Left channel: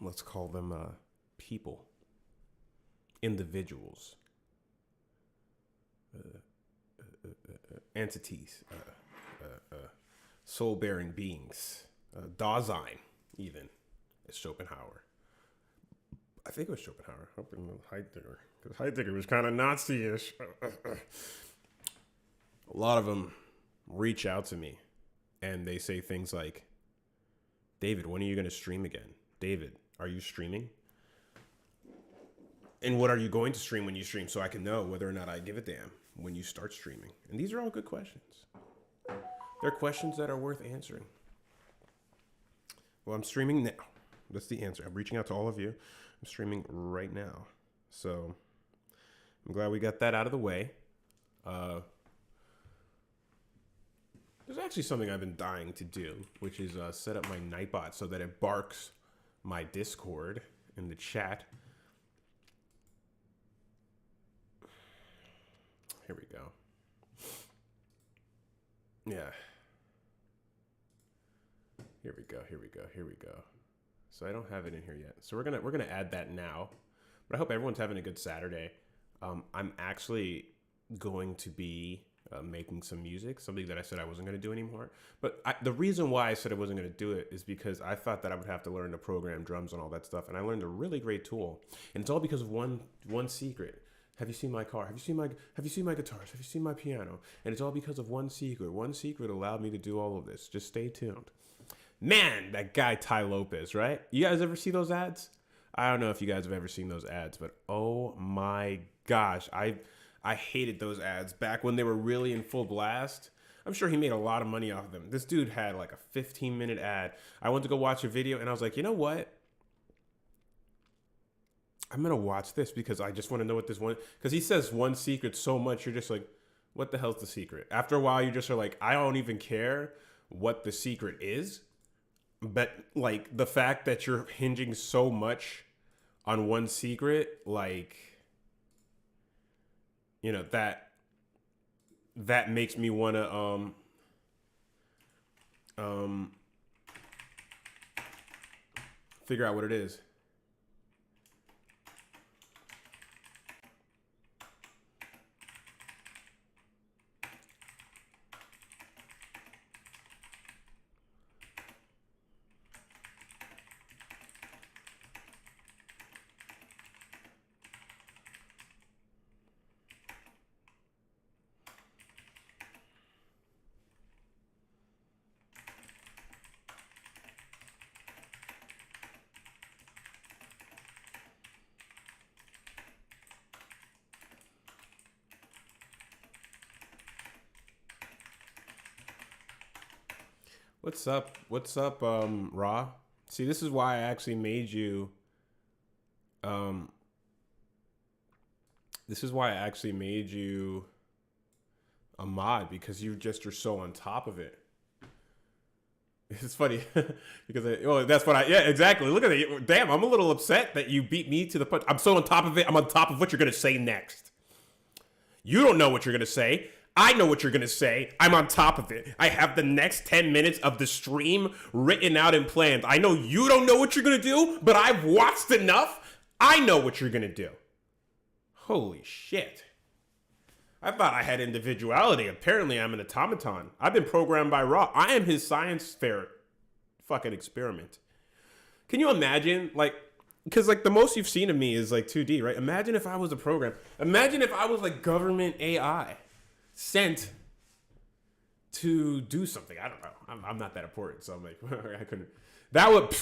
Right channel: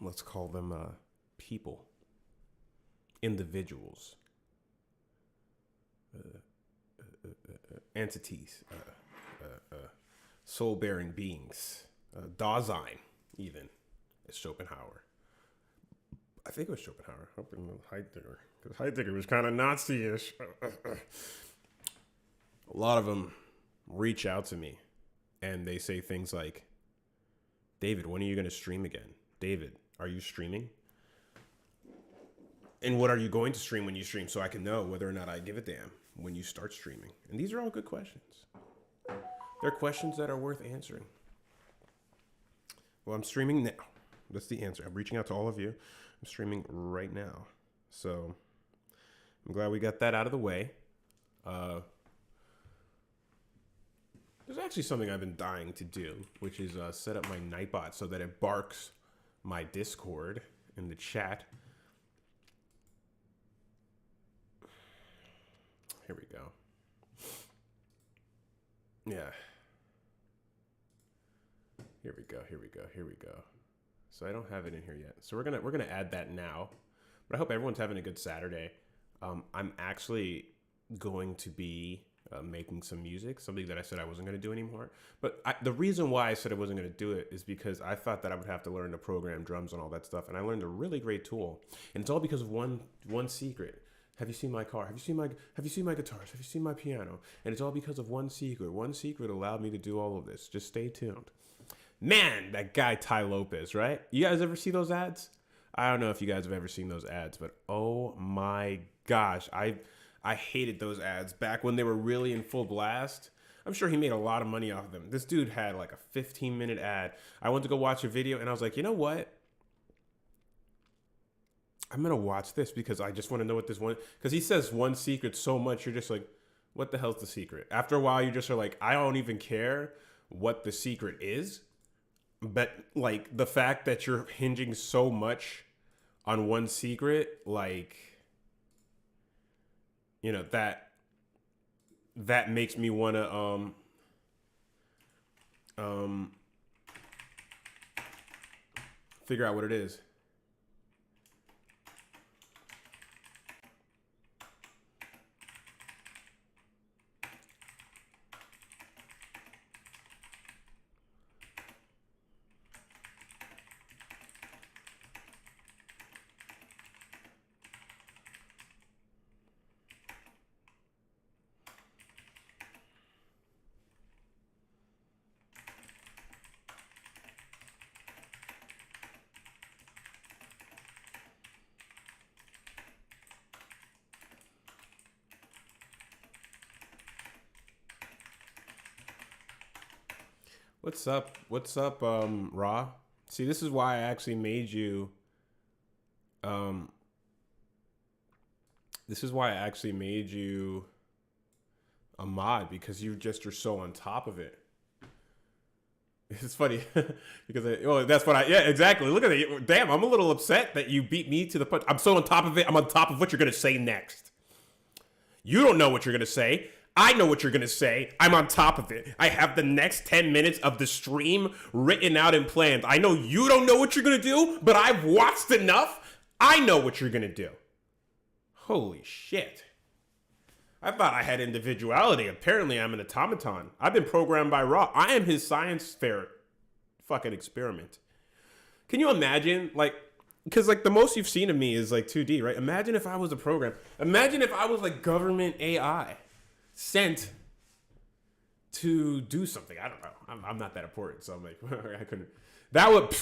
let's call them people, individuals, entities, soul-bearing beings, Dasein, even, as Schopenhauer. I think it was Schopenhauer. Hoping Heidegger, because Heidegger was kind of Nazi-ish. A lot of them reach out to me, and they say things like, "David, when are you going to stream again? David, are you streaming? And what are you going to stream when you stream, so I can know whether or not I give a damn when you start streaming?" And these are all good questions. They're questions that are worth answering. Well, I'm streaming now. That's the answer. I'm reaching out to all of you. I'm streaming right now. So I'm glad we got that out of the way. There's actually something I've been dying to do, which is set up my Nightbot so that it barks my Discord in the chat. Here we go. Yeah. Here we go. Here we go. Here we go. So I don't have it in here yet. So we're gonna add that now. But I hope everyone's having a good Saturday. I'm actually going to be making some music, something that I said I wasn't going to do anymore. But the reason why I said I wasn't going to do it is because I thought that I would have to learn to program drums and all that stuff. And I learned a really great tool. And it's all because of one secret. Have you seen my car? Have you seen my guitars? Have you seen my piano? And it's all because of one secret. One secret allowed me to do all of this. Just stay tuned. Man, that guy Ty Lopez, right? You guys ever see those ads? I don't know if you guys have ever seen those ads, but oh my gosh, I hated those ads back when they were really in full blast. I'm sure he made a lot of money off of them. This dude had like a 15-minute ad. I went to go watch a video and I was like, you know what? I'm going to watch this because I just want to know what this one, because he says one secret so much, you're just like, what the hell's the secret? After a while, you just are like, I don't even care what the secret is. But like the fact that you're hinging so much on one secret, like, you know, that makes me want to figure out what it is. What's up? What's up, Raw? See, this is why I actually made you, this is why I actually made you a mod, because you just are so on top of it. It's funny because that's what yeah, exactly. Look at it. Damn, I'm a little upset that you beat me to the punch. I'm so on top of it. I'm on top of what you're going to say next. You don't know what you're going to say. I know what you're going to say. I'm on top of it. I have the next 10 minutes of the stream written out and planned. I know you don't know what you're going to do, but I've watched enough. I know what you're going to do. Holy shit. I thought I had individuality. Apparently, I'm an automaton. I've been programmed by Raw. I am his science fair fucking experiment. Can you imagine, like, because, like, the most you've seen of me is, like, 2D, right? Imagine if I was a program. Imagine if I was, like, government AI sent to do something. I don't know. I'm not that important, so I'm like, I couldn't. That would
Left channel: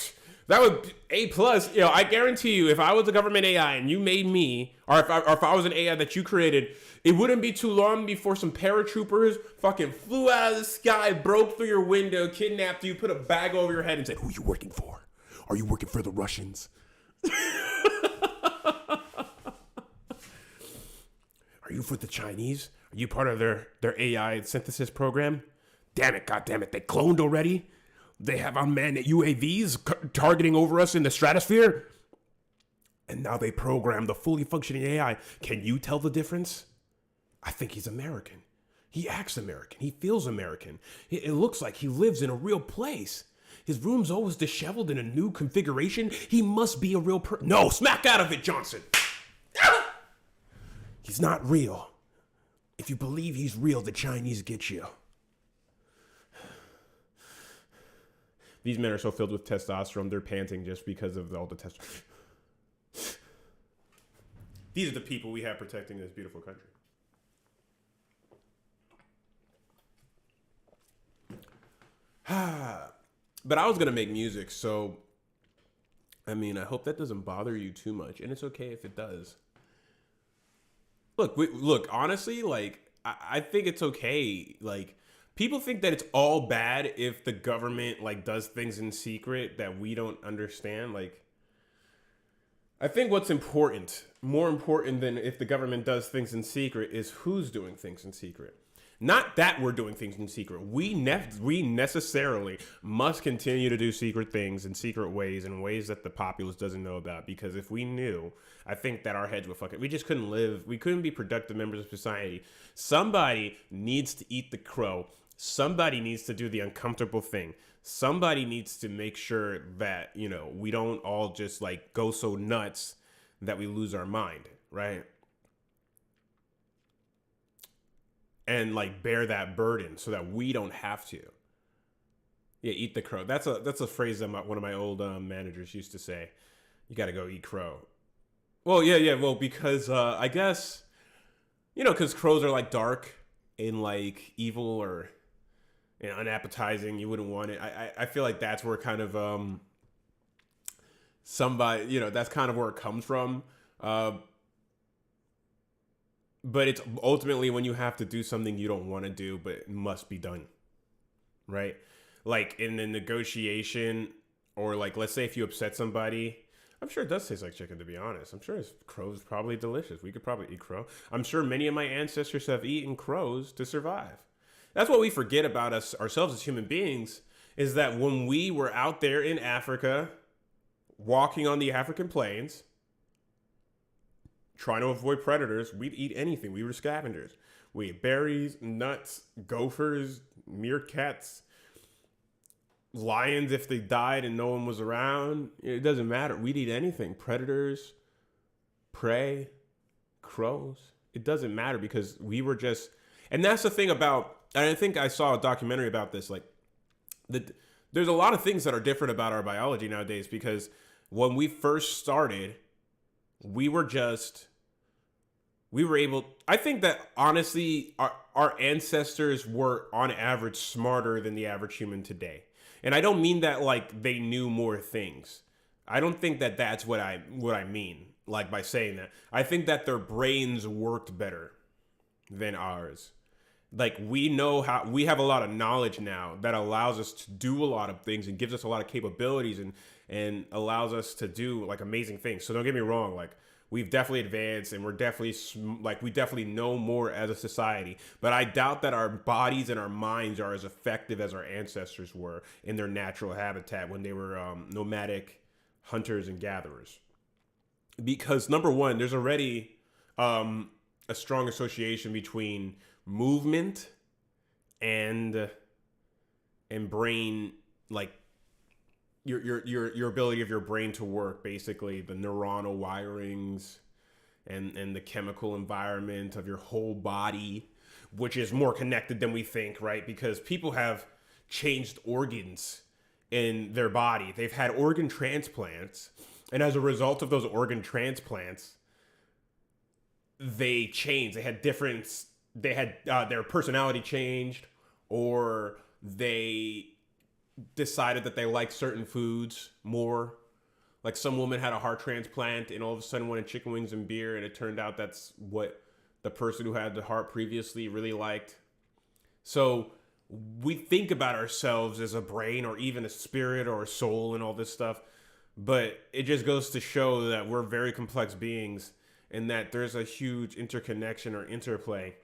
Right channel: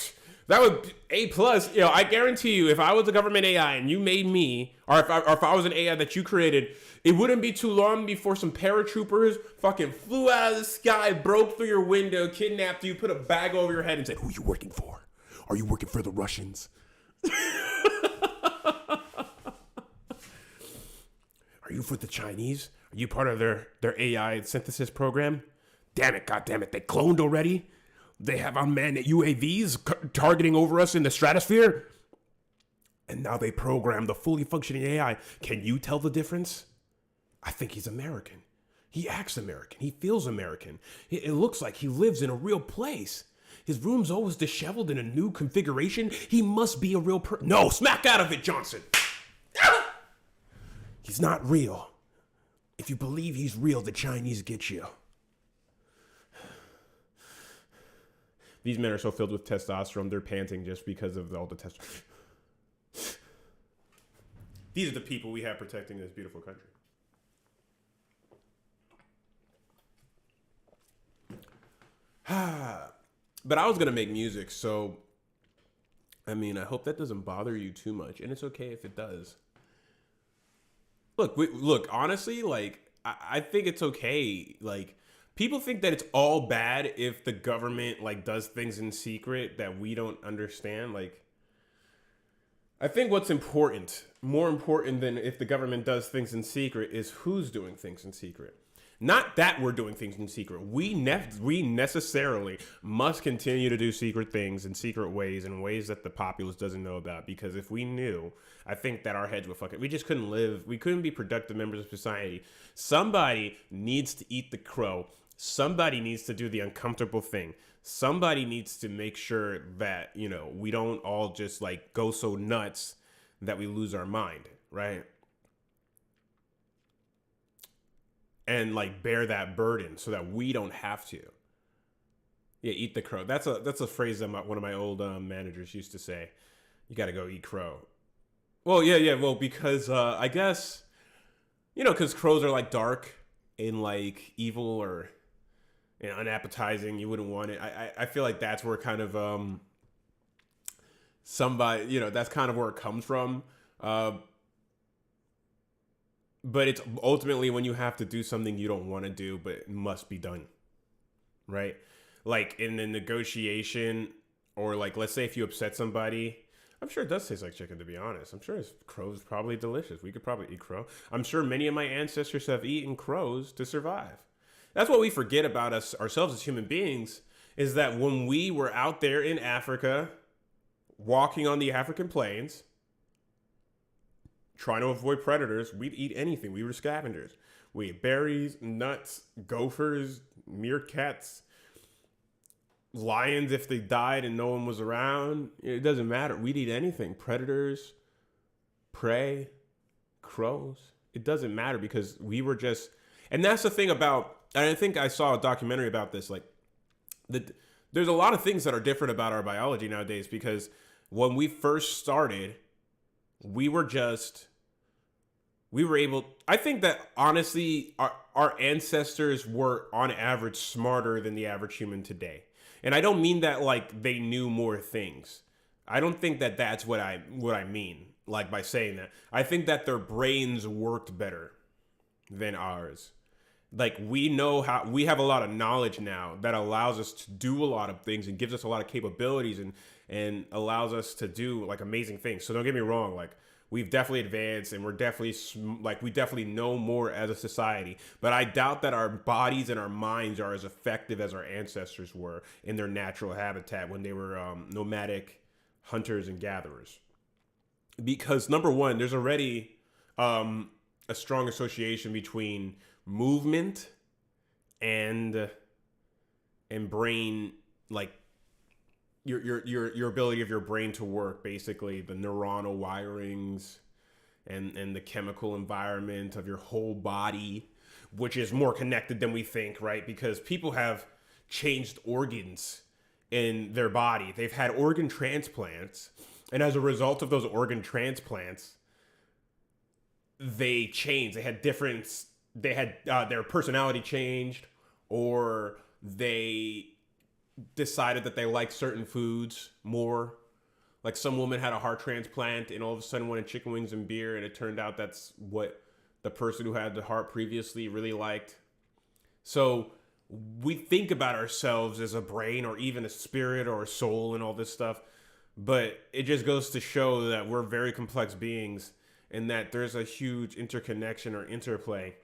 A plus. You know, I guarantee you, if I was a government AI and you made me, or if I was an AI that you created, it wouldn't be too long before some paratroopers fucking flew out of the sky, broke through your window, kidnapped you, put a bag over your head, and said, "Who are you working for? Are you working for the Russians? Are you for the Chinese? Are you part of their AI synthesis program? Damn it, God damn it, they cloned already? They have unmanned UAVs targeting over us in the stratosphere? And now they program the fully functioning AI. Can you tell the difference? I think he's American. He acts American. He feels American. It looks like he lives in a real place. His room's always disheveled in a new configuration. He must be a real person. No, smack out of it, Johnson. He's not real. If you believe he's real, the Chinese get you. These men are so filled with testosterone, they're panting just because of all the testosterone. These are the people we have protecting this beautiful country. But I was going to make music, so, I mean, I hope that doesn't bother you too much, and it's okay if it does. Look, honestly, like, I think it's okay. Like, people think that it's all bad if the government, like, does things in secret that we don't understand. Like, I think what's important, more important than if the government does things in secret, is who's doing things in secret. Not that we're doing things in secret. We necessarily must continue to do secret things in secret ways, in ways that the populace doesn't know about. Because if we knew, I think that our heads would fuck it. We just couldn't live. We couldn't be productive members of society. Somebody needs to eat the crow. Somebody needs to do the uncomfortable thing. Somebody needs to make sure that, you know, we don't all just like go so nuts that we lose our mind, right? And like bear that burden so that we don't have to. Yeah, eat the crow. That's a phrase that one of my old managers used to say. You got to go eat crow. Well, yeah. Well, because I guess, you know, because crows are like dark and like evil or, you know, unappetizing. You wouldn't want it. I feel like that's where kind of somebody, you know, that's kind of where it comes from. But it's ultimately when you have to do something you don't want to do, but it must be done, right? Like in a negotiation, or like, let's say if you upset somebody, I'm sure it does taste like chicken, to be honest. I'm sure crow's probably delicious. We could probably eat crow. I'm sure many of my ancestors have eaten crows to survive. That's what we forget about ourselves as human beings, is that when we were out there in Africa, walking on the African plains, trying to avoid predators, we'd eat anything. We were scavengers. We ate berries, nuts, gophers, meerkats, lions if they died and no one was around. It doesn't matter. We'd eat anything. Predators, prey, crows. It doesn't matter because we were just... And that's the thing about... And I think I saw a documentary about this. Like, there's a lot of things that are different about our biology nowadays, because when we first started... we were able, I think that honestly, our ancestors were on average smarter than the average human today. And I don't mean that like they knew more things. I don't think that that's what I mean, like by saying that. I think that their brains worked better than ours. Like we have a lot of knowledge now that allows us to do a lot of things and gives us a lot of capabilities and allows us to do like amazing things. So don't get me wrong, like we've definitely advanced and we're definitely we definitely know more as a society, but I doubt that our bodies and our minds are as effective as our ancestors were in their natural habitat when they were nomadic hunters and gatherers. Because number one, there's already a strong association between movement and brain, like your ability of your brain to work, basically the neuronal wirings and the chemical environment of your whole body, which is more connected than we think, right? Because people have changed organs in their body. They've had organ transplants, and as a result of those organ transplants, they changed. They had their personality changed, or they decided that they liked certain foods more. Like some woman had a heart transplant and all of a sudden wanted chicken wings and beer, and it turned out that's what the person who had the heart previously really liked. So we think about ourselves as a brain or even a spirit or a soul and all this stuff, but it just goes to show that we're very complex beings and that there's a huge interconnection or interplay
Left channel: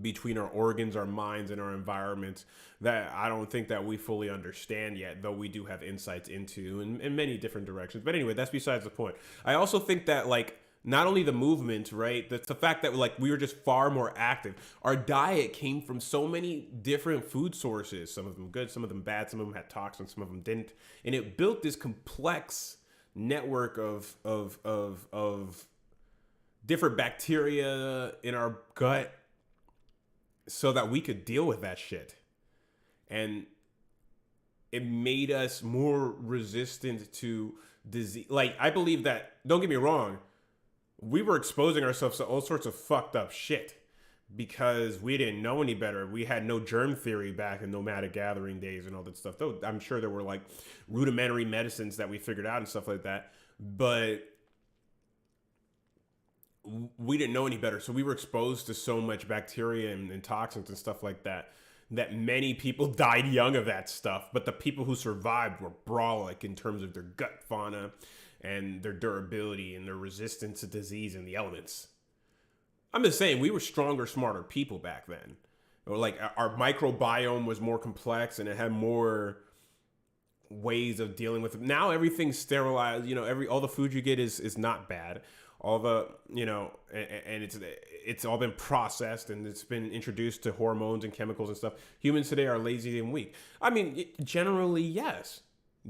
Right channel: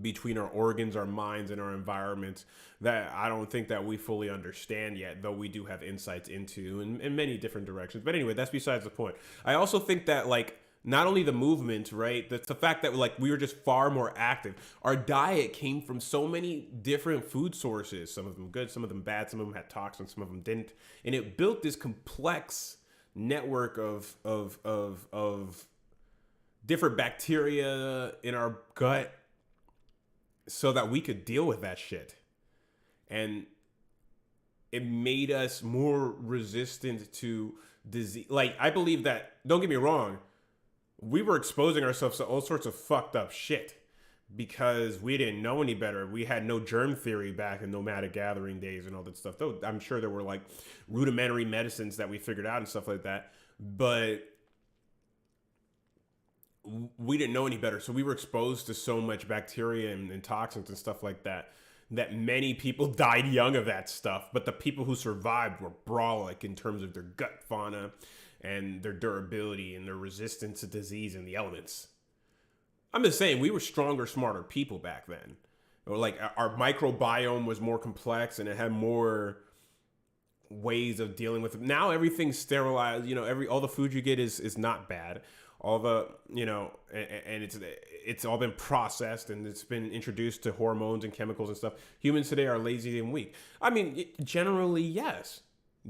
between our organs, our minds, and our environments that I don't think that we fully understand yet, though we do have insights into in many different directions. But anyway, that's besides the point. I also think that like Not only the movement, right? That's the fact that like we were just far more active. Our diet came from so many different food sources. Some of them good, some of them bad. Some of them had toxins, some of them didn't. And it built this complex network of different bacteria in our gut so that we could deal with that shit. And it made us more resistant to disease. Like, I believe that, don't get me wrong, we were exposing ourselves to all sorts of fucked up shit because we didn't know any better. We had no germ theory back in nomadic gathering days and all that stuff. Though I'm sure there were like rudimentary medicines that we figured out and stuff like that. But we didn't know any better. So we were exposed to so much bacteria and toxins and stuff like that, that many people died young of that stuff. But the people who survived were brolic in terms of their gut fauna and their durability and their resistance to disease and the elements. I'm just saying, we were stronger, smarter people back then. Or like our microbiome was more complex and it had more ways of dealing with it. Now everything's sterilized. You know, all the food you get is not bad. All the, you know, and it's all been processed and it's been introduced to hormones and chemicals and stuff. Humans today are lazy and weak. I mean, generally, yes.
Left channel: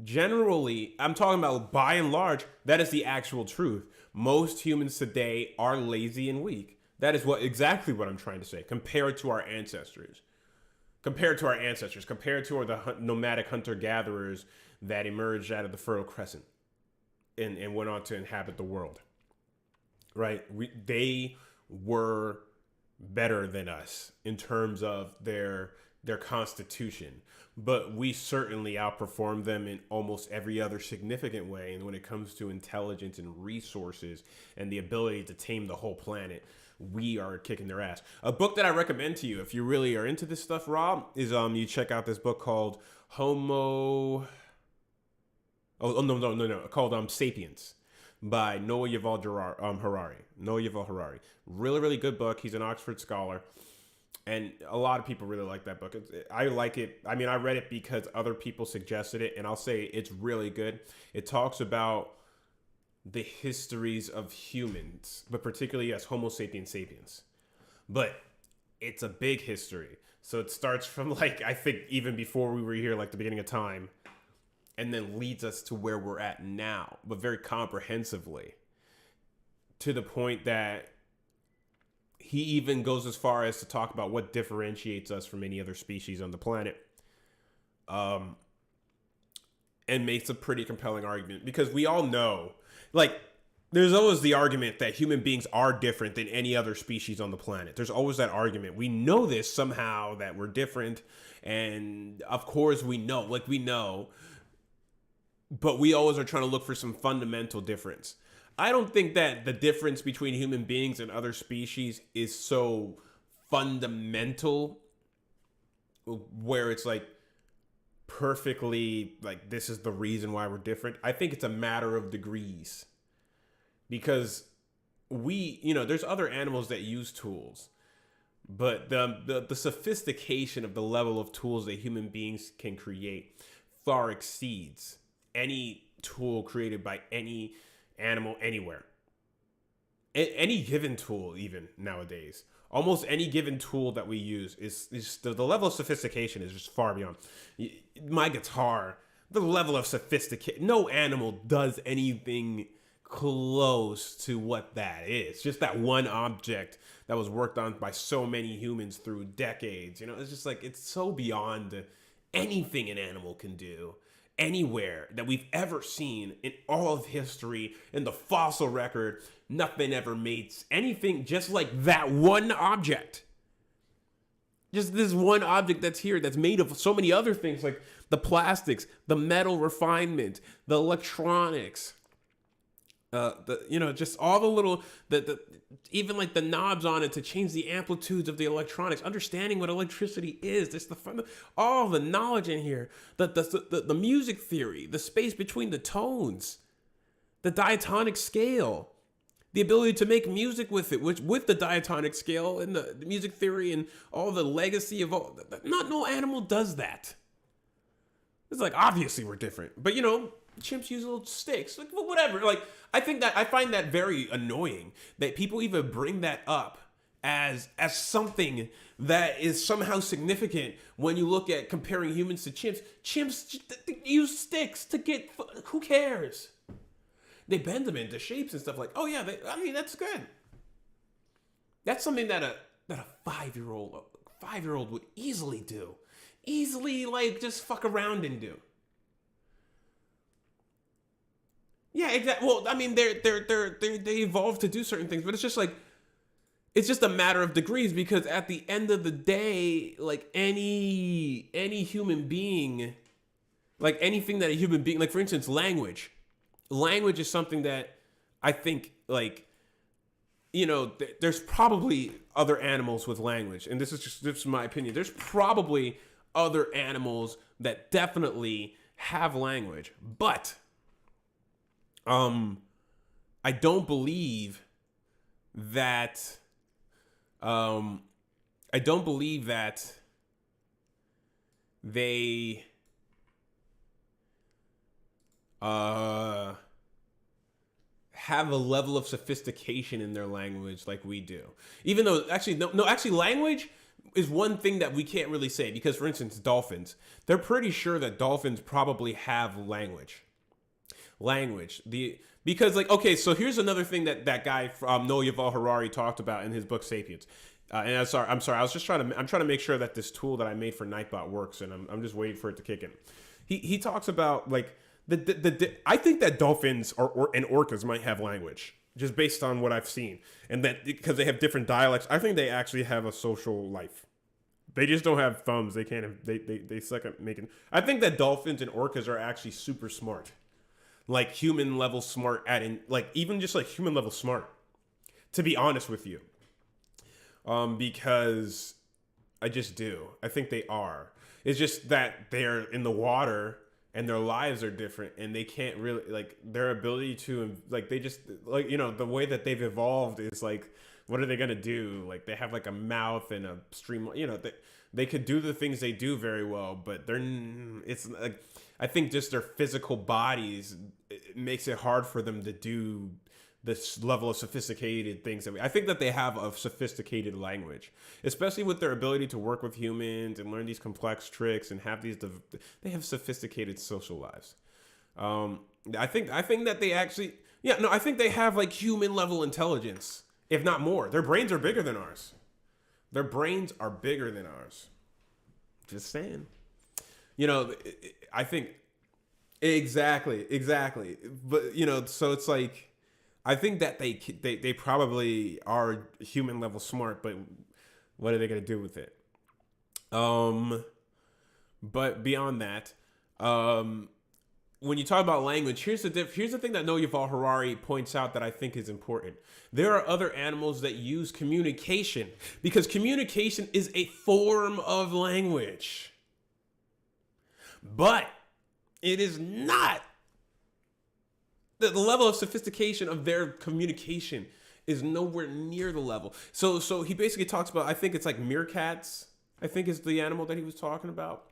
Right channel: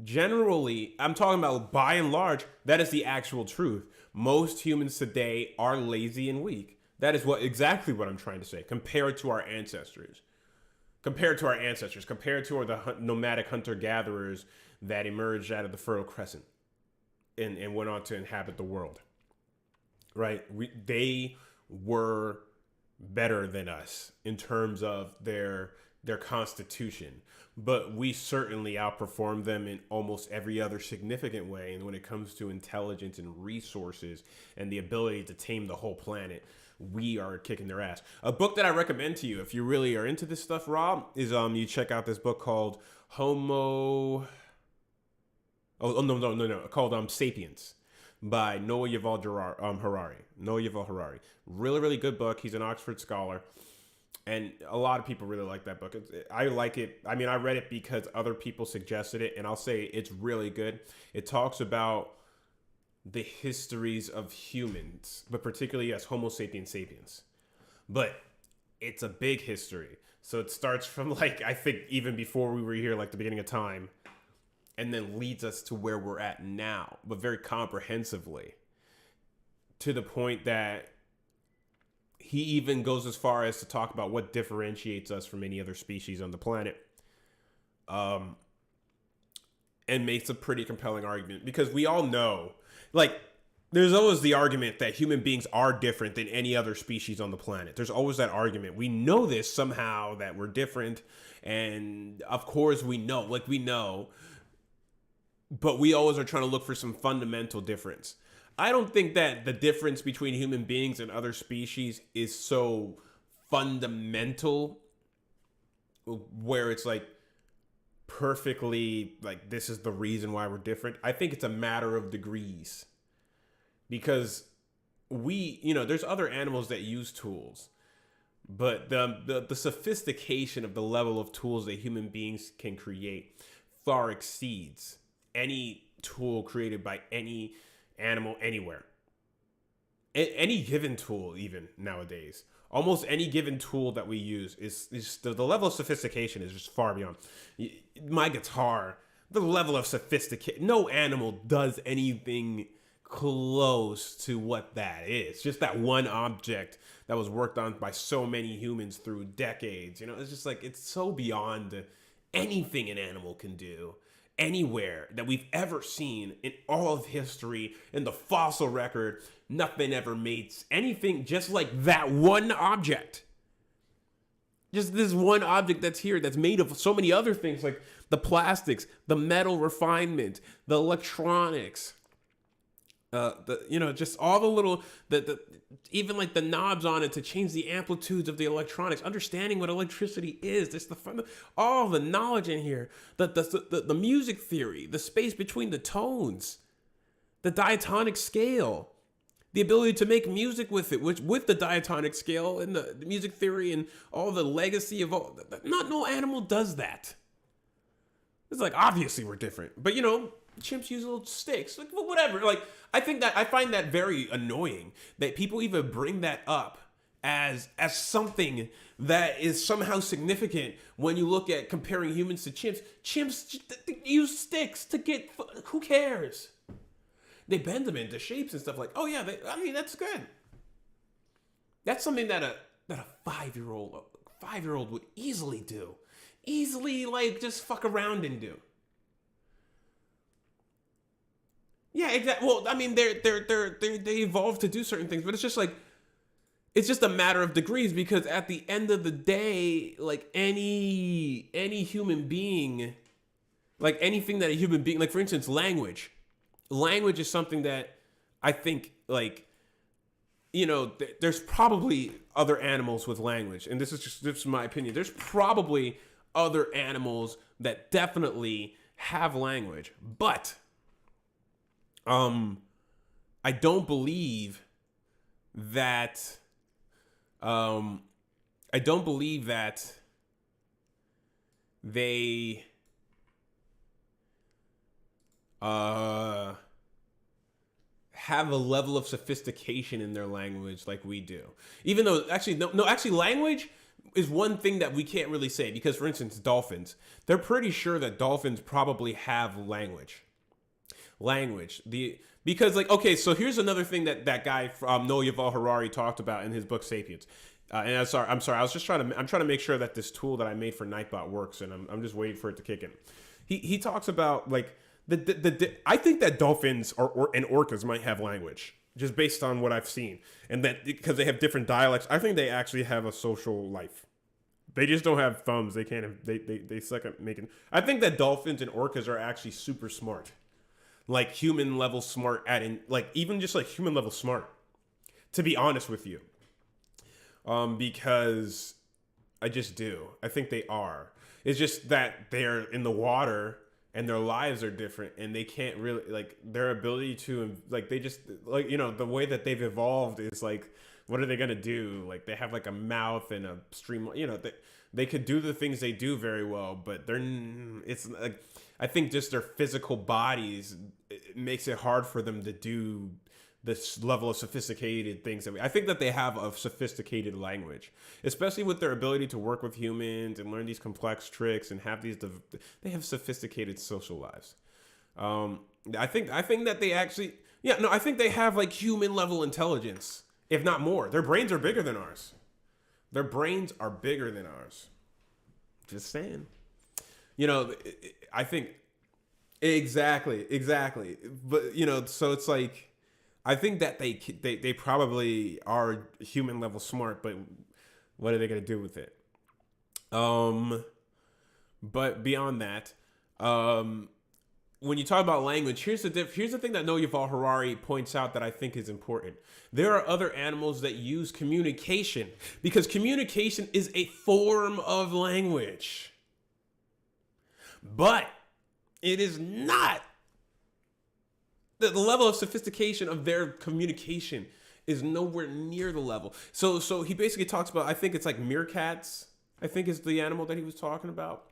Generally, I'm talking about by and large, that is the actual truth. Most humans today are lazy and weak. That is exactly what I'm trying to say. Compared to our ancestors. Compared to the nomadic hunter-gatherers that emerged out of the Fertile Crescent and went on to inhabit the world. Right? They were better than us in terms of their constitution. But we certainly outperformed them in almost every other significant way. And when it comes to intelligence and resources and the ability to tame the whole planet, we are kicking their ass. A book that I recommend to you, if you really are into this stuff, Rob, is you check out this book called called Sapiens by Noah Yuval Harari. Really, really good book. He's an Oxford scholar. And a lot of people really like that book. I like it. I mean, I read it because other people suggested it, and I'll say it's really good. It talks about the histories of humans, but particularly, yes, Homo sapiens sapiens. But it's a big history. So it starts from, like, I think even before we were here, like the beginning of time, and then leads us to where we're at now, but very comprehensively, to the point that he even goes as far as to talk about what differentiates us from any other species on the planet. And makes a pretty compelling argument, because we all know, like, there's always the argument that human beings are different than any other species on the planet. There's always that argument. We know this somehow, that we're different. And of course we know, but we always are trying to look for some fundamental difference. I don't think that the difference between human beings and other species is so fundamental where it's like perfectly like this is the reason why we're different. I think it's a matter of degrees, because there's other animals that use tools, but the sophistication of the level of tools that human beings can create far exceeds any tool created by any animal anywhere. Any given tool, even nowadays, almost any given tool that we use is the level of sophistication is just far beyond. My guitar, the level of sophistication, no animal does anything close to what that is. Just that one object that was worked on by so many humans through decades. It's just like, it's so beyond anything an animal can do anywhere that we've ever seen in all of history. In the fossil record, nothing ever made anything just like that one object. Just this one object that's here, that's made of so many other things, like the plastics, the metal refinement, the electronics, just all the little, even like the knobs on it to change the amplitudes of the electronics, understanding what electricity is. There's all the knowledge in here, the music theory, the space between the tones, the diatonic scale, the ability to make music with it, with the diatonic scale and the music theory and all the legacy of all. No animal does that. It's like, obviously we're different, but Chimps use little sticks, like whatever. Like I find that very annoying that people even bring that up as something that is somehow significant when you look at comparing humans to chimps. Chimps use sticks to get. Who cares? They bend them into shapes and stuff like. Oh yeah, I mean that's good. That's something that a 5-year-old would easily do, easily like just fuck around and do. Yeah, exactly. Well, I mean, they evolve to do certain things, but it's just like it's just a matter of degrees because at the end of the day, like any human being, like anything that a human being, like for instance, language is something that I think like there's probably other animals with language, and this is my opinion. There's probably other animals that definitely have language, but I don't believe that I don't believe that they have a level of sophistication in their language like we do. Even though actually language is one thing that we can't really say because for instance dolphins, they're pretty sure that dolphins probably have language. Because like okay, so here's another thing that guy Noah Yuval Harari talked about in his book Sapiens. And I'm sorry. I'm trying to make sure that this tool that I made for Nightbot works, and I'm just waiting for it to kick in. He talks about like I think that dolphins and orcas might have language just based on what I've seen, and that because they have different dialects, I think they actually have a social life. They just don't have thumbs. They can't have, they suck at making. I think that dolphins and orcas are actually super smart. Like human level smart like even just like human level smart, to be honest with you, because I just do. I think they are. It's just that they're in the water and their lives are different, and they can't really like their ability to like they just like the way that they've evolved is like what are they gonna do? Like they have like a mouth and a stream. They could do the things they do very well, but it's like I think just their physical bodies it makes it hard for them to do this level of sophisticated things I think that they have a sophisticated language, especially with their ability to work with humans and learn these complex tricks and have they have sophisticated social lives. I think that they actually I think they have like human level intelligence, if not more. Their brains are bigger than ours. Their brains are bigger than ours. Just saying. I think exactly. But so it's like I think that they probably are human level smart, but what are they gonna do with it? But beyond that, when you talk about language, here's the thing that Noah Yuval Harari points out that I think is important. There are other animals that use communication because communication is a form of language, but it is not. The level of sophistication of their communication is nowhere near the level. So he basically talks about, I think it's like meerkats, I think is the animal that he was talking about,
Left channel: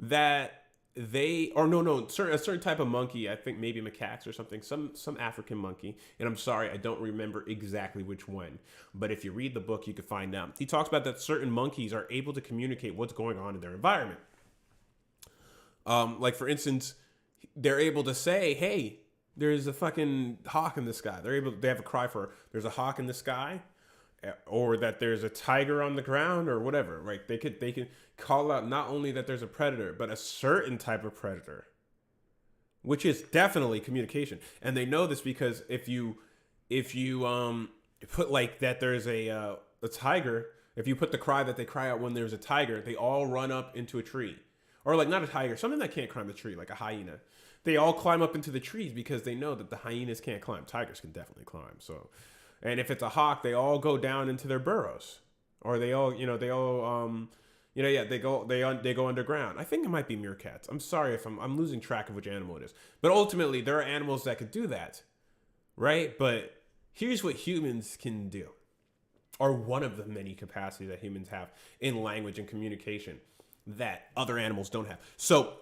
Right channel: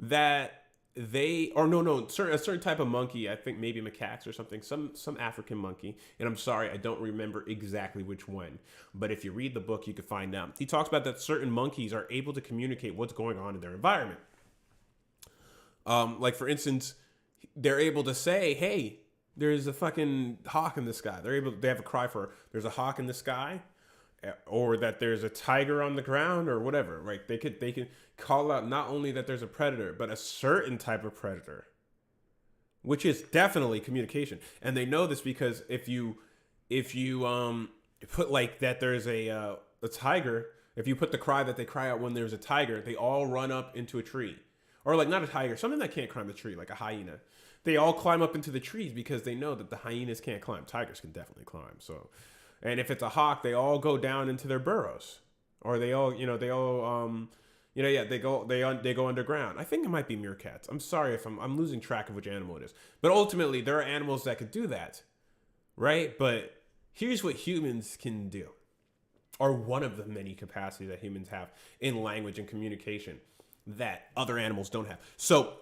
that a certain type of monkey, I think maybe macaques or something, some African monkey, and I'm sorry, I don't remember exactly which one, but if you read the book, you can find out. He talks about that certain monkeys are able to communicate what's going on in their environment. Like for instance, they're able to say, hey, there's a fucking hawk in the sky. They have a cry for there's a hawk in the sky, or that there's a tiger on the ground, or whatever. Right? They can call out not only that there's a predator, but a certain type of predator, which is definitely communication. And they know this because if you put like that there's a tiger, if you put the cry that they cry out when there's a tiger, they all run up into a tree, or like not a tiger, something that can't climb the tree, like a hyena. They all climb up into the trees because they know that the hyenas can't climb. Tigers can definitely climb. So, and if it's a hawk, they all go down into their burrows, or they go underground. I think it might be meerkats. I'm sorry if I'm losing track of which animal it is. But ultimately, there are animals that could do that, right? But here's what humans can do, or one of the many capacities that humans have in language and communication that other animals don't have. So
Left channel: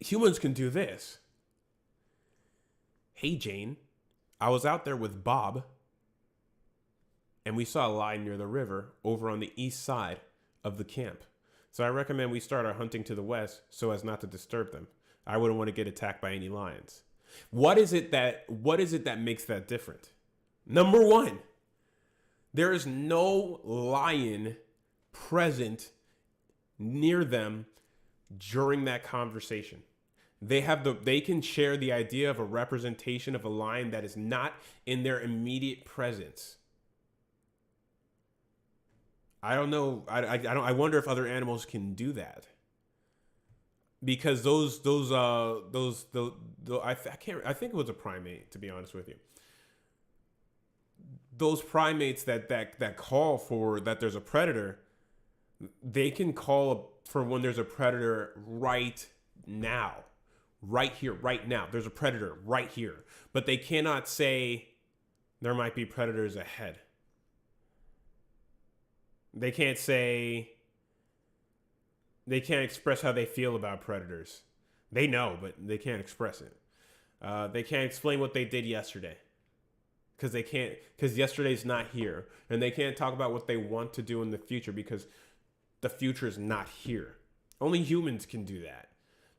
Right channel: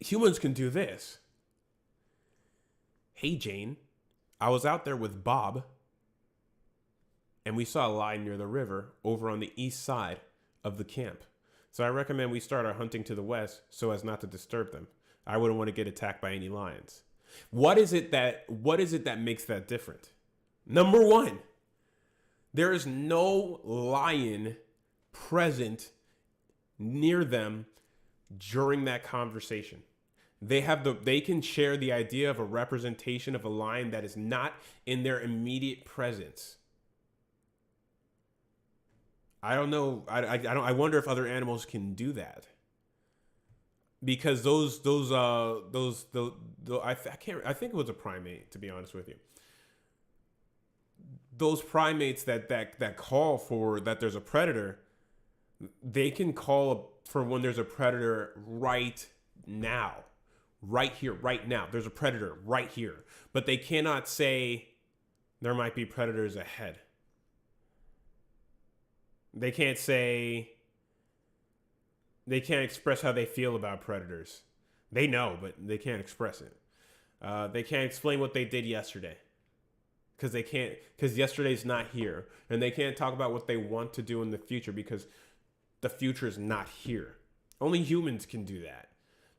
humans can do this. Hey, Jane, I was out there with Bob, and we saw a lion near the river over on the east side of the camp. So I recommend we start our hunting to the west so as not to disturb them. I wouldn't want to get attacked by any lions. What is it that makes that different? Number one, there is no lion present near them during that conversation. They can share the idea of a representation of a lion that is not in their immediate presence. I don't know. I wonder if other animals can do that, because I can't. I think it was a primate, to be honest with you. Those primates that call for that there's a predator, they can call for when there's a predator right now, right here, right now. There's a predator right here, but they cannot say there might be predators ahead. They can't say, they can't express how they feel about predators. They know, but they can't express it. They can't explain what they did yesterday because yesterday's not here, and they can't talk about what they want to do in the future because the future is not here. Only humans can do that.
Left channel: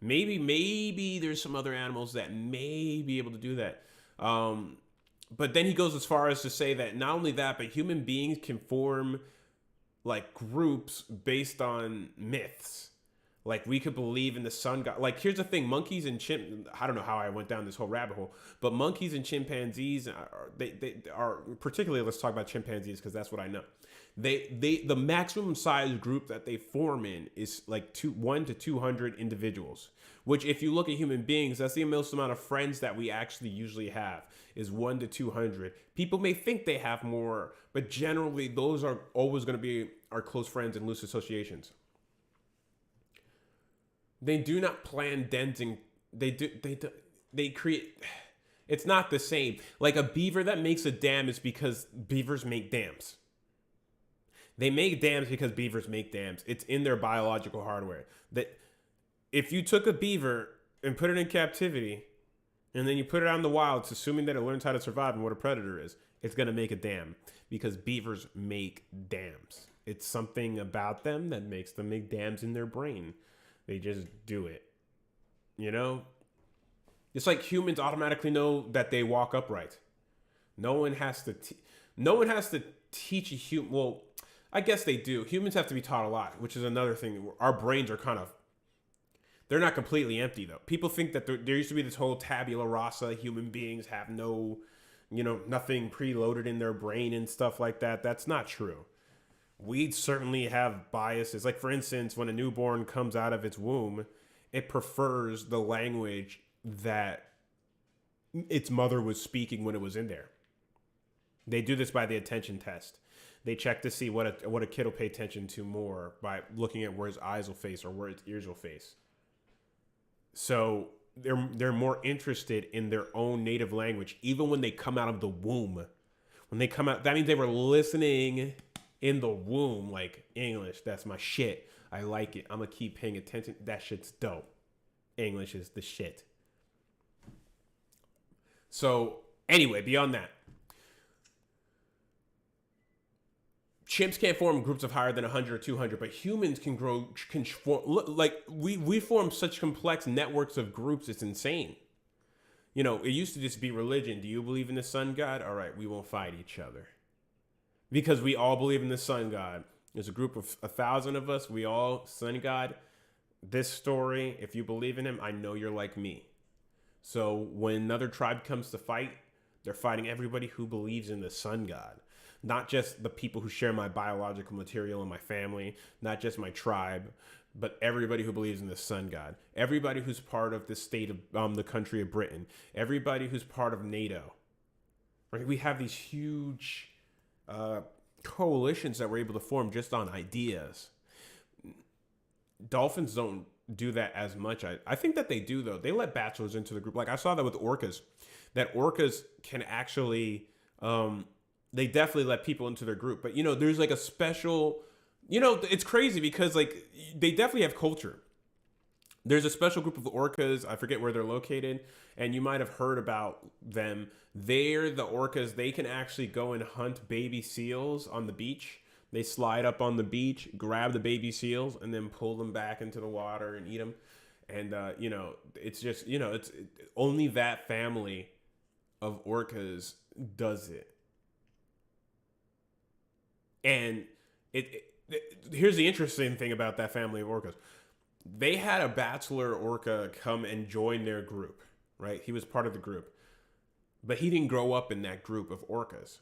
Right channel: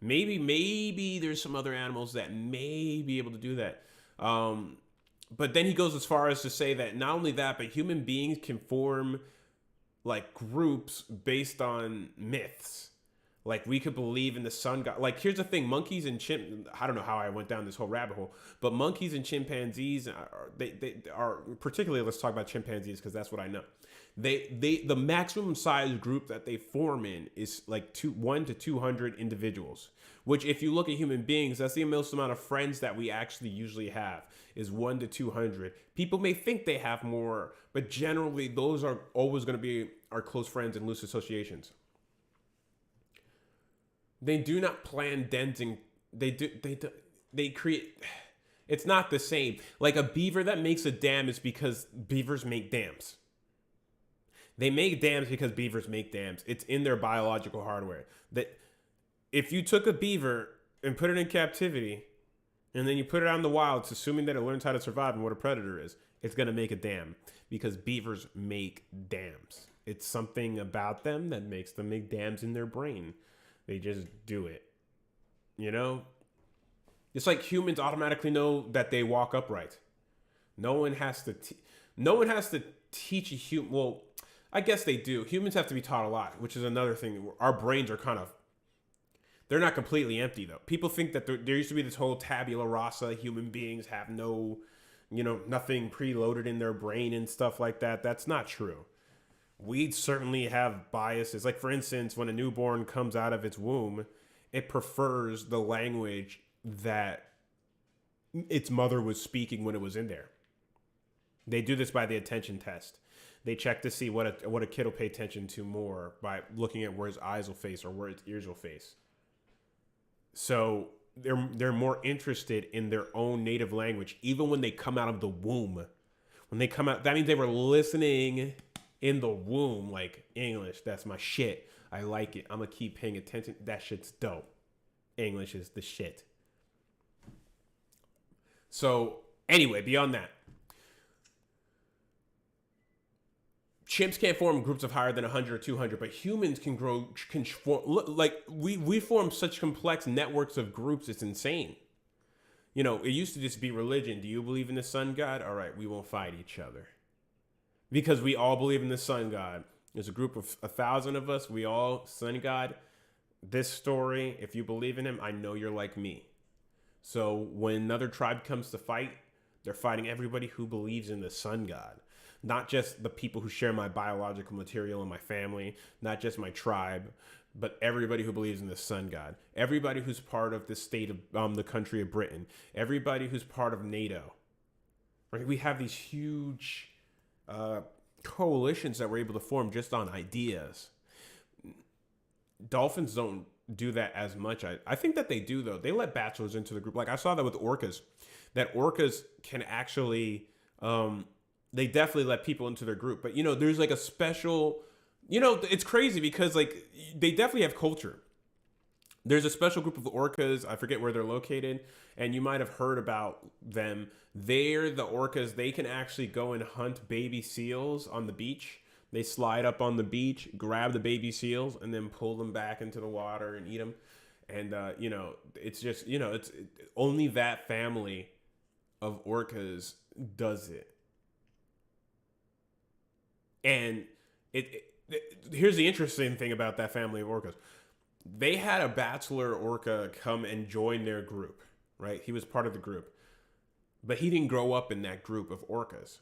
Maybe there's some other animals that may be able to do that. But then he goes as far as to say that not only that, but human beings can form like groups based on myths. Like we could believe in the sun god. Like here's the thing: monkeys and I don't know how I went down this whole rabbit hole, but monkeys and chimpanzees they are particularly. Let's talk about chimpanzees because that's what I know. The maximum size group that they form in is like 1 to 200 individuals. Which, if you look at human beings, that's the most amount of friends that we actually usually have is 1 to 200. People may think they have more, but generally those are always going to be our close friends and loose associations. They do not plan dens and they create. It's not the same. Like a beaver that makes a dam is because beavers make dams. They make dams because beavers make dams. It's in their biological hardware. That if you took a beaver and put it in captivity, and then you put it out in the wild, it's assuming that it learns how to survive and what a predator is, it's going to make a dam because beavers make dams. It's something about them that makes them make dams in their brain. They just do it. You know? It's like humans automatically know that they walk upright. No one has to teach a human. Well, I guess they do. Humans have to be taught a lot, which is another thing. Our brains are kind of, they're not completely empty though. People think that there used to be this whole tabula rasa, human beings have no, nothing preloaded in their brain and stuff like that. That's not true. We certainly have biases. Like for instance, when a newborn comes out of its womb, it prefers the language that its mother was speaking when it was in there. They do this by the attention test. They check to see what a kid will pay attention to more by looking at where his eyes will face or where his ears will face. So they're more interested in their own native language, even when they come out of the womb. When they come out, that means they were listening in the womb, like English. That's my shit. I like it. I'm gonna keep paying attention. That shit's dope. English is the shit. So anyway, beyond that, chimps can't form groups of higher than 100 or 200, but humans can form, like we form such complex networks of groups. It's insane. It used to just be religion. Do you believe in the sun god? All right, we won't fight each other because we all believe in the sun god. There's a group of 1,000 of us. We all sun god. This story, if you believe in him, I know you're like me. So when another tribe comes to fight, they're fighting everybody who believes in the sun god. Not just the people who share my biological material and my family, not just my tribe, but everybody who believes in the sun god. Everybody who's part of the state of the country of Britain. Everybody who's part of NATO. Right? We have these huge coalitions that we're able to form just on ideas. Dolphins don't do that as much. I think that they do, though. They let bachelors into the group. Like I saw that with orcas. That orcas can actually... they definitely let people into their group. But, there's like a special, it's crazy because like they definitely have culture. There's a special group of orcas. I forget where they're located, and you might have heard about them. They're the orcas. They can actually go and hunt baby seals on the beach. They slide up on the beach, grab the baby seals, and then pull them back into the water and eat them. And it's just only that family of orcas does it. And here's the interesting thing about that family of orcas. They had a bachelor orca come and join their group, right? He was part of the group, but he didn't grow up in that group of orcas.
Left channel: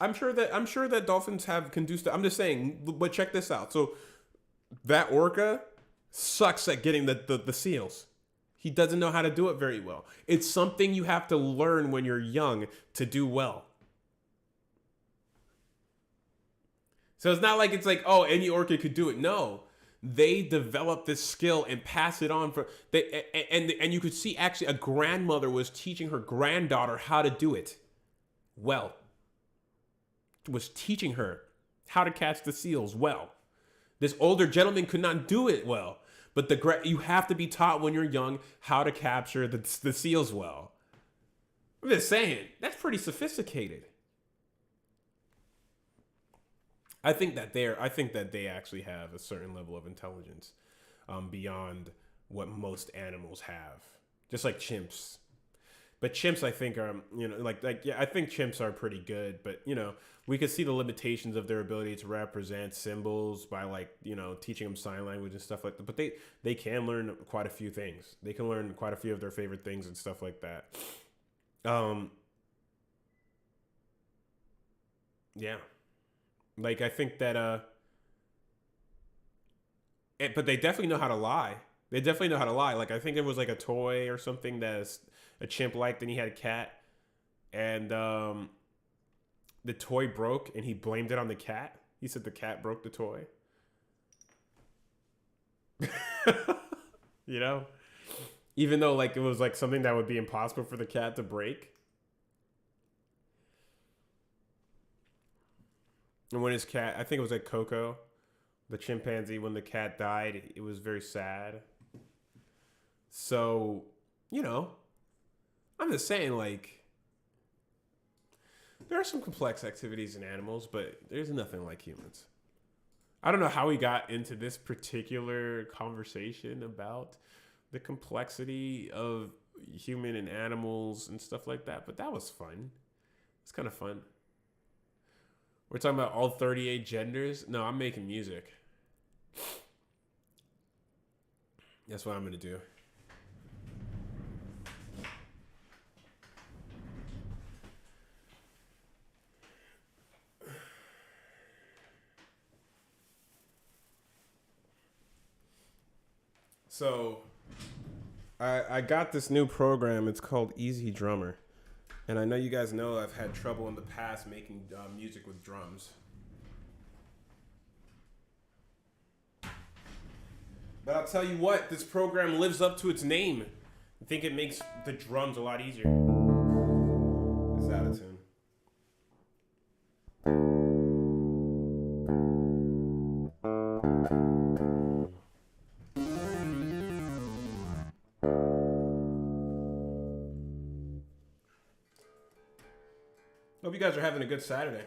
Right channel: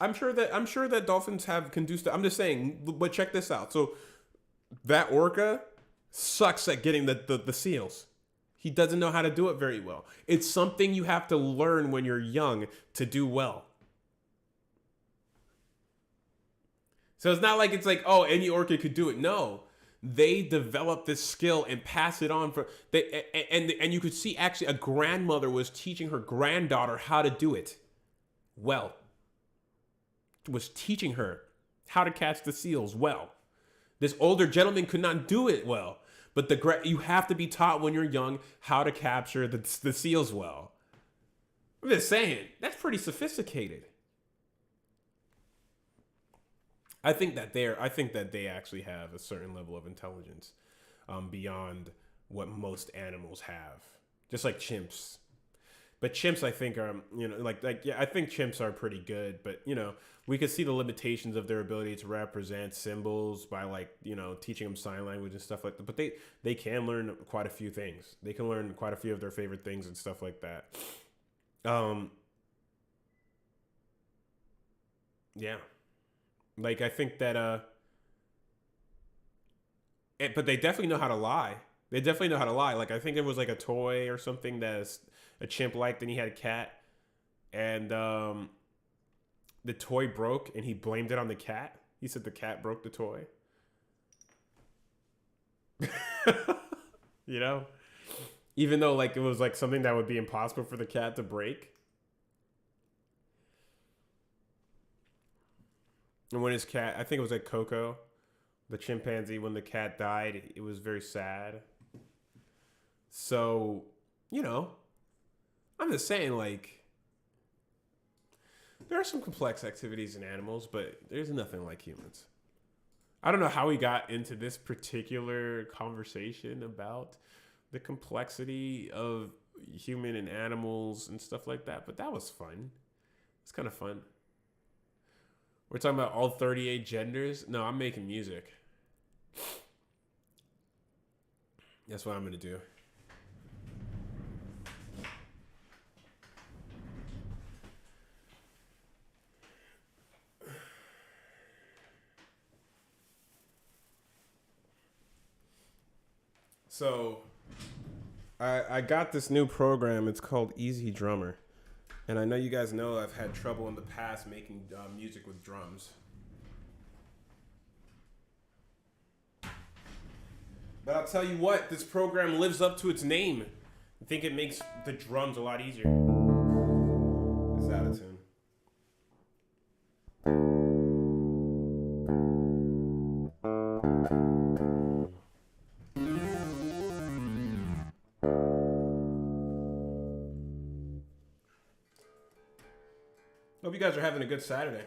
I'm sure that dolphins can do stuff. I'm just saying, but check this out. So that orca sucks at getting the seals. He doesn't know how to do it very well. It's something you have to learn when you're young to do well. So it's not like it's like, oh, any orca could do it. No, they develop this skill and pass it on and you could see actually a grandmother was teaching her granddaughter how to do it well. Was teaching her how to catch the seals well. This older gentleman could not do it well, but you have to be taught when you're young how to capture the seals well. I'm just saying, that's pretty sophisticated. I think that they actually have a certain level of intelligence beyond what most animals have, just like chimps. But chimps, I think, are I think chimps are pretty good. But we could see the limitations of their ability to represent symbols by teaching them sign language and stuff like that. But they can learn quite a few things. They can learn quite a few of their favorite things and stuff like that. Yeah. Like, I think that, but they definitely know how to lie. They definitely know how to lie. Like, I think it was like a toy or something that a chimp liked, and he had a cat, and the toy broke, and he blamed it on the cat. He said the cat broke the toy. Even though like it was like something that would be impossible for the cat to break. And when his cat, I think it was like Coco, the chimpanzee, when the cat died, it was very sad. So, I'm just saying, like, there are some complex activities in animals, but there's nothing like humans. I don't know how we got into this particular conversation about the complexity of human and animals and stuff like that, but that was fun. It's kind of fun. We're talking about all 38 genders. No, I'm making music. That's what I'm going to do. So, I got this new program. It's called Easy Drummer. And I know you guys know I've had trouble in the past making music with drums. But I'll tell you what, this program lives up to its name. I think it makes the drums a lot easier. It's out of tune. Hope you guys are having a good Saturday.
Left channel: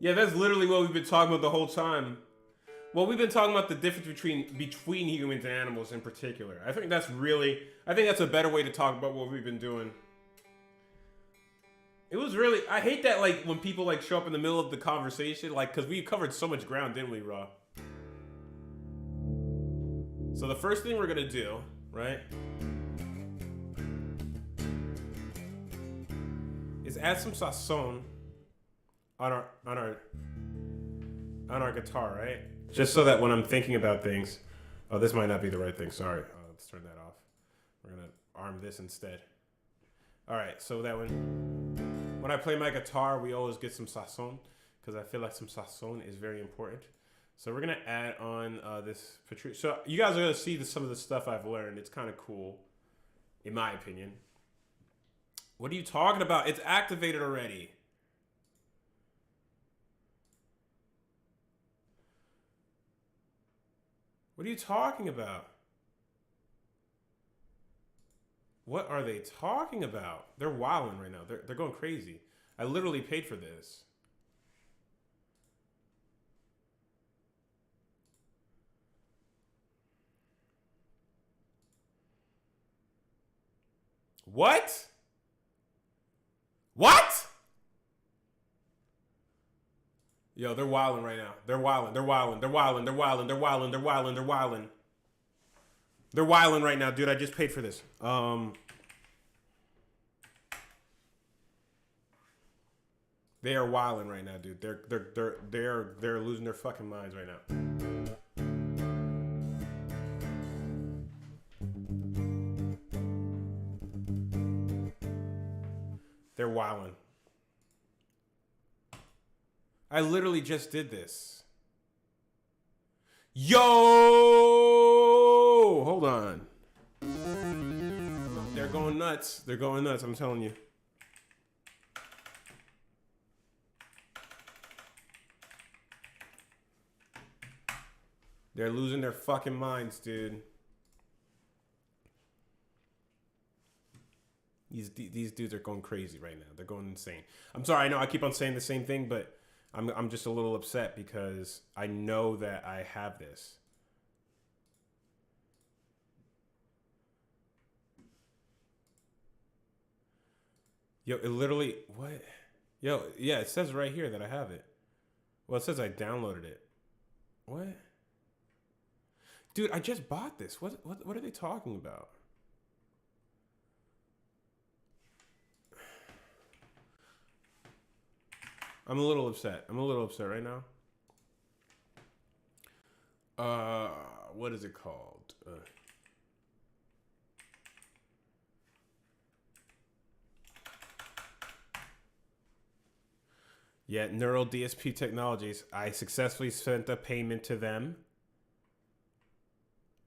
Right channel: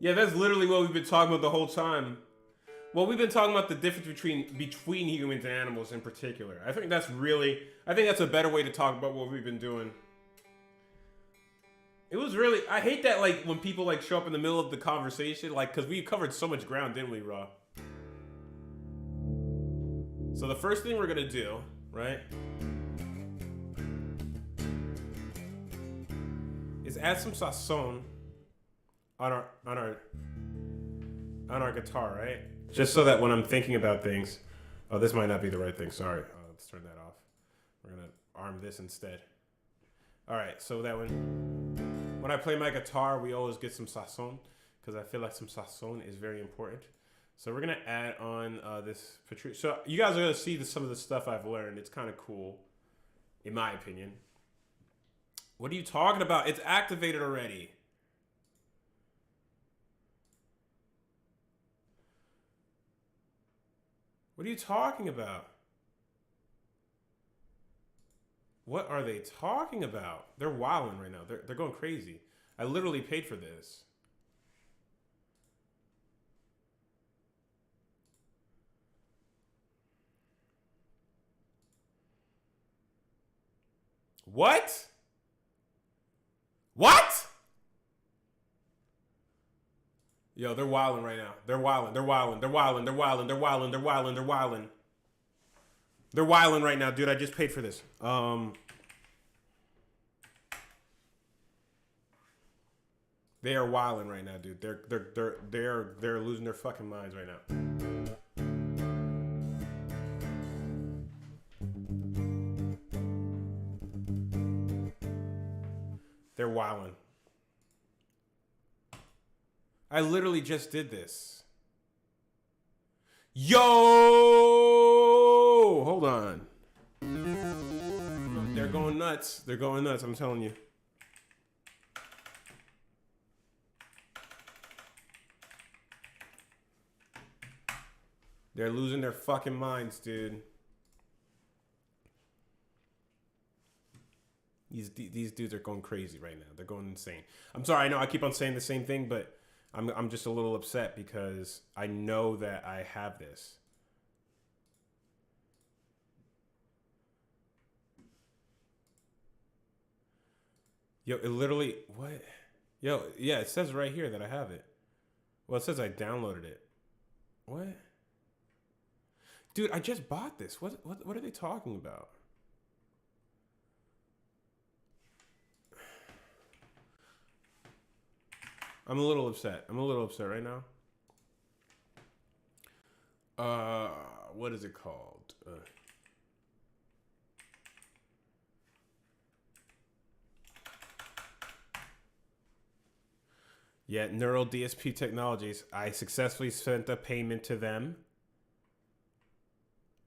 Yeah, that's literally what we've been talking about the whole time. Well, we've been talking about the difference between humans and animals in particular. I think that's a better way to talk about what we've been doing. It was really, I hate that, like, when people, like, show up in the middle of the conversation, like, because we covered so much ground, didn't we, Raw? So the first thing we're going to do, right, is add some sazon on our guitar, right? Just so that when I'm thinking about things, oh, this might not be the right thing. Sorry, let's turn that off. We're gonna arm this instead. All right, so that when I play my guitar, we always get some sazon because I feel like some sazon is very important. So we're gonna add on this Patrice. So you guys are gonna see some of the stuff I've learned. It's kind of cool, in my opinion. What are you talking about? It's activated already. What are you talking about? What are they talking about? They're wilding right now. They're going crazy. I literally paid for this. What? What? Yo, they're wilding right now. They're wilding. They're wilding. They're wilding. They're wilding. They're wilding. They're wilding. They're wilding. They're wilding right now, dude. I just paid for this. They are wilding right now, dude. They're losing their fucking minds right now. They're wilding. I literally just did this. Yo! Hold on. They're going nuts. They're going nuts, I'm telling you. They're losing their fucking minds, dude. These dudes are going crazy right now. They're going insane. I'm sorry, I know I keep on saying the same thing, but I'm just a little upset because I know that I have this. Yo, it literally, what? Yo, yeah, it says right here that I have it. Well, it says I downloaded it. What? Dude, I just bought this. What are they talking about? I'm a little upset. I'm a little upset right now. What is it called? Yeah, Neural DSP Technologies. I successfully sent a payment to them.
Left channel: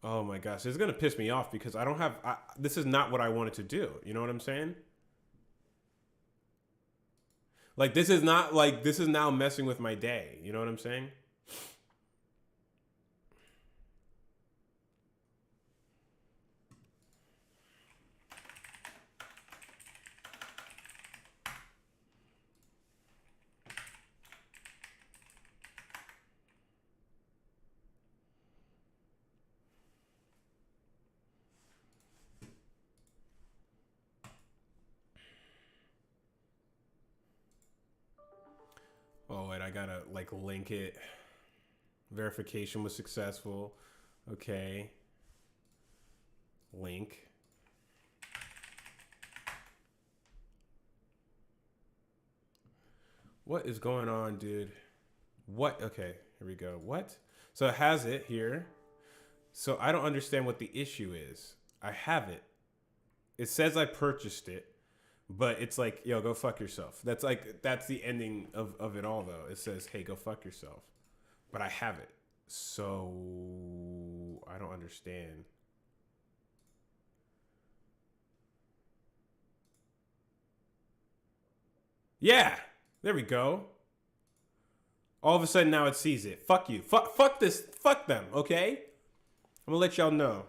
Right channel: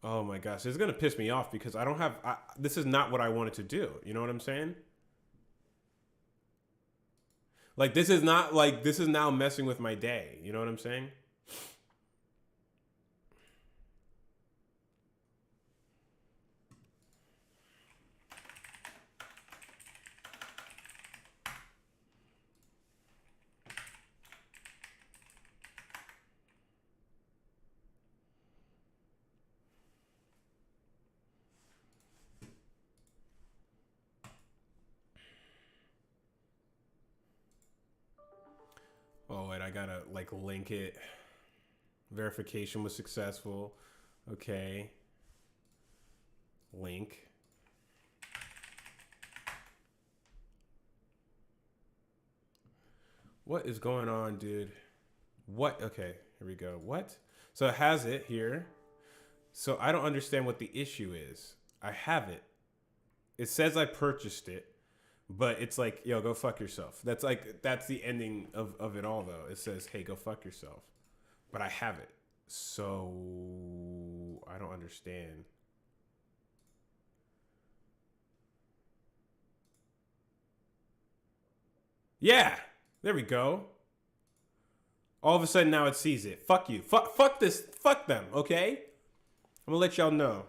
Oh my gosh, this is gonna piss me off because I don't have. This is not what I wanted to do. You know what I'm saying? Like this is not like this is now messing with my day. You know what I'm saying? Oh, wait, I gotta like link it. Verification was successful. Okay. Link. What is going on, dude? What? Okay, here we go. What? So it has it here. So I don't understand what the issue is. I have it. It says I purchased it. But it's like, yo, go fuck yourself. That's like, that's the ending of it all, though. It says, hey, go fuck yourself. But I have it. So, I don't understand. Yeah, there we go. All of a sudden, now it sees it. Fuck you. Fuck this. Fuck them, okay? I'm gonna let y'all know.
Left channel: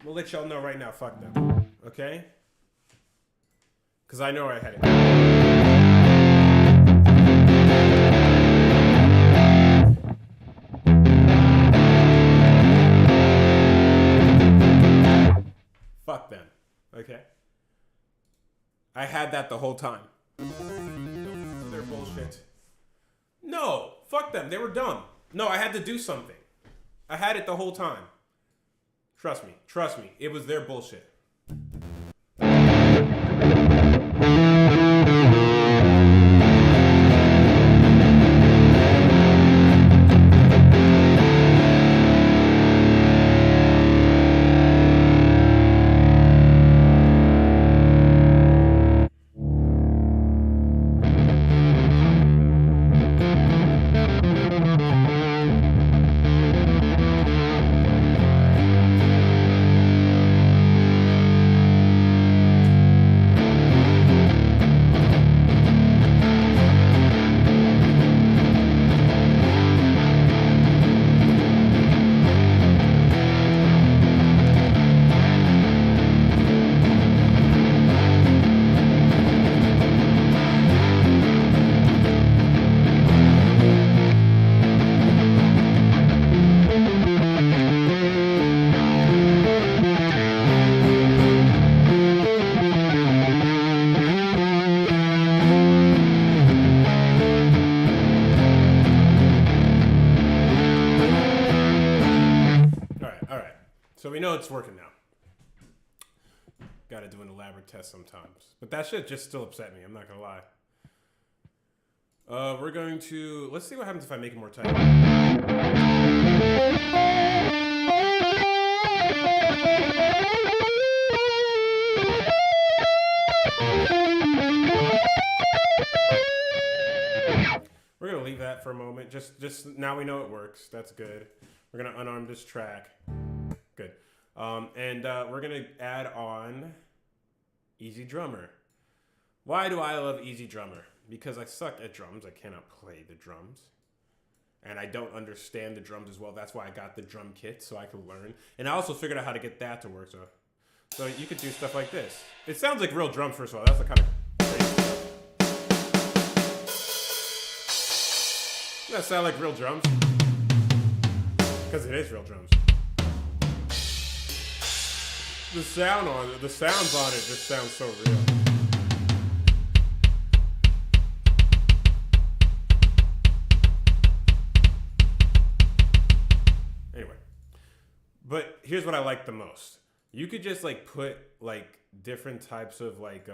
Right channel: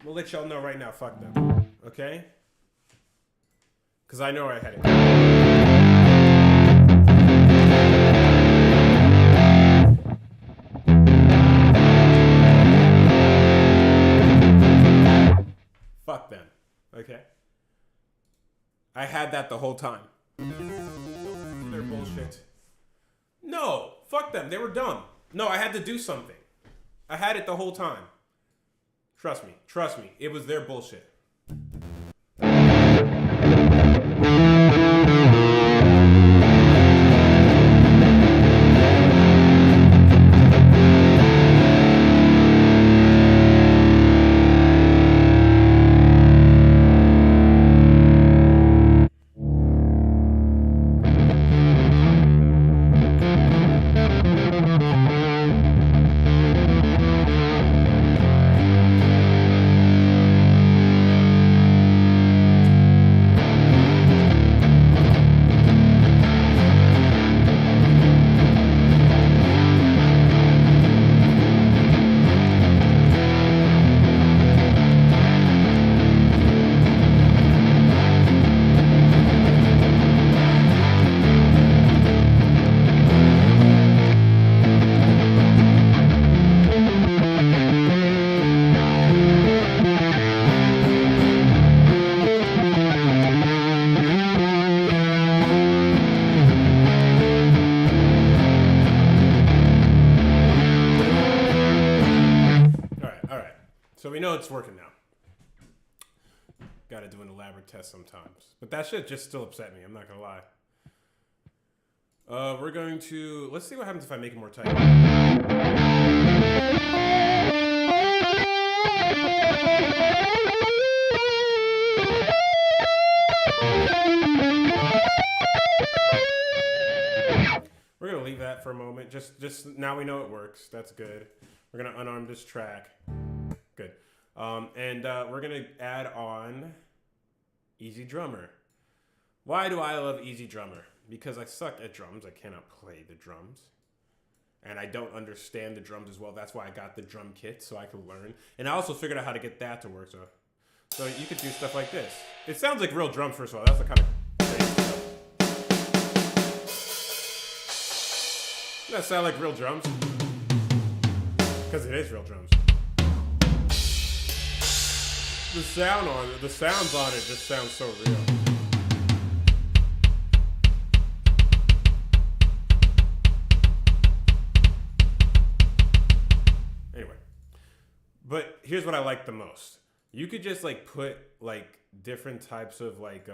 I'm gonna let y'all know right now, fuck them. Okay? Because I know I had it. Fuck them. Okay? I had that the whole time. They're bullshit. No. Fuck them. They were dumb. No, I had to do something. I had it the whole time. Trust me. Trust me. It was their bullshit. So we know it's working now. Got to do an elaborate test sometimes. But that shit just still upset me. I'm not going to lie. We're going to... Let's see what happens if I make it more tight. We're going to leave that for a moment. Just now we know it works. That's good. We're going to unarm this track. Good. And we're going to add on Easy Drummer. Why do I love Easy Drummer? Because I suck at drums. I cannot play the drums. And I don't understand the drums as well. That's why I got the drum kit, so I could learn. And I also figured out how to get that to work. So you could do stuff like this. It sounds like real drums, first of all. That's the kind of crazy stuff. Doesn't that sound like real drums? Because it is real drums. The sounds on it just sound so real. Anyway, but here's what I like the most. You could just like put like different types of like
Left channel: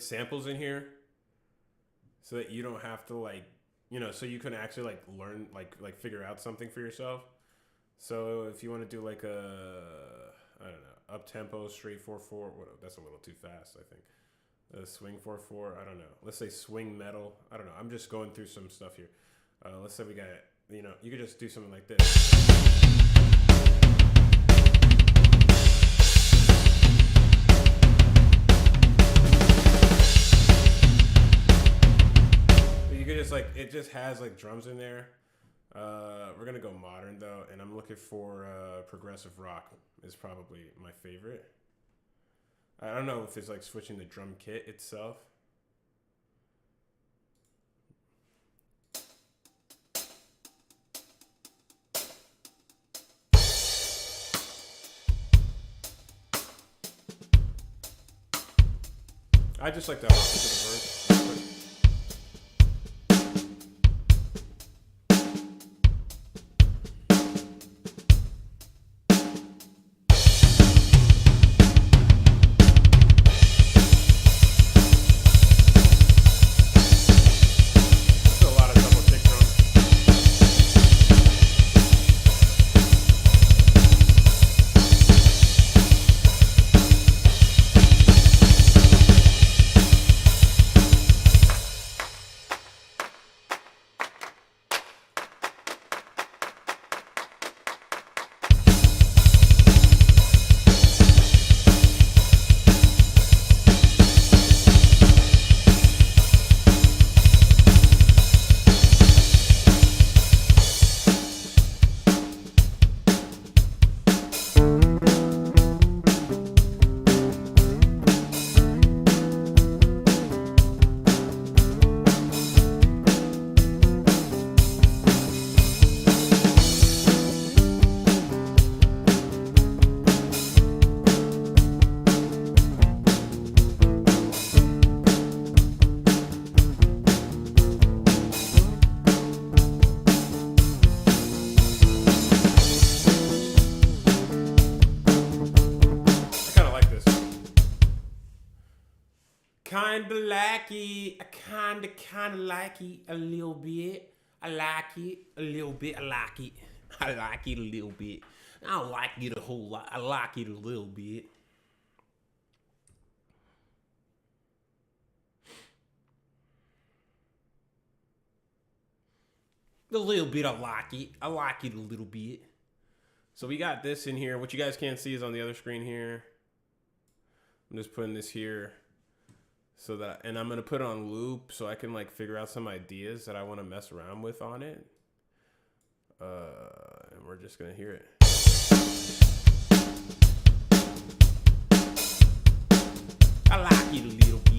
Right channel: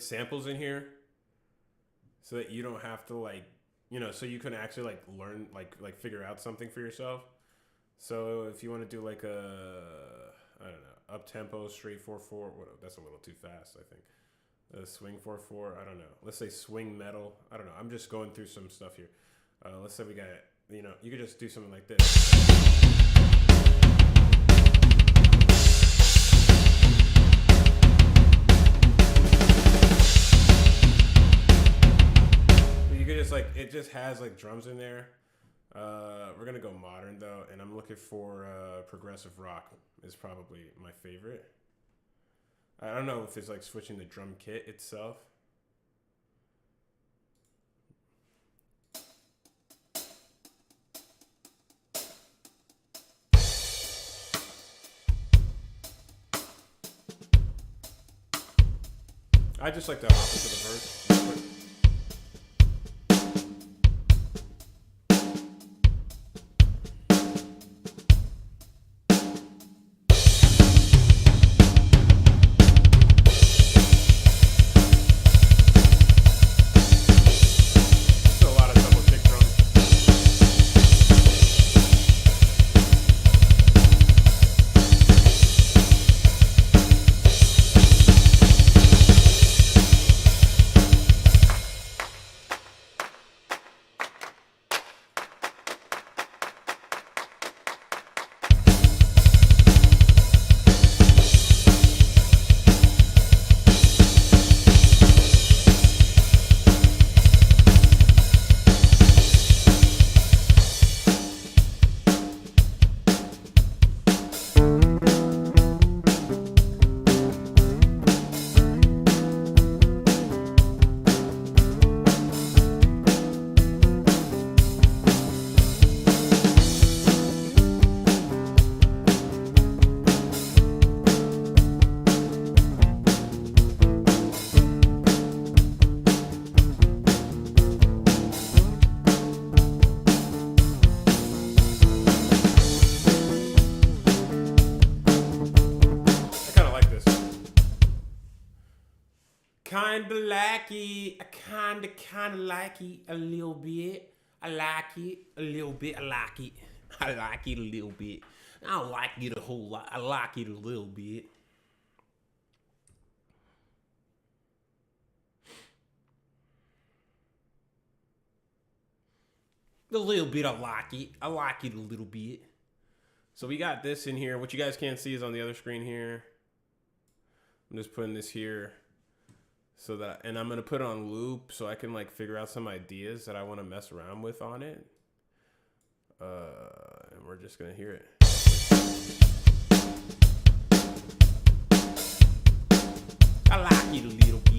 samples in here, so that you don't have to like, so you can actually like learn like figure out something for yourself. So if you want to do like I don't know, up tempo, straight 4/4, that's a little too fast, I think. Swing 4/4, I don't know. Let's say swing metal, I don't know. I'm just going through some stuff here. Let's say we got, you could just do something like this. You could just like, it just has like drums in there. We're gonna go modern though, and I'm looking for progressive rock is probably my favorite. I don't know if it's like switching the drum kit itself. I just like to hop into the verse real quick. Kinda like it. I kinda like it a little bit. I like it a little bit. I like it. I like it a little bit. I don't like it a whole lot. I like it a little bit. A little bit, I like it. I like it a little bit. So we got this in here. What you guys can't see is on the other screen here. I'm just putting this here. So that, and I'm going to put it on loop so I can like figure out some ideas that I want to mess around with on it. And we're just going to hear it. I like it a little bit.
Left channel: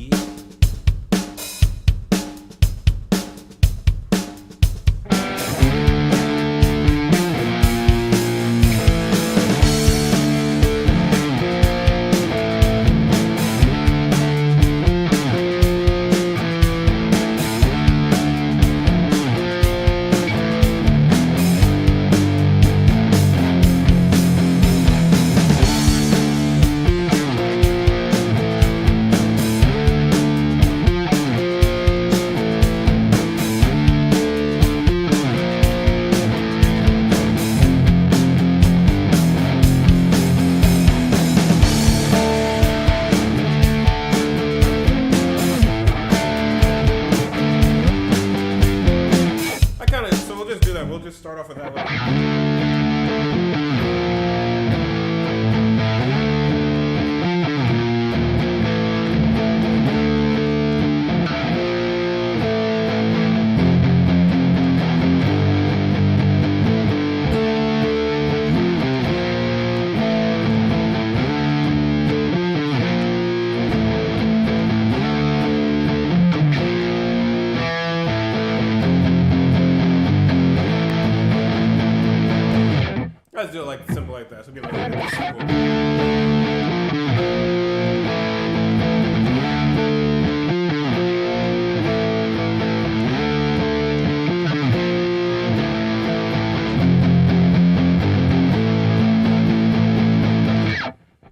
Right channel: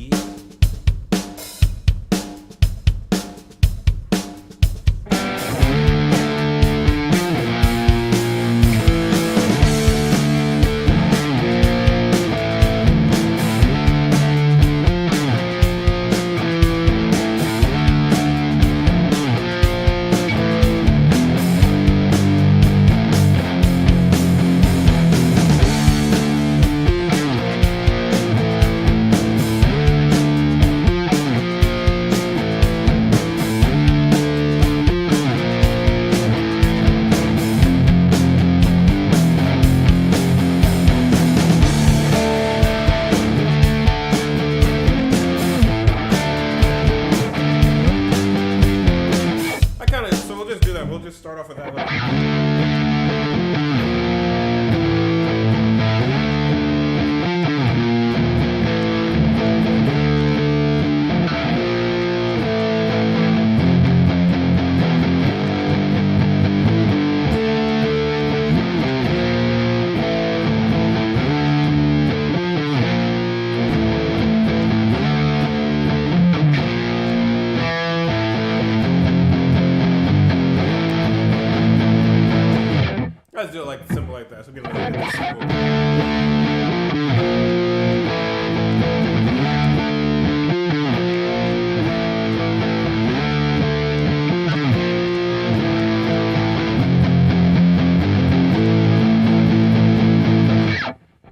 like simple like that. So give it a simple.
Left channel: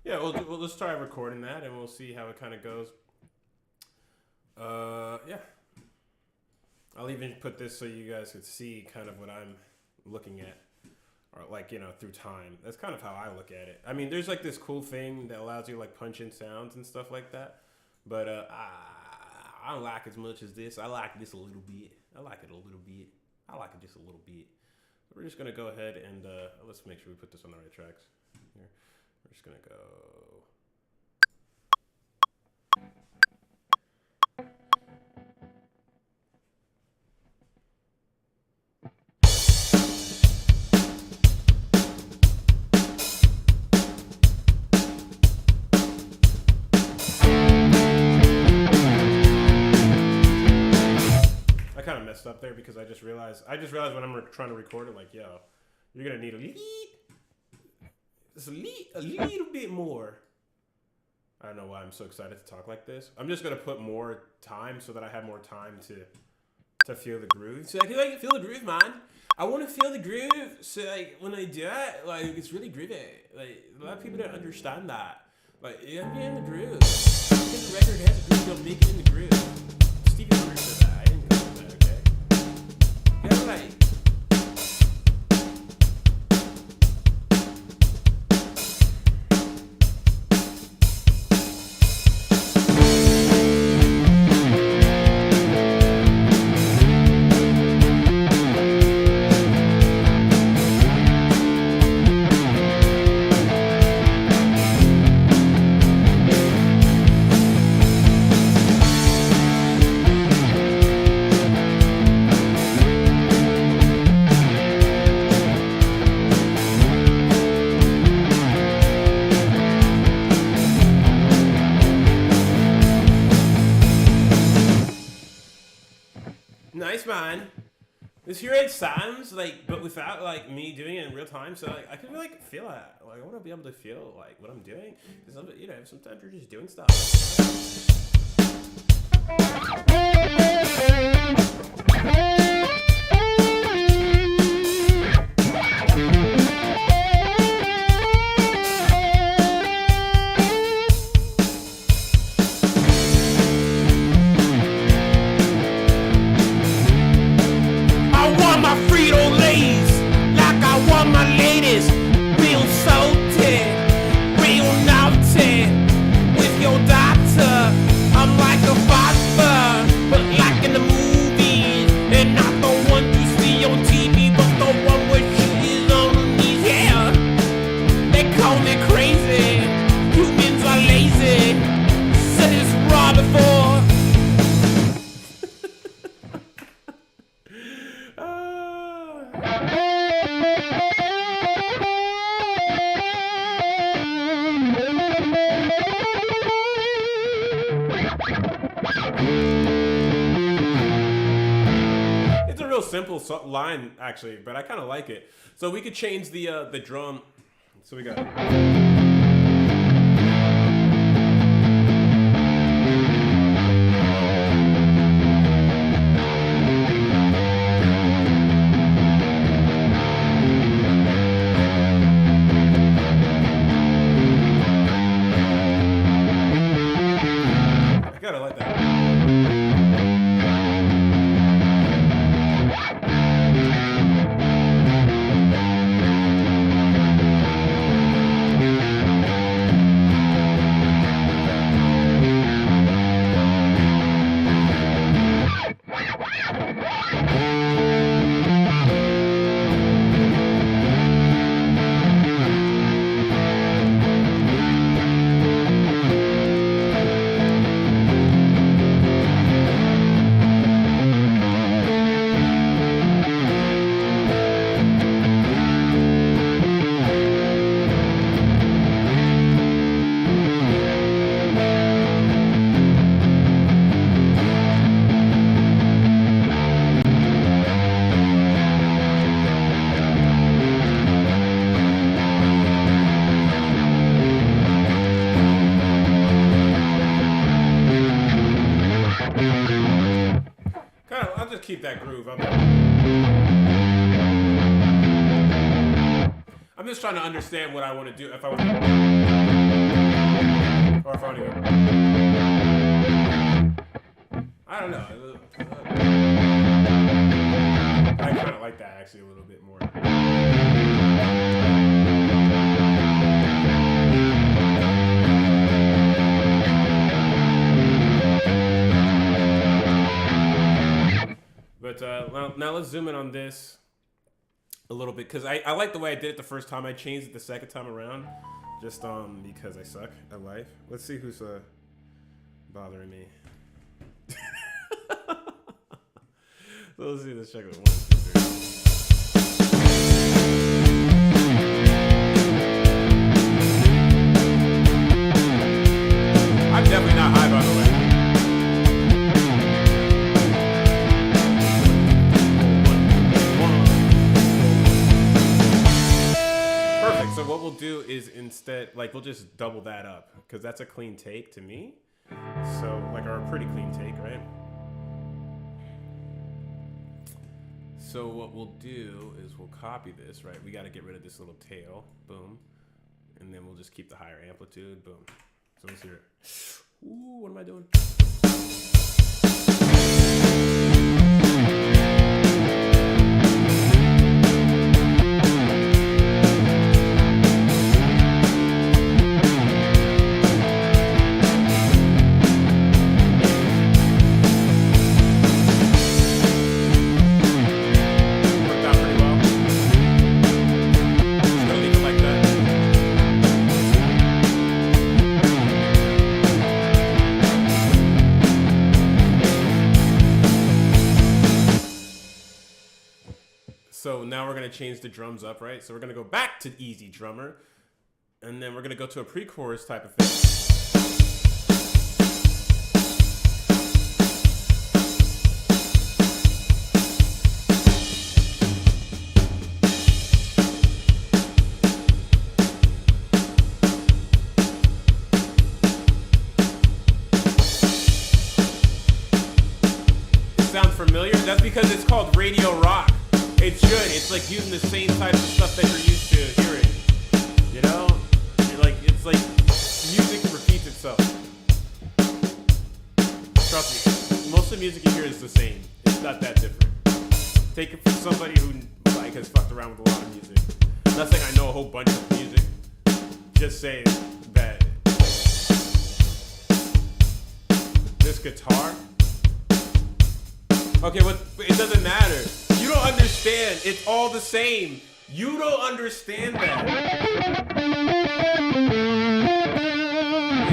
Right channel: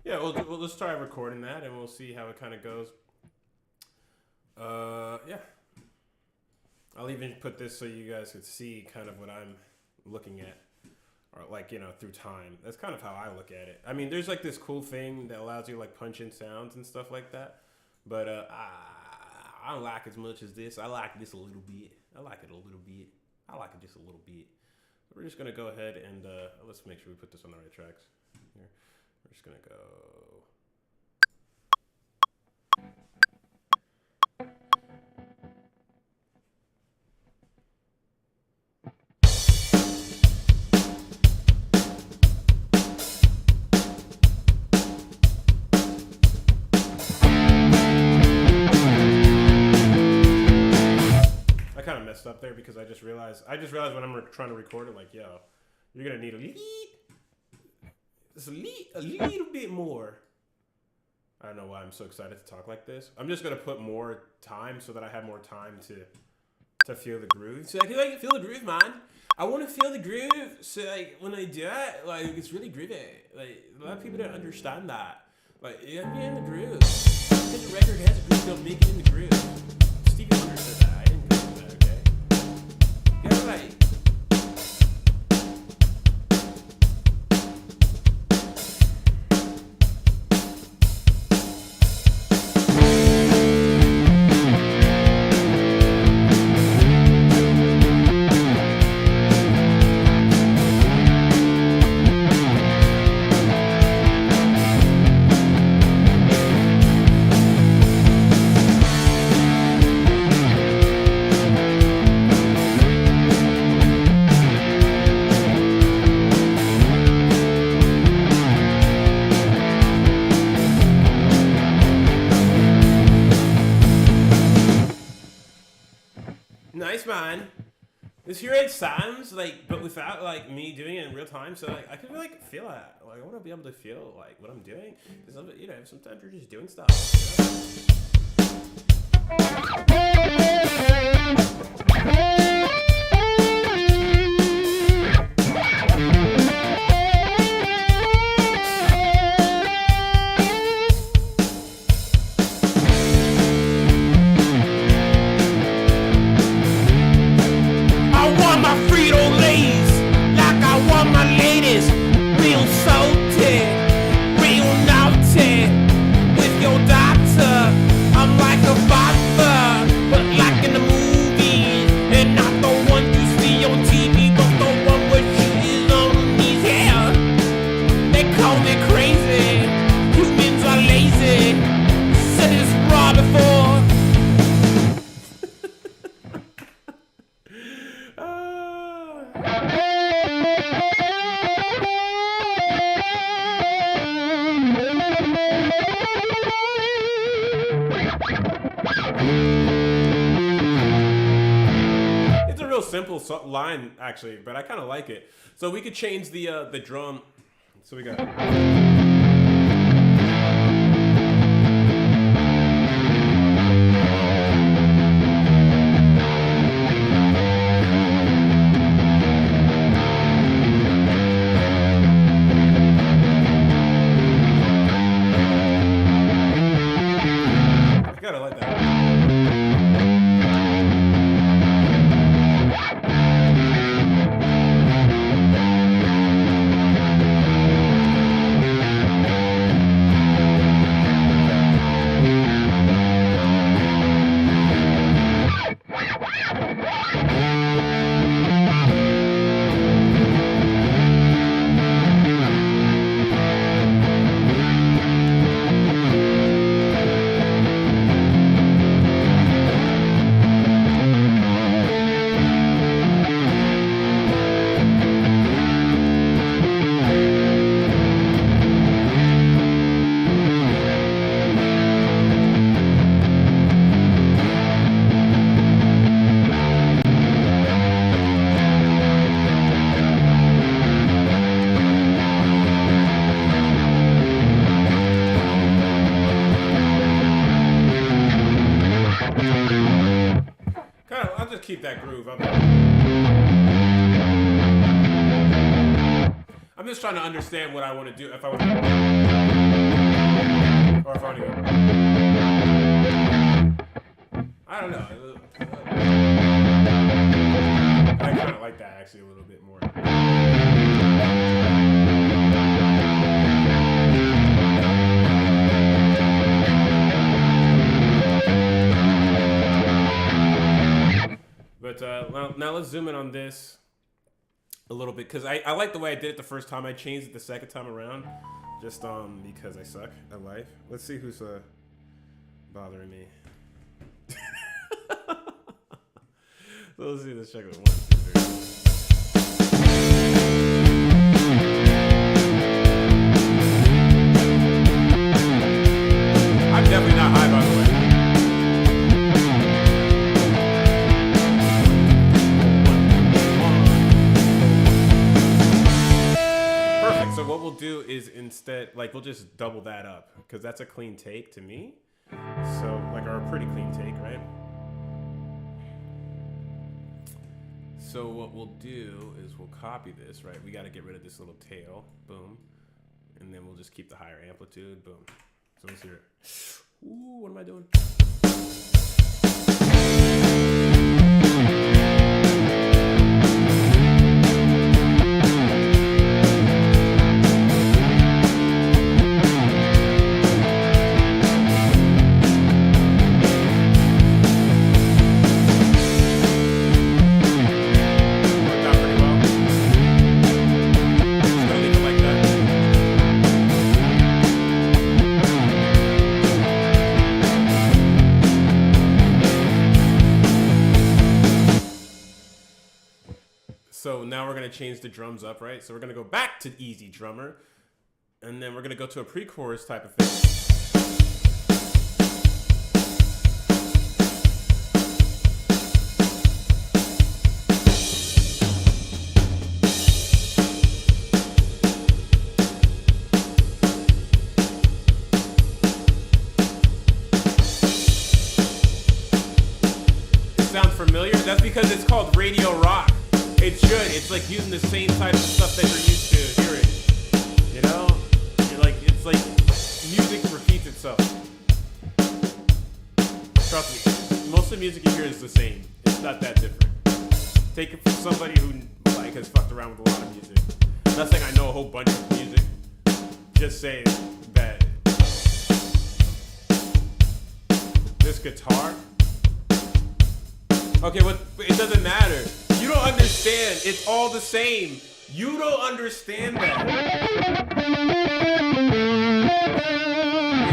Yeah, we'll just try recording that, and we'll see how it kind of goes. Yeah. I'll even put this so you guys could see kind of what I'm looking at, or like, you know, through time. That's kind of how I look at it. I mean, there's like this cool thing that allows you to like punch in sounds and stuff like that, but I don't like as much as this. I like this a little bit. I like it a little bit. I like it just a little bit. We're just gonna go ahead and let's make sure we put this on the right tracks. Here, we're just gonna go. Messed up there because I just realized when I'm trying to record it, like, yo, you're gonna need a little bit more. I don't know why I'm so excited to talk like this. I'm just gonna put more time so that I have more time to feel the groove. So I feel like feel the groove, man. I want to feel the groove. So like when I do it, like it's really groovy. Like a lot of people don't understand that. Like you gotta be in the groove. Because the record has a groove, don't make it in the groove. Stevie Wonder said that. I didn't come with that. Okay. Yeah, right. Nice, man. This here it sounds like, but without like me doing it in real time. So like I can like feel it. Like I want to be able to feel like what I'm doing because you know sometimes you're just doing stuff. You know? My Frito-Lays, like I want my ladies, real salty, real naughty. With your daughter, I'm like a father, but like in the movies, and not the one you see on TV, but the one where she is on her knees. Yeah, they call me crazy. Humans are lazy. Said this raw before. It's a real simple line, actually, but I kind of like it. So we could change the drum. So we got. I gotta like that. keep that groove. I'm just trying to understand what I want to do. If I want to, or if I want to go. I don't know. I kind of like that actually a little bit more. But now let's zoom in on this a little bit, because I like the way I did it the first time. I changed it the second time around, just because I suck at life. Let's see who's bothering me. So let's see. Let's check it. 1, 2, 3. I'm definitely not high, by the way. Perfect. So what we'll do is instead, like, we'll just double that up, because that's a clean take to me. So, like, or a pretty clean take, right? So what we'll do is we'll copy this, right? We got to get rid of this little tail. Boom. And then we'll just keep the higher amplitude. Boom. So let's hear it. Ooh, what am I doing? So now we're going to change the drums up, right? So we're going to go back to easy drummer, and then we're going to go to a pre-chorus type of thing. It sounds familiar? That's because it's called radio rock. It should. It's like using the same type of stuff that you're used to hearing. You know? It's like music repeats itself. Trust me. Most of the music you hear is the same. It's not that different. Take it from somebody who like has fucked around with a lot of music. I'm not saying I know a whole bunch of music. Just saying that this guitar. Okay, it doesn't matter. You don't understand. It's all the same. You don't understand that.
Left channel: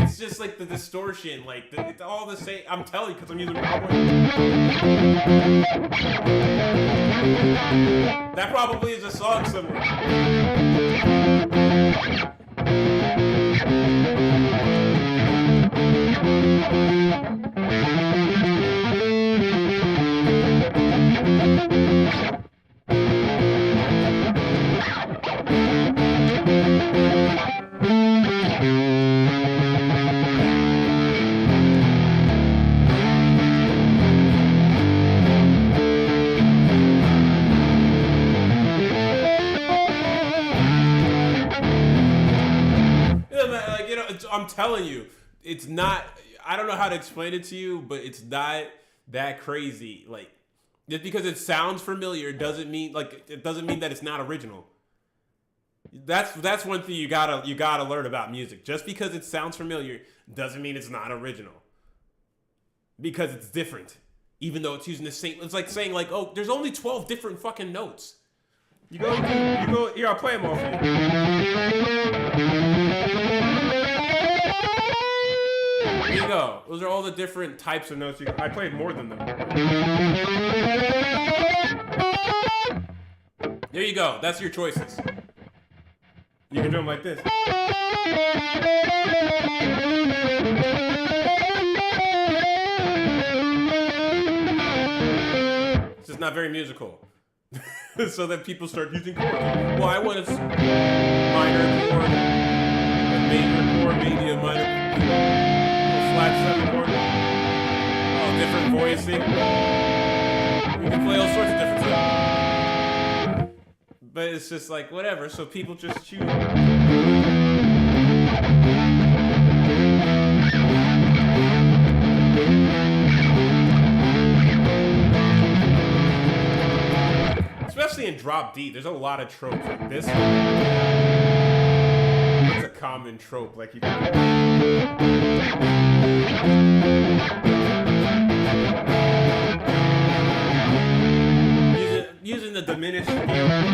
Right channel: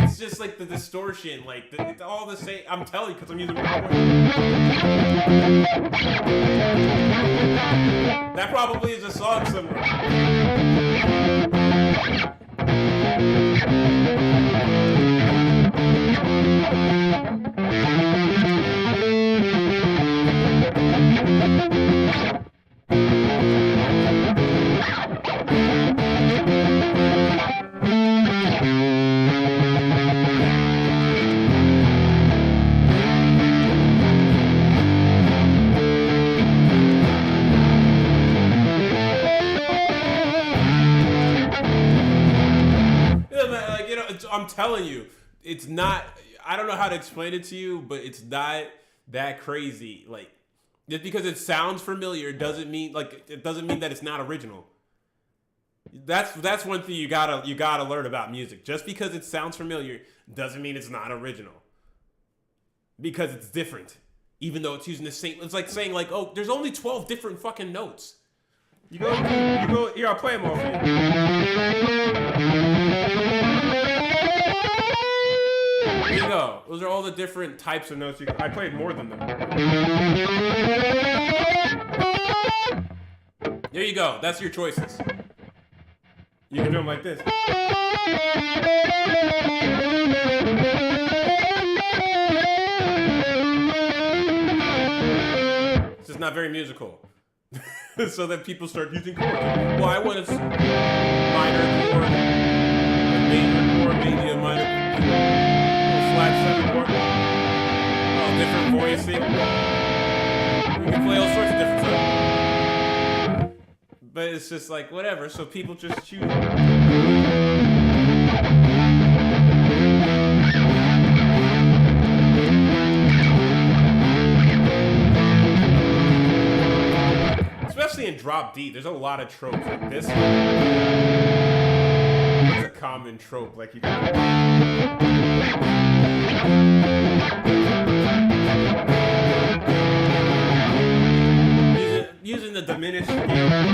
It's just like the distortion. It's all the same. I'm telling you, because I'm using Cowboy. That probably is a song somewhere. I'm telling you, it's not. I don't know how to explain it to you, but it's not that crazy. Like, just because it sounds familiar doesn't mean that it's not original. That's one thing you gotta learn about music. Just because it sounds familiar doesn't mean it's not original. Because it's different, even though it's using the same. It's like saying oh, there's only 12 different fucking notes. You go. Here, I'll play them all for you. Here you go. Those are all the different types of notes. I played more than them. There you go. That's your choices. You can do them like this. It's just not very musical. So then people start using chords. Well, I want a minor chord, a major chord, maybe a minor, a flat 7 chord. Oh, different voicing. can play all sorts of different stuff. But it's just like, whatever, so people just choose. Especially in drop D, there's a lot of tropes like this. It's a common trope, like you using the diminished scale.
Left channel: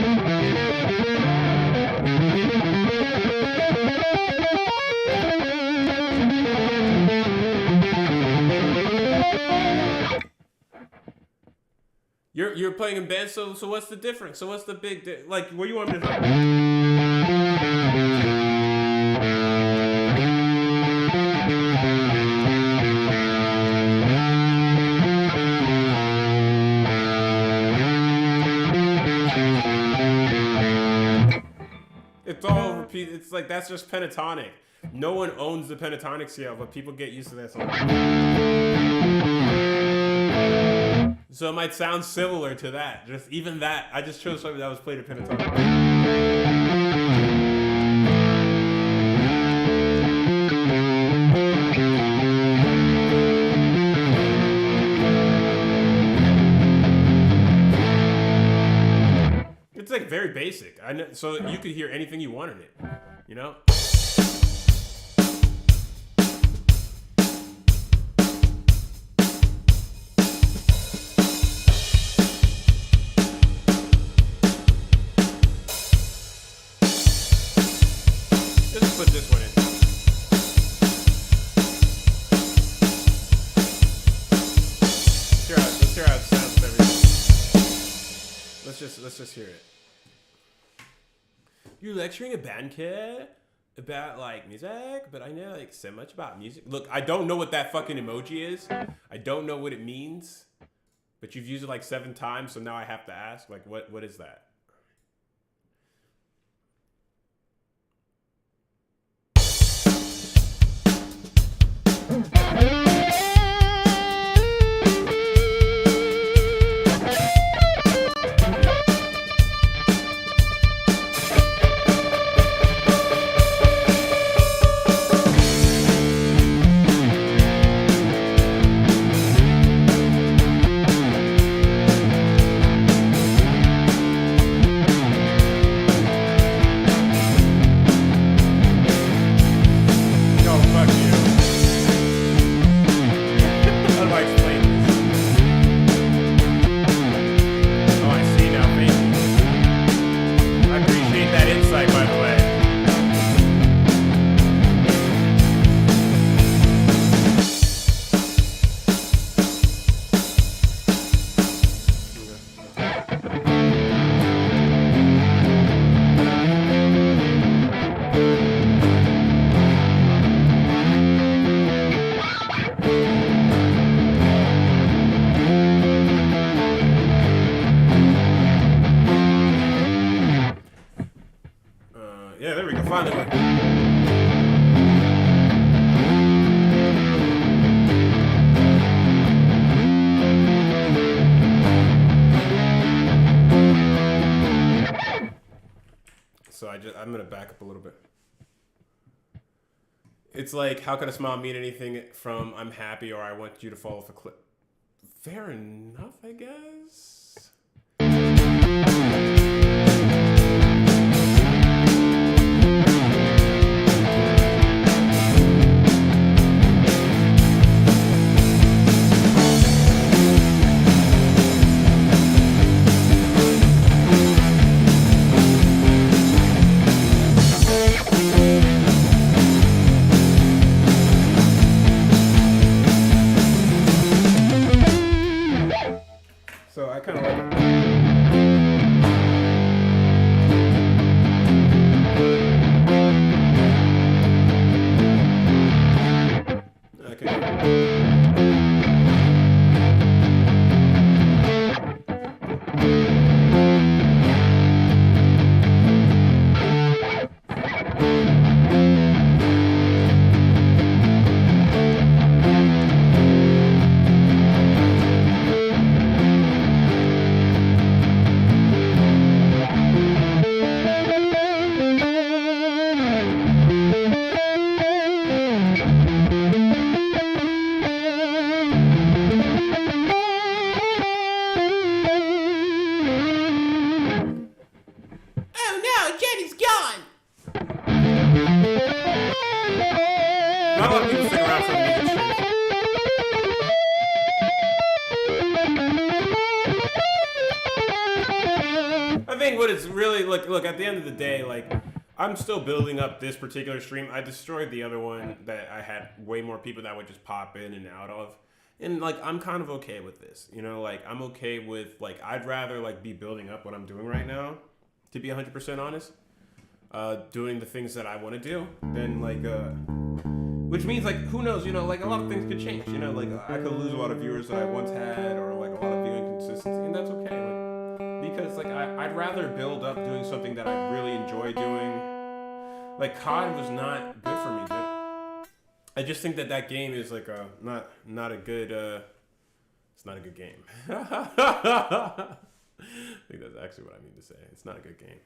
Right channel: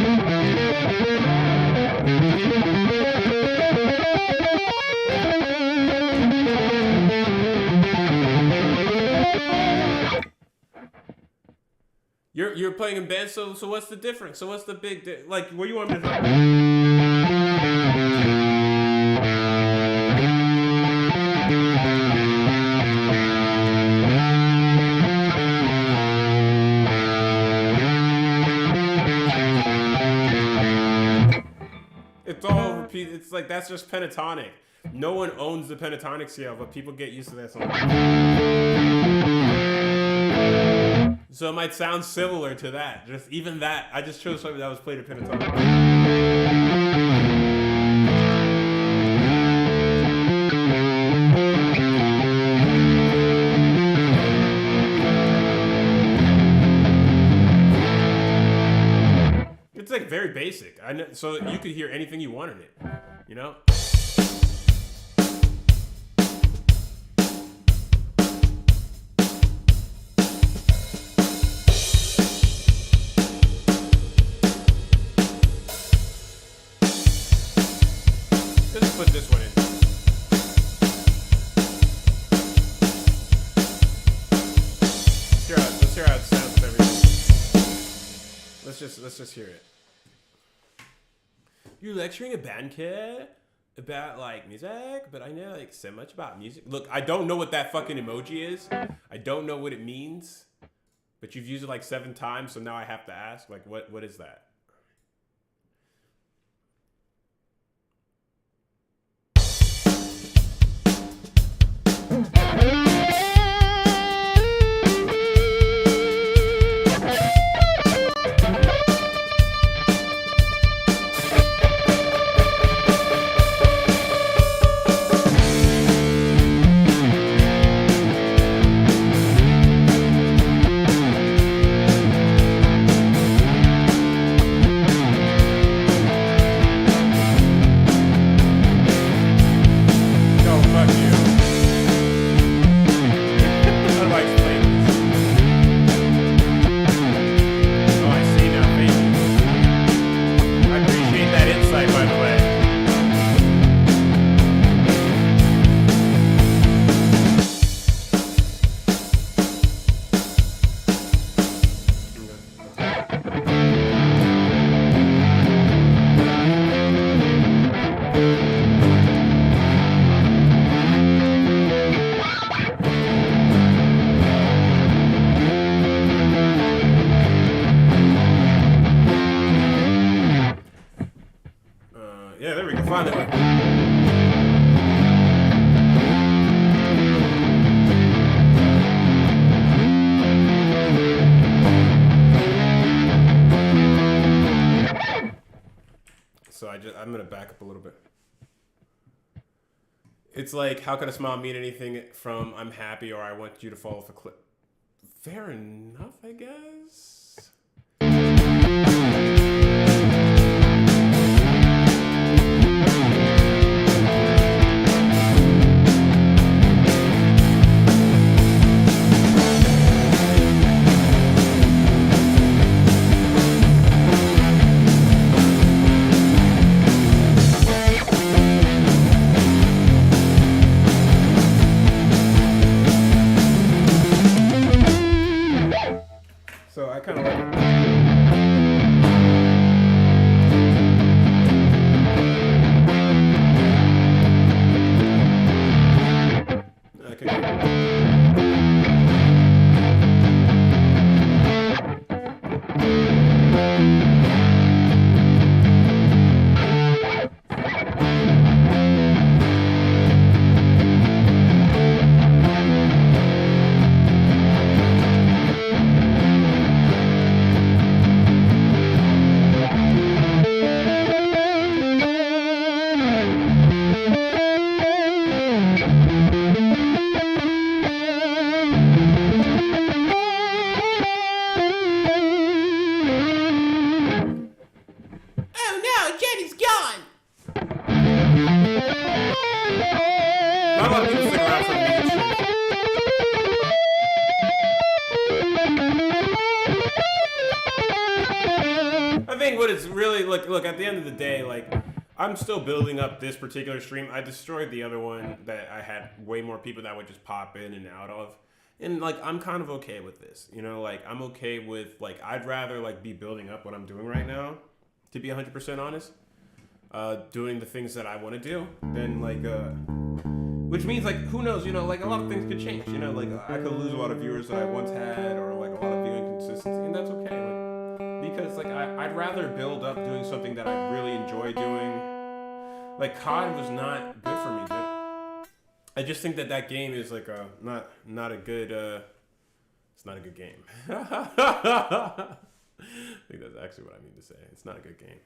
You're playing in band, so what's the difference? So what's the big like? What do you want me to It's all repeat. It's like that's just pentatonic. No one owns the pentatonic scale, but people get used to that song. So it might sound similar to that. Just even that. I just chose something that was played at pentatonic. It's like very basic. I know, so you could hear anything you want in it. You know? Let's put this one in. Let's hear how it sounds with everything. Let's just hear it. You're lecturing a band kid about like music, but I know like so much about music. Look, I don't know what that fucking emoji is. I don't know what it means. But you've used it like 7 times, so now I have to ask, like, what is that? Yeah, there we go. Finally. So I'm gonna back up a little bit. It's like, how could a smile mean anything from I'm happy or I want you to fall off a cliff? Fair enough, I guess. So I kind of like it. Not a lot of people stick around for the music streaming. I think what it's really look at the end of the day, like I'm still building up this particular stream. I destroyed the other one that I had way more people that would just pop in and out of. And like I'm kind of okay with this. You know, like I'm okay with like I'd rather like be building up what I'm doing right now, to be 100% honest. Doing the things that I want to do than like which means like who knows, you know, like a lot of things could change. You know, like I could lose a lot of viewers that I once had or like a lot of viewing consistency, and that's okay. Like because like I'd rather build up doing something that I really enjoy doing. Like COD was not good for me, dude. I just think that game is like not a good it's not a good game. I think that's actually what I mean to say. It's not a good game.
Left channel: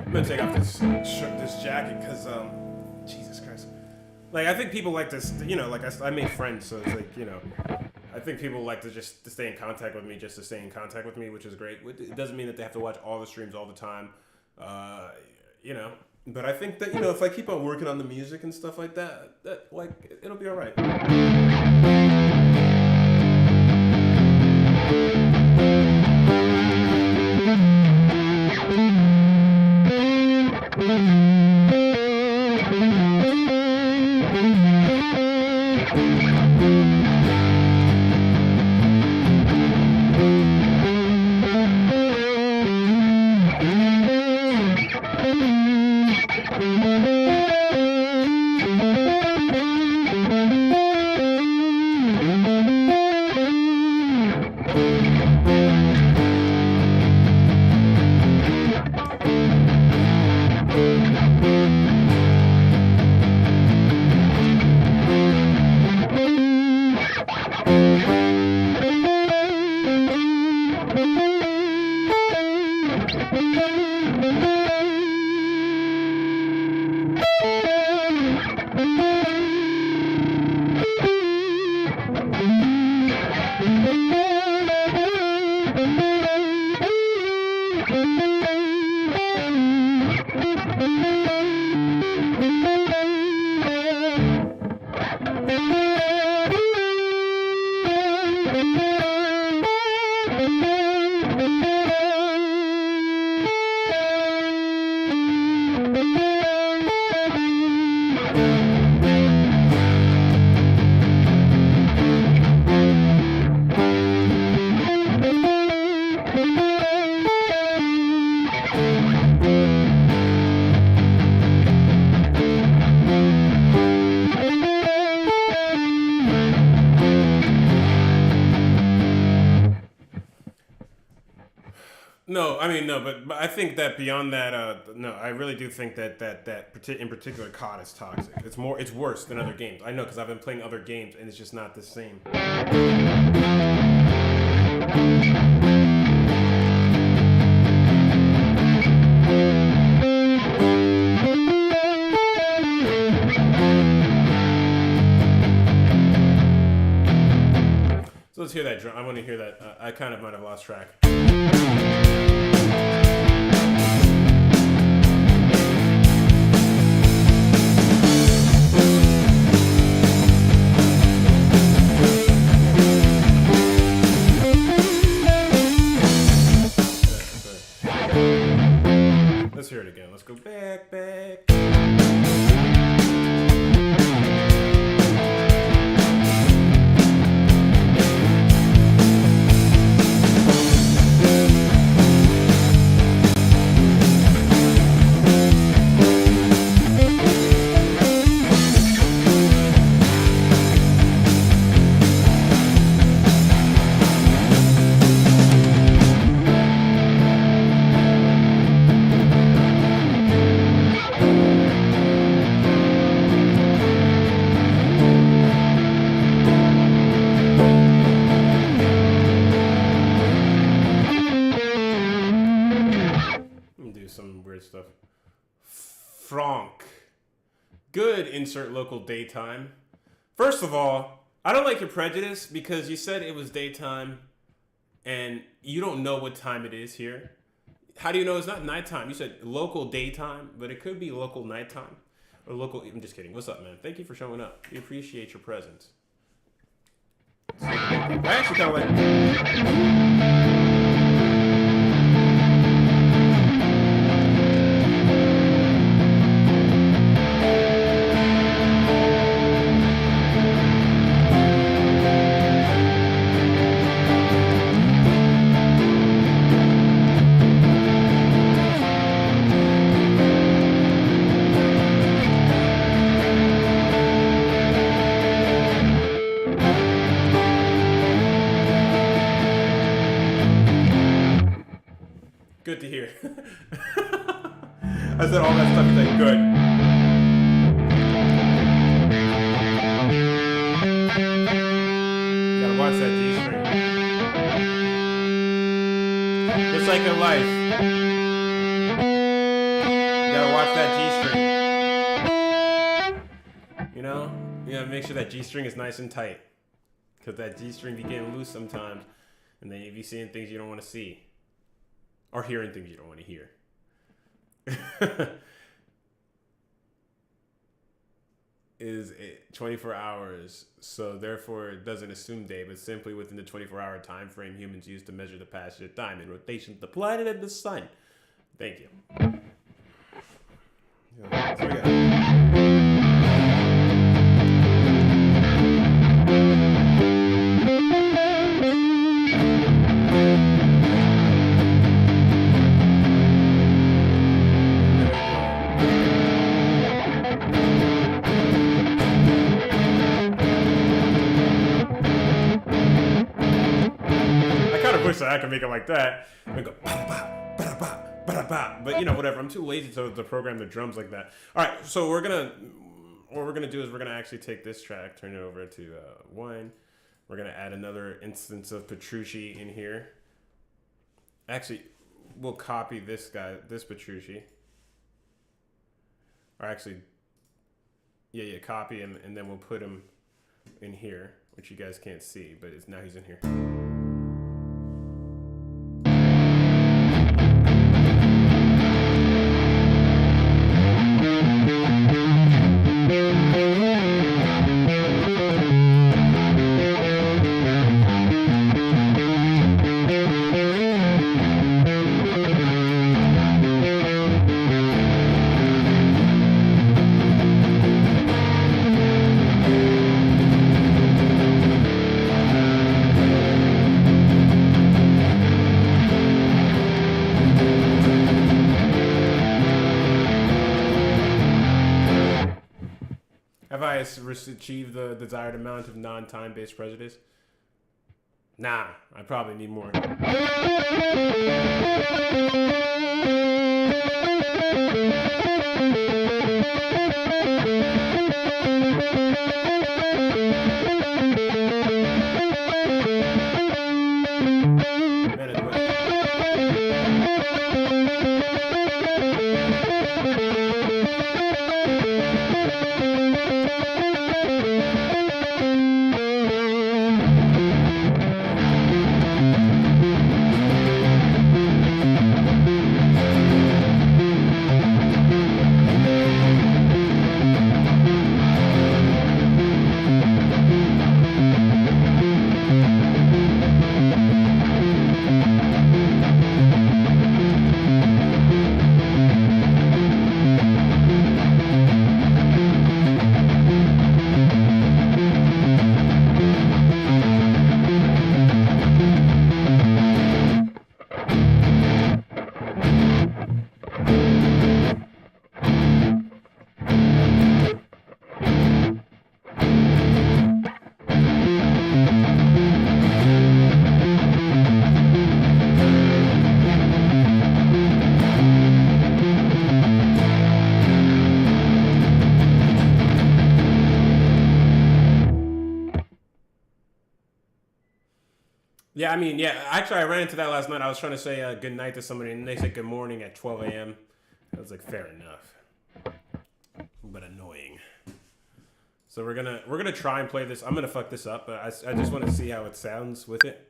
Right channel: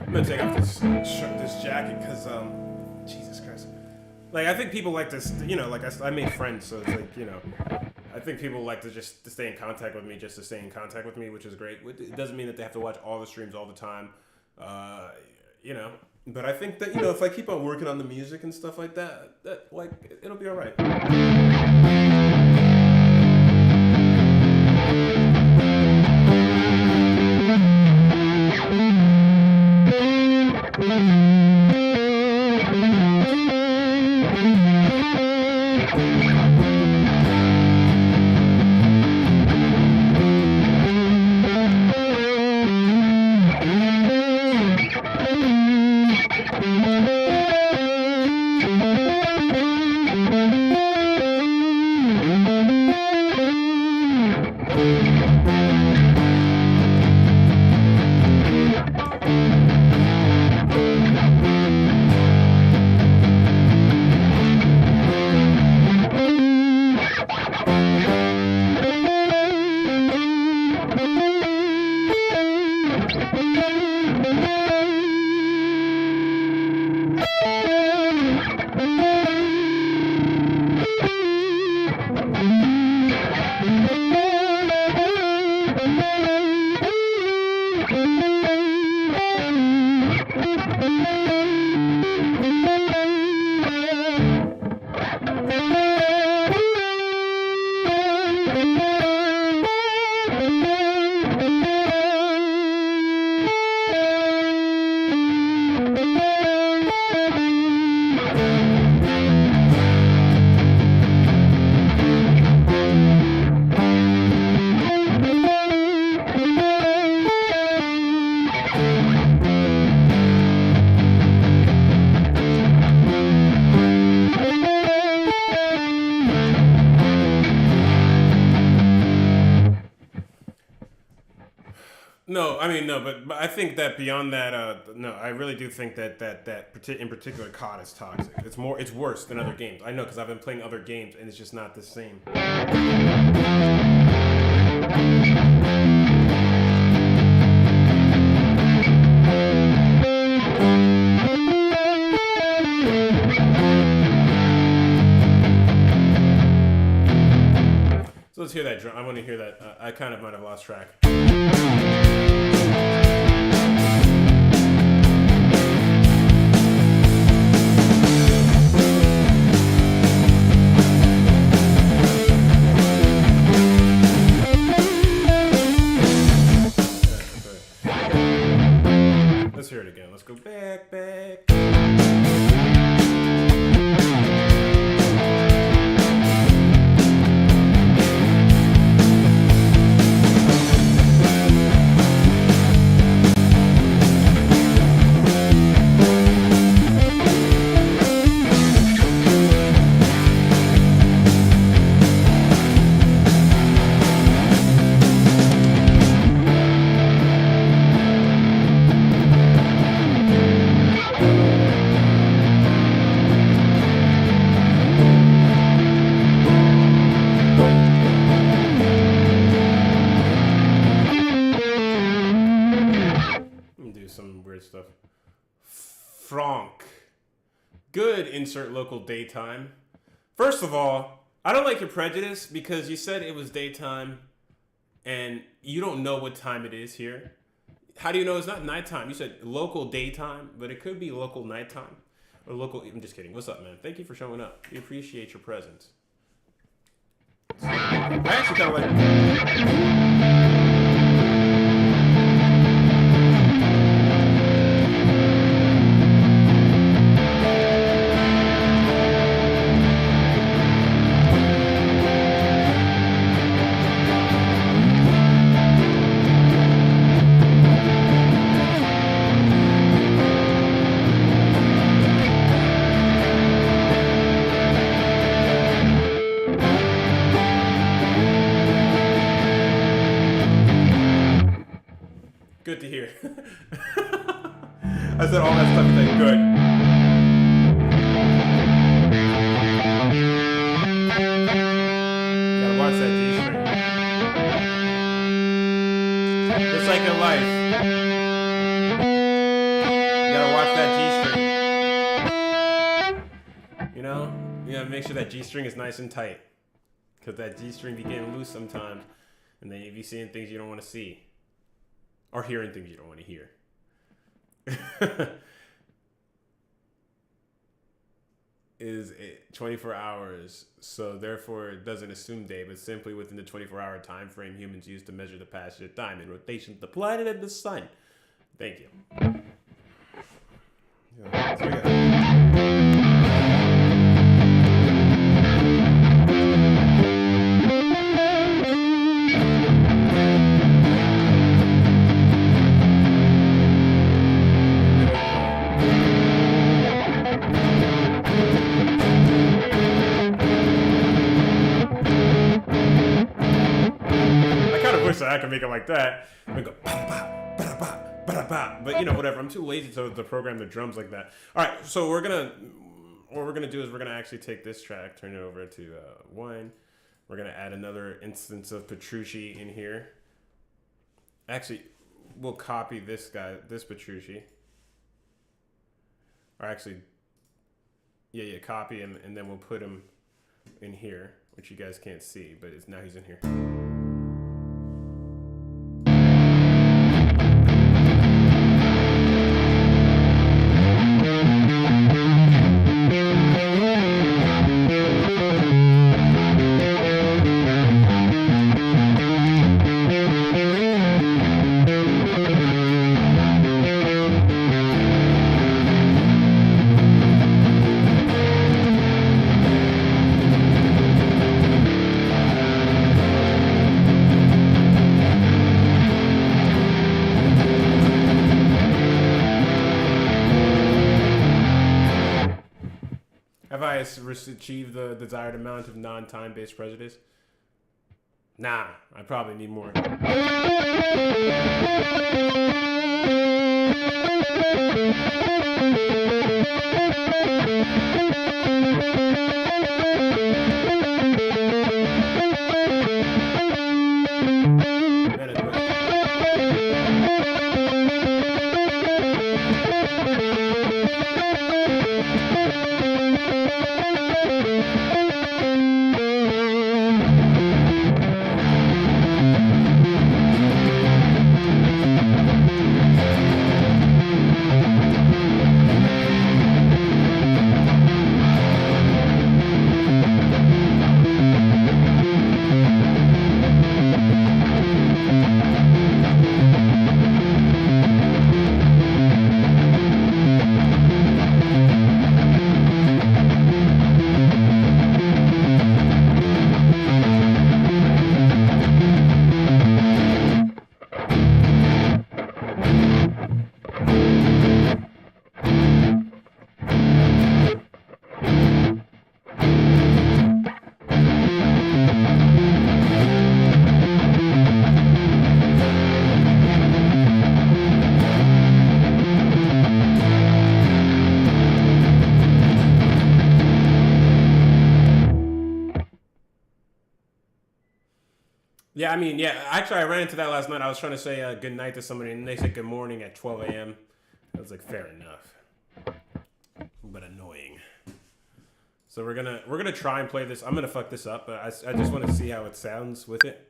I'm gonna take off this jacket because Jesus Christ. Like I think people like to, you know, like I made friends, so it's like, you know, I think people like to just to stay in contact with me, just to stay in contact with me, which is great. It doesn't mean that they have to watch all the streams all the time, you know. But I think that, you know, if I keep on working on the music and stuff like that, that like it'll be all right. No, I mean no, but I think that beyond that, no, I really do think that in particular COD is toxic. It's worse than other games. I know because I've been playing other games and it's just not the same. So let's hear that drum. I want to hear that. I kind of might have lost track. Let's hear it again. Let's go back. Stuff. Franck. Good insert local daytime. First of all, I don't like your prejudice because you said it was daytime and you don't know what time it is here. How do you know it's not nighttime? You said local daytime, but it could be local nighttime. Or local, I'm just kidding. What's up, man? Thank you for showing up. We appreciate your presence. I actually kind of like... Good to hear. I said all that stuff. He's like, good. You gotta watch that G-string. Just like in life. You gotta watch that G-string. You know? You gotta make sure that G-string is nice and tight. Because that G-string be getting loose sometimes. And then you be seeing things you don't want to see. Or hearing things you don't want to hear. Is it 24 hours, so therefore it doesn't assume day, but simply within the 24-hour time frame humans use to measure the passage of time in rotation of the planet and the sun. Thank you. Yeah, so we got. I wish that I could make it like that. I go ba-da-ba, ba-da-ba, ba-da-ba. But you know, whatever. I'm too lazy to program the drums like that. All right, so what we're gonna do is we're gonna actually take this track, turn it over to 1. We're gonna add another instance of Petrucci in here. Actually, we'll copy this guy, this Petrucci. Or actually, yeah, copy him, and then we'll put him in here, which you guys can't see, but now he's in here. Have I achieved the desired amount of non-time-based prejudice? Nah, I probably need more. Yeah, I mean, yeah. Actually, I ran into that last night. I was trying to say good night to somebody, and they said good morning at 12 a.m. I was like, fair enough. But annoying. So we're gonna try and play this. I'm gonna fuck this up, but I just want to see how it sounds with it.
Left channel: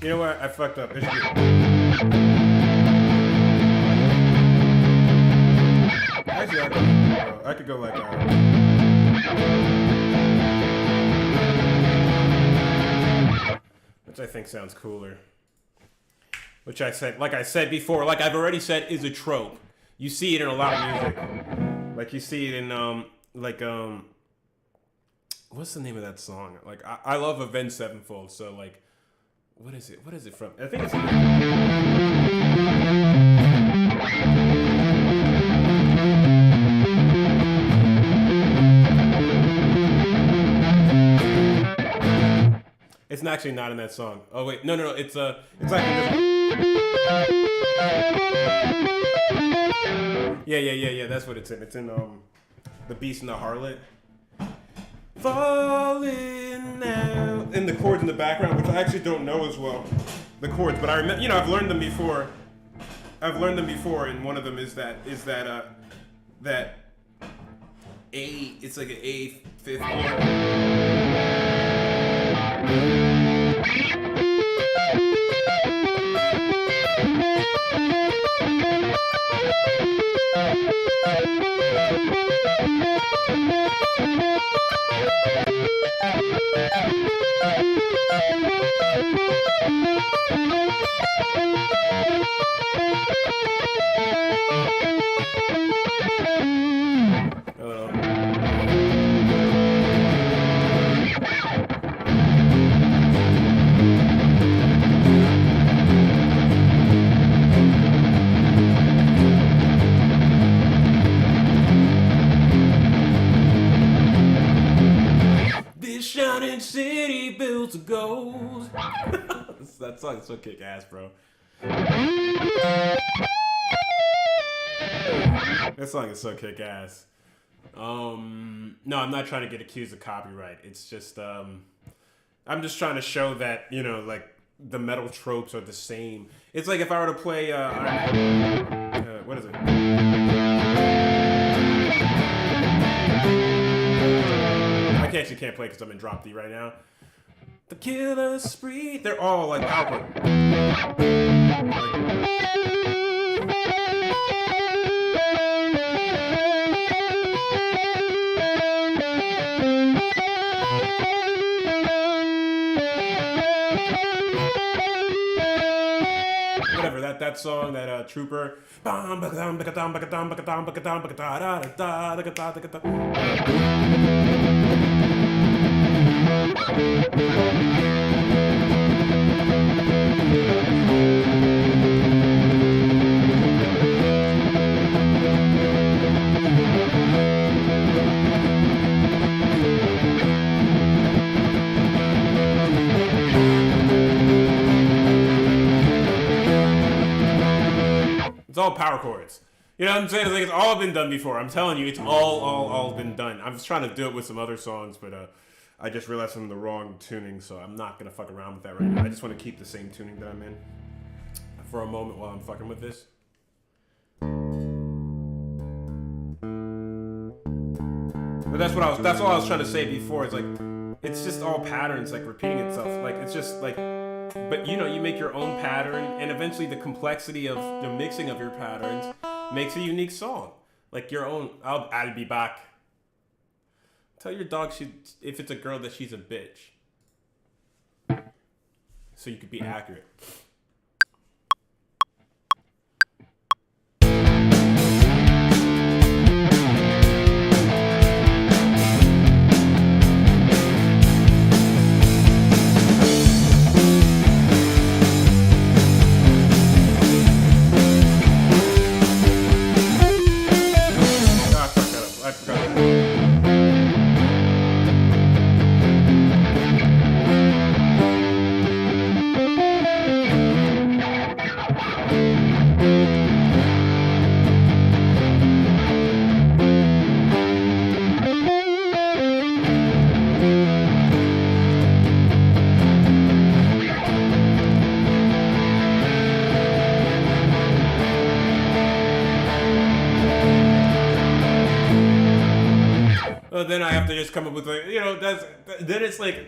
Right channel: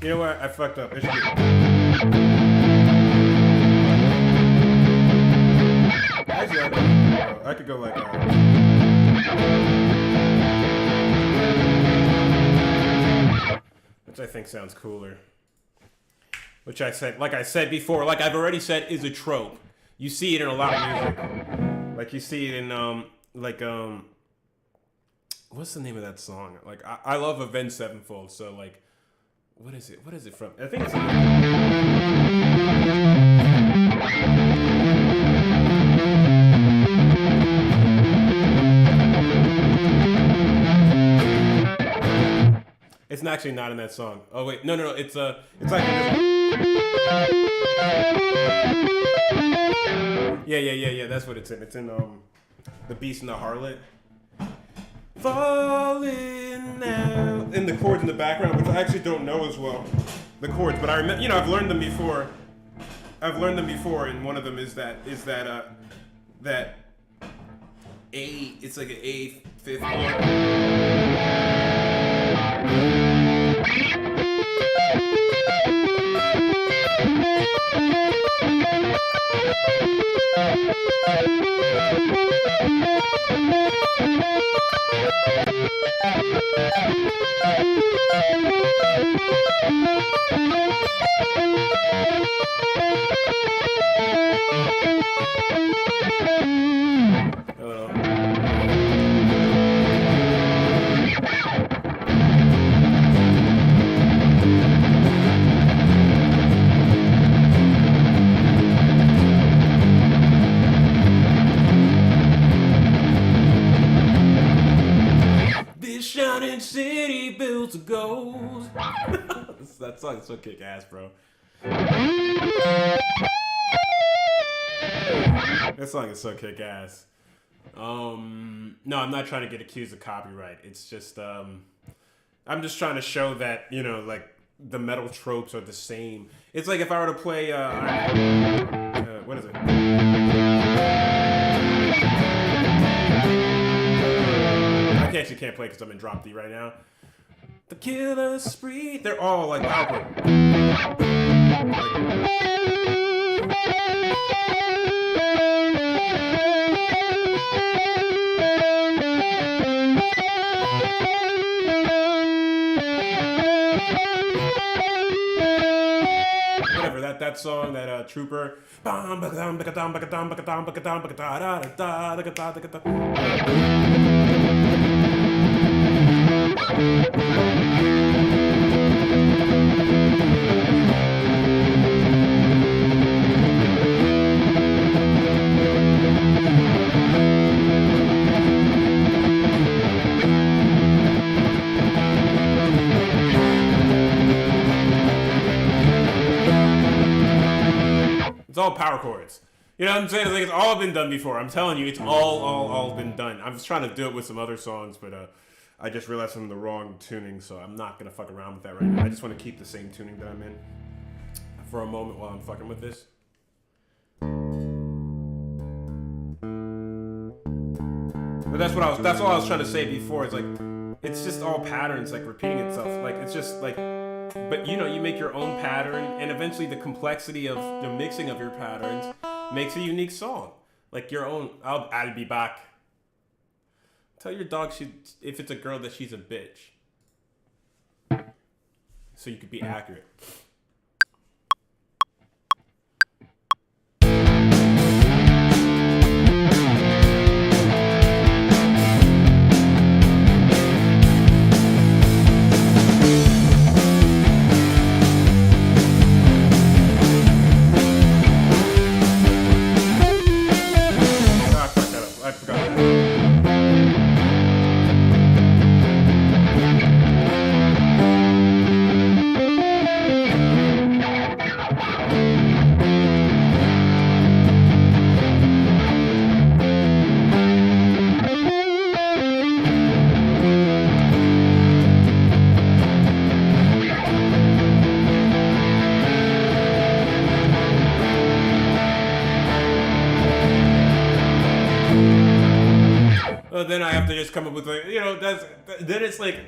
You know what? I fucked up. It should be. Actually, I could go like. Which I think sounds cooler. Which I said, like I said before, like I've already said, is a trope. You see it in a lot of music. Like you see it in what's the name of that song? Like I love Avenged Sevenfold, so like. What is it? What is it from? I think it's. It's actually not in that song. Oh wait, no. It's like yeah. That's what it's in. It's in The Beast and the Harlot. Falling out, and the chords in the background, which I actually don't know as well, the chords, but I remember, you know, I've learned them before, and one of them is that A, it's like an A fifth chord. This shining city built of gold. That song is so kick ass, bro. That song is so kick ass. No, I'm not trying to get accused of copyright. It's just I'm just trying to show that, you know, like the metal tropes are the same. It's like if I were to play what is it? I actually can't play because I'm in drop D right now. The Killer Spree. They're all like power. Whatever, that song, that Trooper. It's all power chords. You know what I'm saying? It's like it's all been done before. I'm telling you, it's all been done. I was trying to do it with some other songs, but I just realized I'm in the wrong tuning, so I'm not gonna fuck around with that right now. I just want to keep the same tuning that I'm in for a moment while I'm fucking with this. But that's all I was trying to say before. It's like it's just all patterns, like repeating itself. Like it's just like. But you know, you make your own pattern, and eventually the complexity of the mixing of your patterns makes a unique song. Like your own. I'll be back. Tell your dog if it's a girl that she's a bitch. So you could be accurate. I forgot. just come up with like, then it's like,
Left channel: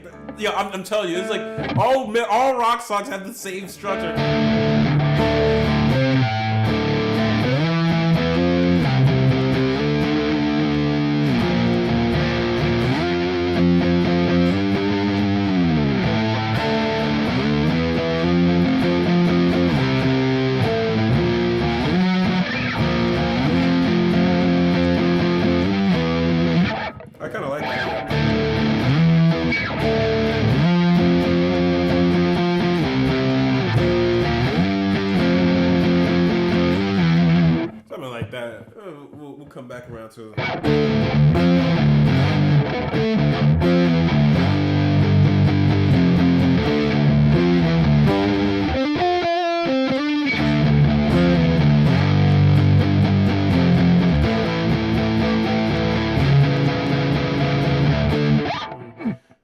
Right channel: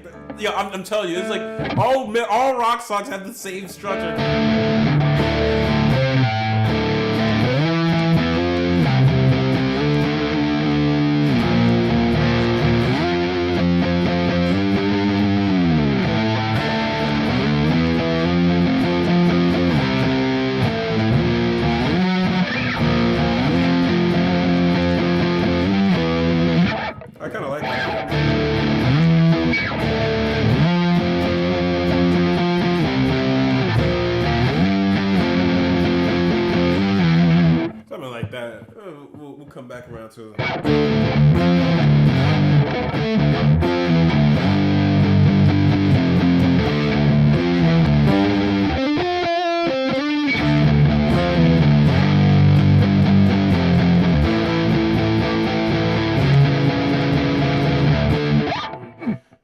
I'm telling you, it's like all rock songs have the same structure. I kind of like that. Something like that. We'll come back around to it.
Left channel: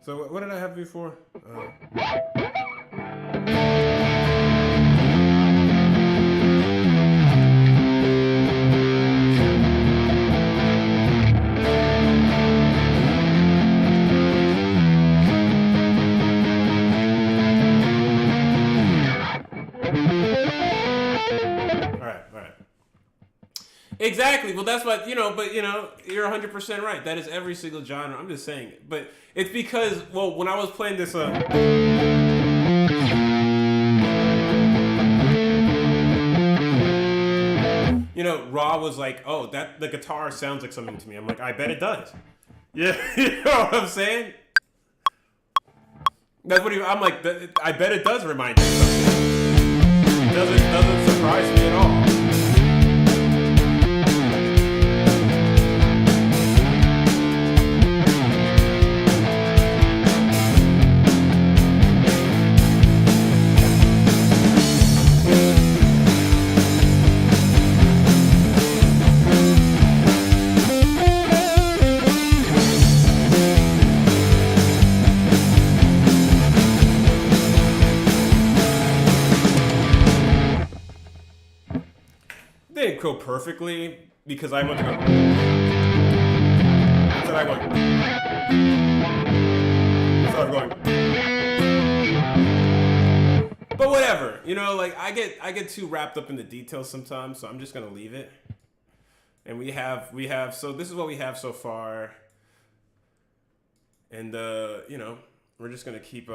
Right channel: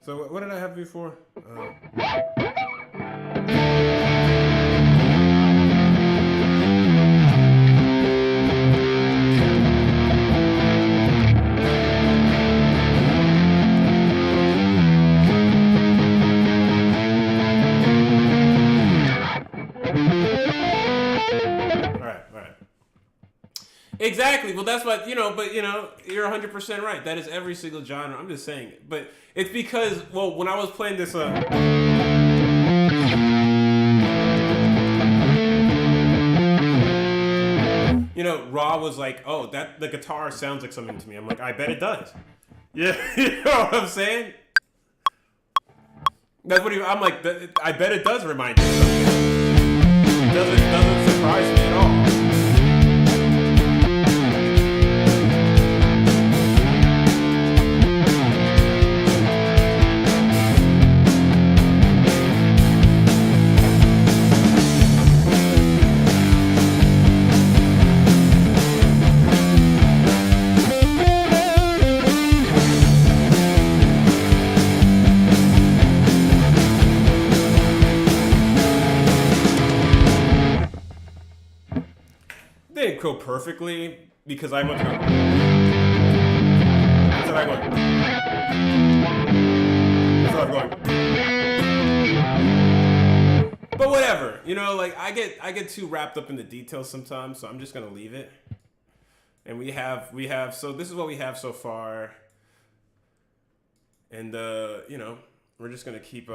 So what did I have before? All right. Exactly. Well, that's what, but you're 100% right. That is every single genre. I'm just saying it. But it's because, when I was playing this, Raw was like, oh, the guitar sounds like something to me. I'm like, I bet it does. Yeah. You know what I'm saying? That's what I'm like, I bet it does remind you of something. Doesn't surprise me at all. Didn't go perfectly because I went to go. Instead I went. Instead I'm going. But whatever, I get too wrapped up in the details sometimes, so I'm just gonna leave it. And we have. So this is what we have so far. And we're just gonna keep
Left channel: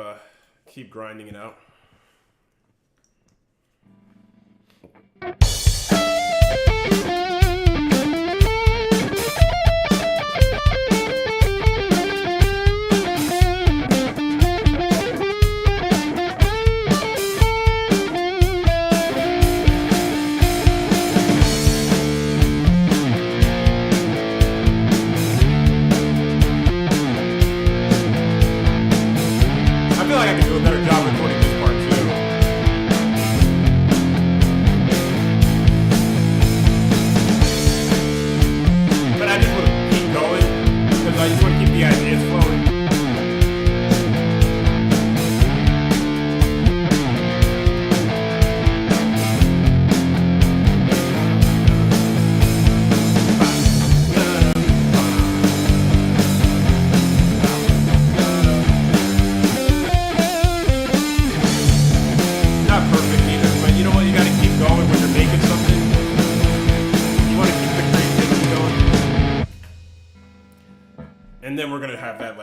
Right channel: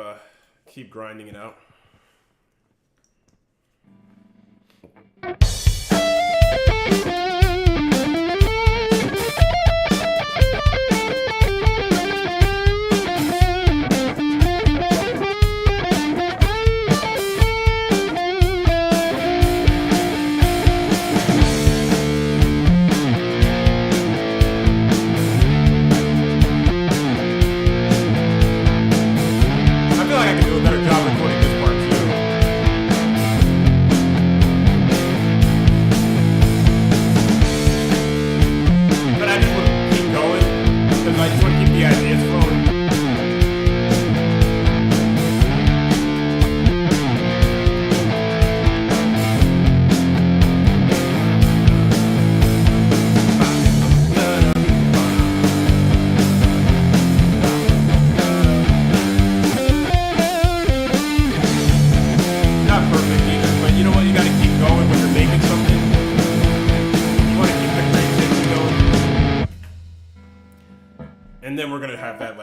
grinding it out. I feel like I can do a better job recording this part too. But I just want to keep going because I just want to keep the ideas flowing. Not perfect either, but you know what? You got to keep going when you're making something. You want to keep the creativity going. And then we're going to have that,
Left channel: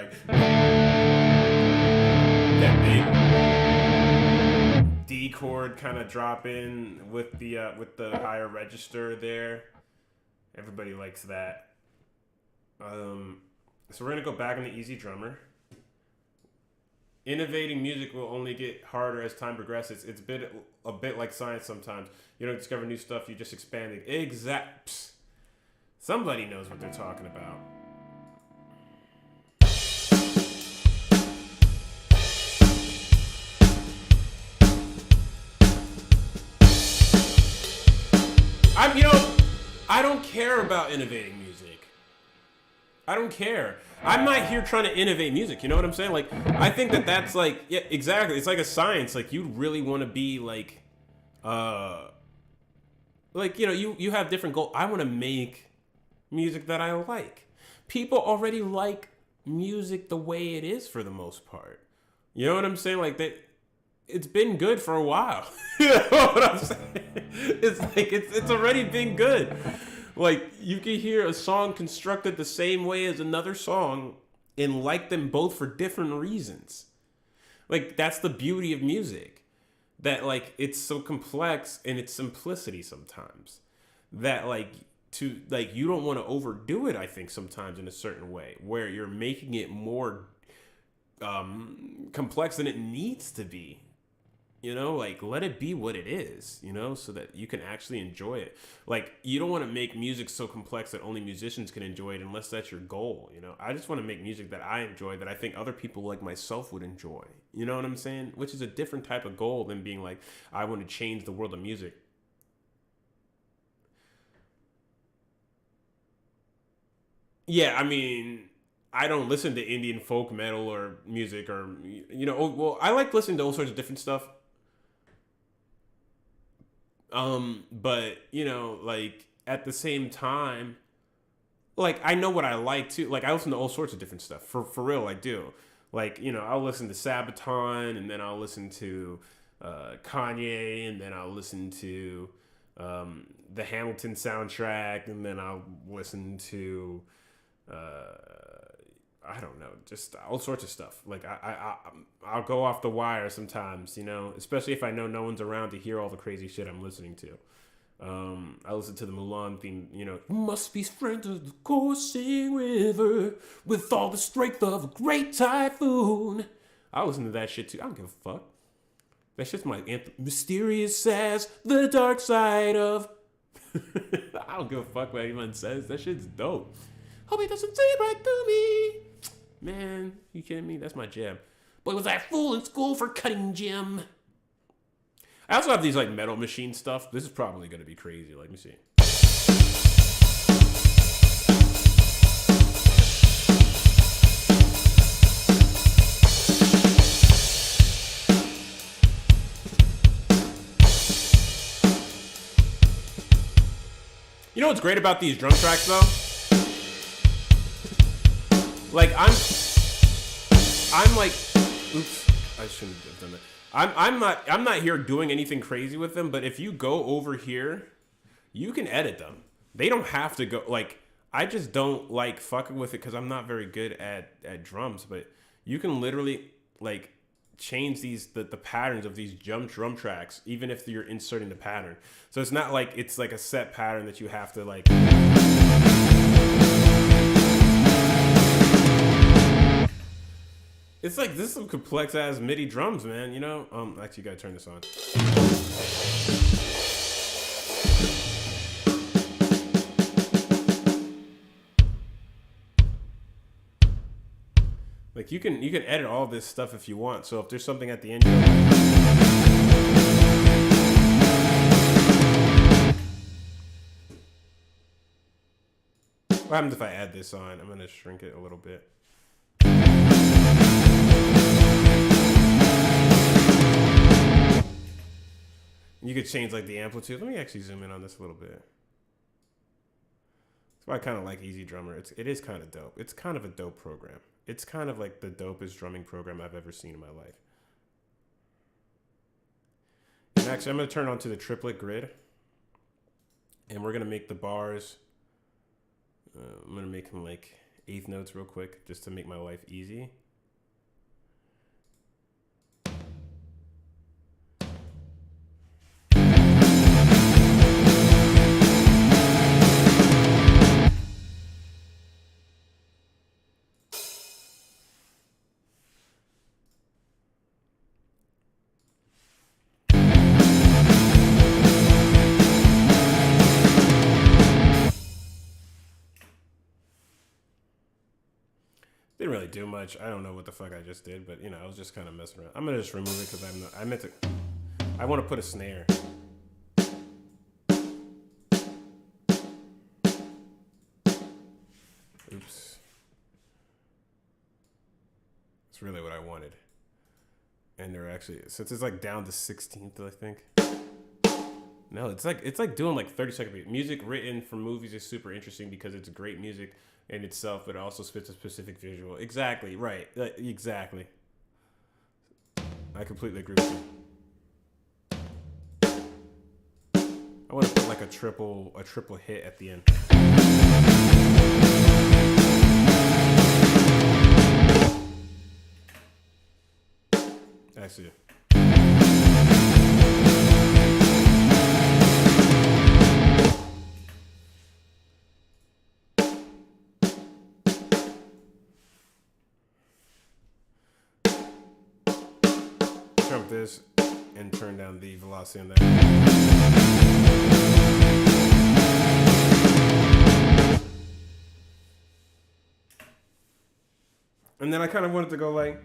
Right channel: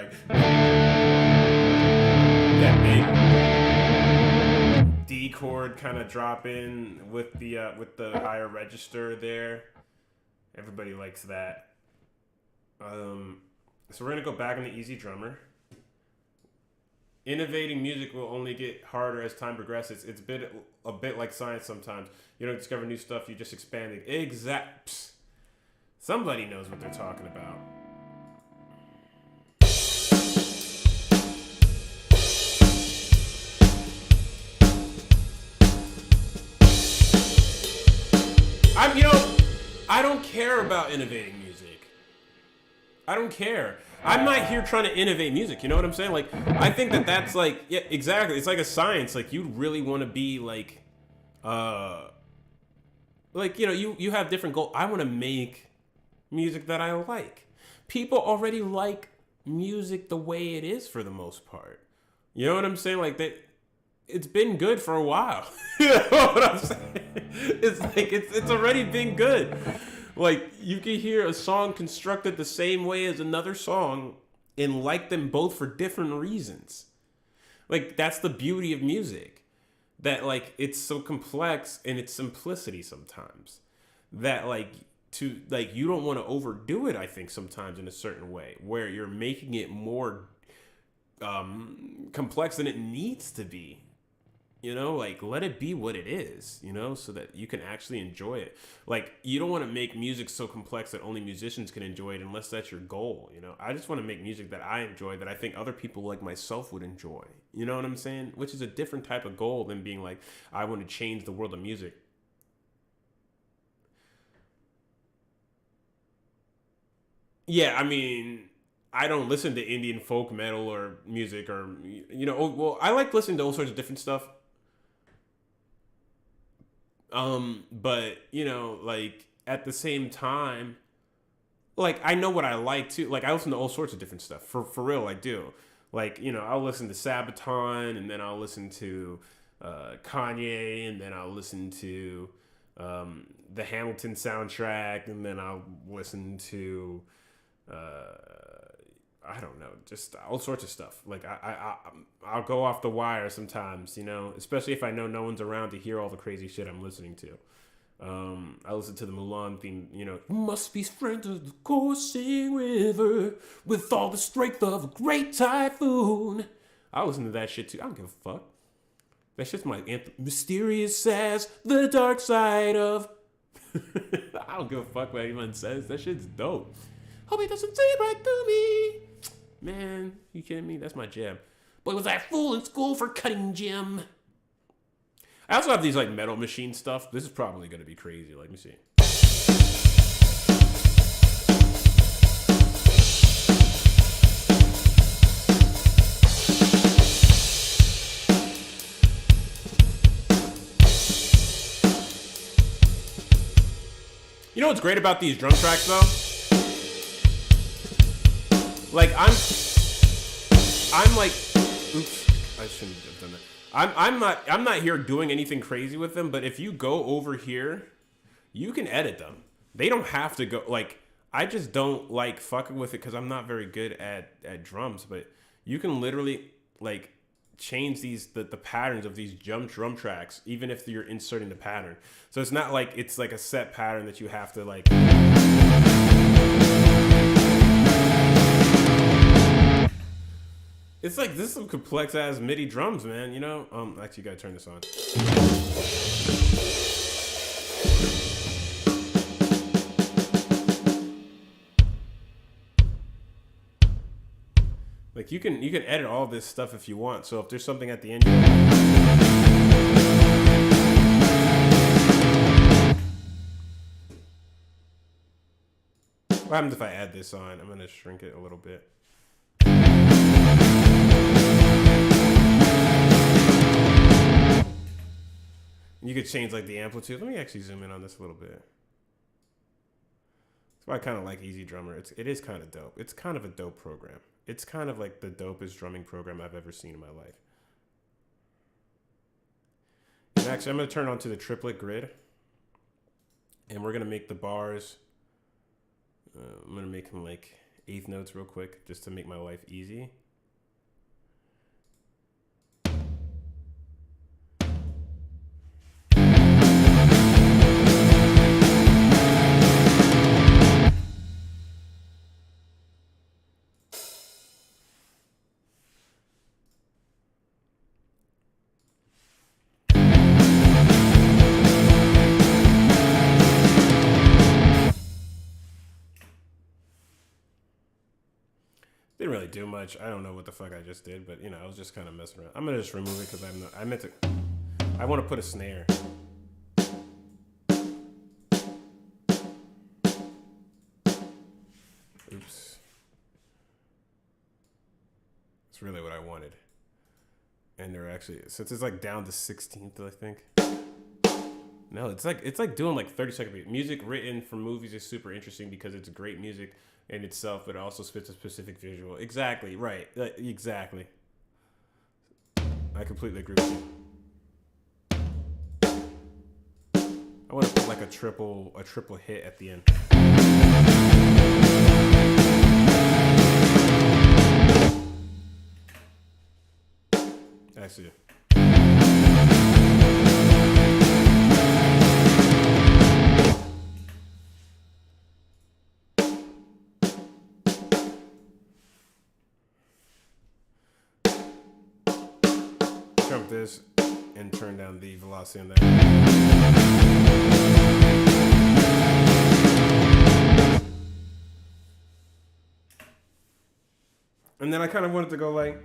that big D chord kind of drop in with the higher register there. Everybody likes that. So we're going to go back on the easy drummer. Innovating music will only get harder as time progresses. It's a bit like science sometimes. You don't discover new stuff, you just expand it. Somebody knows what they're talking about. I don't care about innovating music. I don't care. I'm not here trying to innovate music. You know what I'm saying? I think that's yeah, exactly. It's like a science. You really want to be you have different goals. I want to make music that I like. People already like music the way it is for the most part. You know what I'm saying? Like that, it's been good for a while. You know what I'm saying? It's like it's already been good. Like you can hear a song constructed the same way as another song and like them both for different reasons. Like that's the beauty of music. That like it's so complex in its simplicity sometimes. That like to like you don't want to overdo it, I think sometimes in a certain way where you're making it more complex than it needs to be. You know, like let it be what it is, you know, so that you can actually enjoy it. Like you don't want to make music so complex that only musicians can enjoy it unless that's your goal, you know. I just want to make music that I enjoy, that I think other people like myself would enjoy. You know what I'm saying? Which is a different type of goal than being like, I want to change the world of music. Yeah, I mean, I don't listen to Indian folk metal or music or you know, well, I like listening to all sorts of different stuff. But you know, like at the same time, like I know what I like too. Like I listen to all sorts of different stuff. For real, I do. Like, you know, I'll listen to Sabaton and then I'll listen to Kanye and then I'll listen to the Hamilton soundtrack and then I'll listen to I don't know, just all sorts of stuff. Like I'll go off the wire sometimes, you know, especially if I know no one's around to hear all the crazy shit I'm listening to. I listen to the Mulan theme, you know, you must be strength of the coursing river with all the strength of a great typhoon. I listen to that shit too. I don't give a fuck. That shit's my anthem. Mysterious as the dark side of. I don't give a fuck what anyone says. That shit's dope. Hope it doesn't see right through me. Man, you kidding me? That's my jam. Boy, was I fool in school for cutting gym. I also have these like metal machine stuff. This is probably going to be crazy. Let me see. You know what's great about these drum tracks though? Like I'm like, oops, I shouldn't have done that. I'm not here doing anything crazy with them, but if you go over here, you can edit them. They don't have to go, like, I just don't like fucking with it because I'm not very good at drums, but you can literally like change the patterns of these drum tracks, even if you're inserting the pattern. So it's not like it's like a set pattern that you have to like. It's like, this is some complex ass MIDI drums, man, you know? Actually, you gotta turn this on. Like you can edit all this stuff if you want. So if there's something at the end you don't like. What happens if I add this on? I'm gonna shrink it a little bit. You could change like the amplitude. Let me actually zoom in on this a little bit. That's why I kind of like Easy Drummer. It is kind of dope. It's kind of a dope program. It's kind of like the dopest drumming program I've ever seen in my life. And actually, I'm going to turn on to the triplet grid. And we're going to make the bars. I'm going to make them like eighth notes real quick just to make my life easy. Didn't really do much. I don't know what the fuck I just did, but you know, I was just kind of messing around. I'm gonna just remove it because I want to put a snare. Oops. That's really what I wanted. And they're actually, since it's like down to 16th, I think. No, it's like doing like 30-second beat. Music written for movies is super interesting because it's great music in itself, but it also spits a specific visual. Exactly, right. Exactly. I completely agree with you. I want to put like a triple hit at the end. Actually. Jump this and turn down the velocity on that. And then I kind of wanted to go like.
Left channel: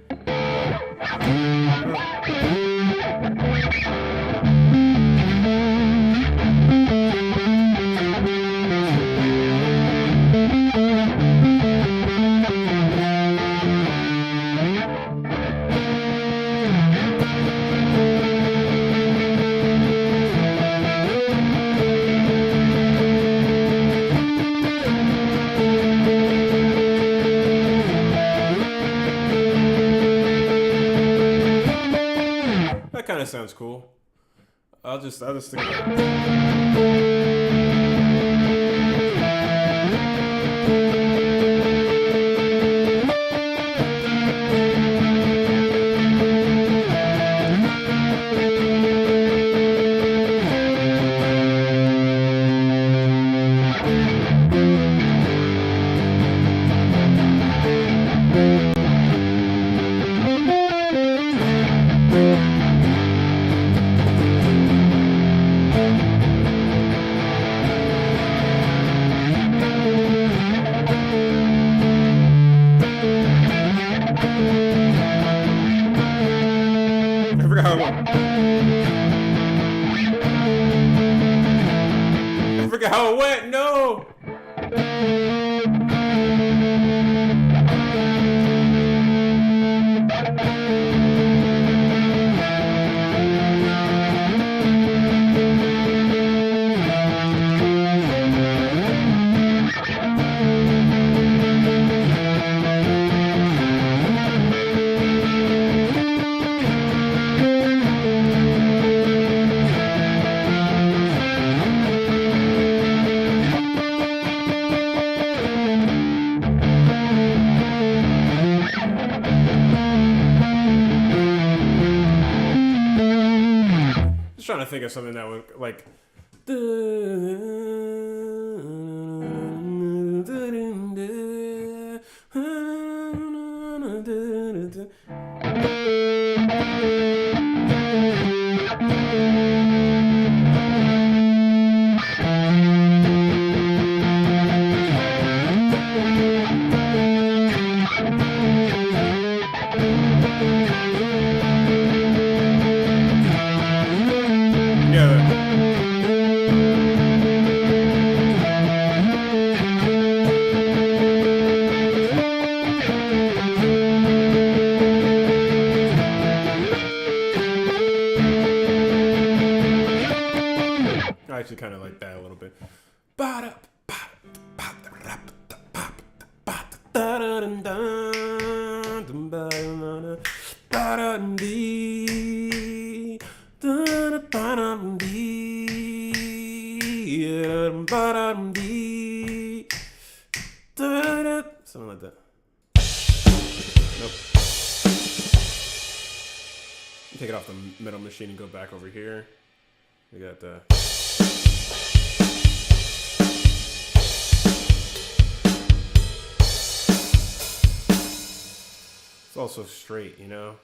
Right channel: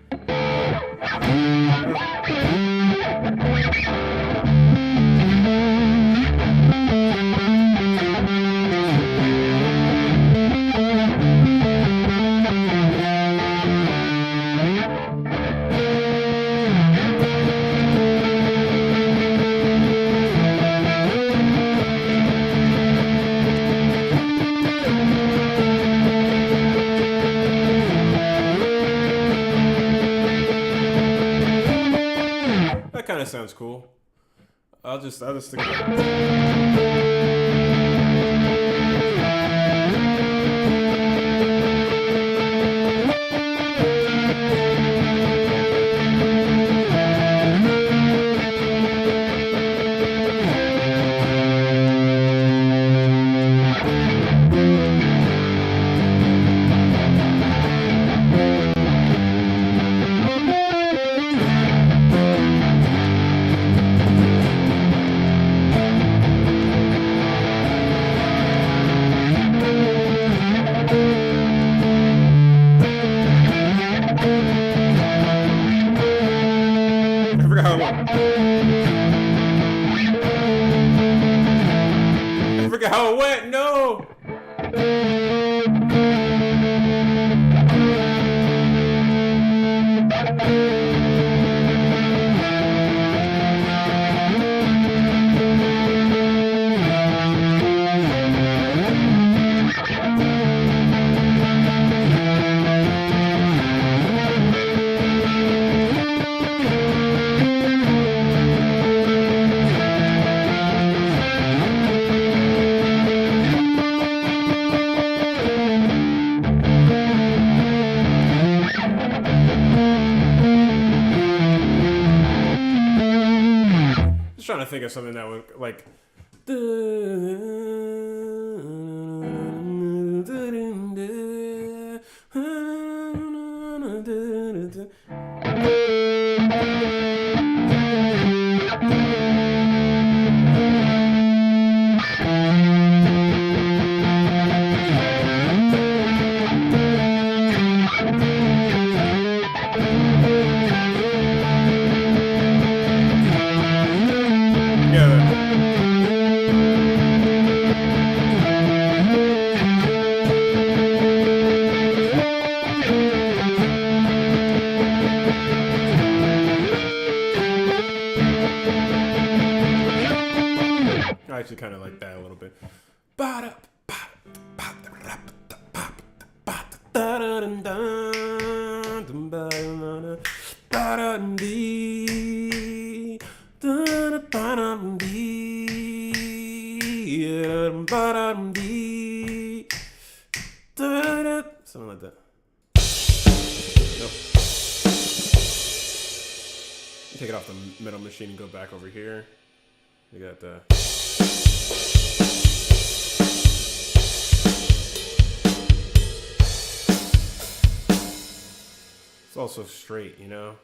That kind of sounds cool. I'll just think about it. I forgot how it went. I forgot how it went. No. Just trying to think of something that would like. I actually kind of like that a little bit. Something like that. Nope. Take it off the metal machine and go back over here. We got the. It's also straight, you know?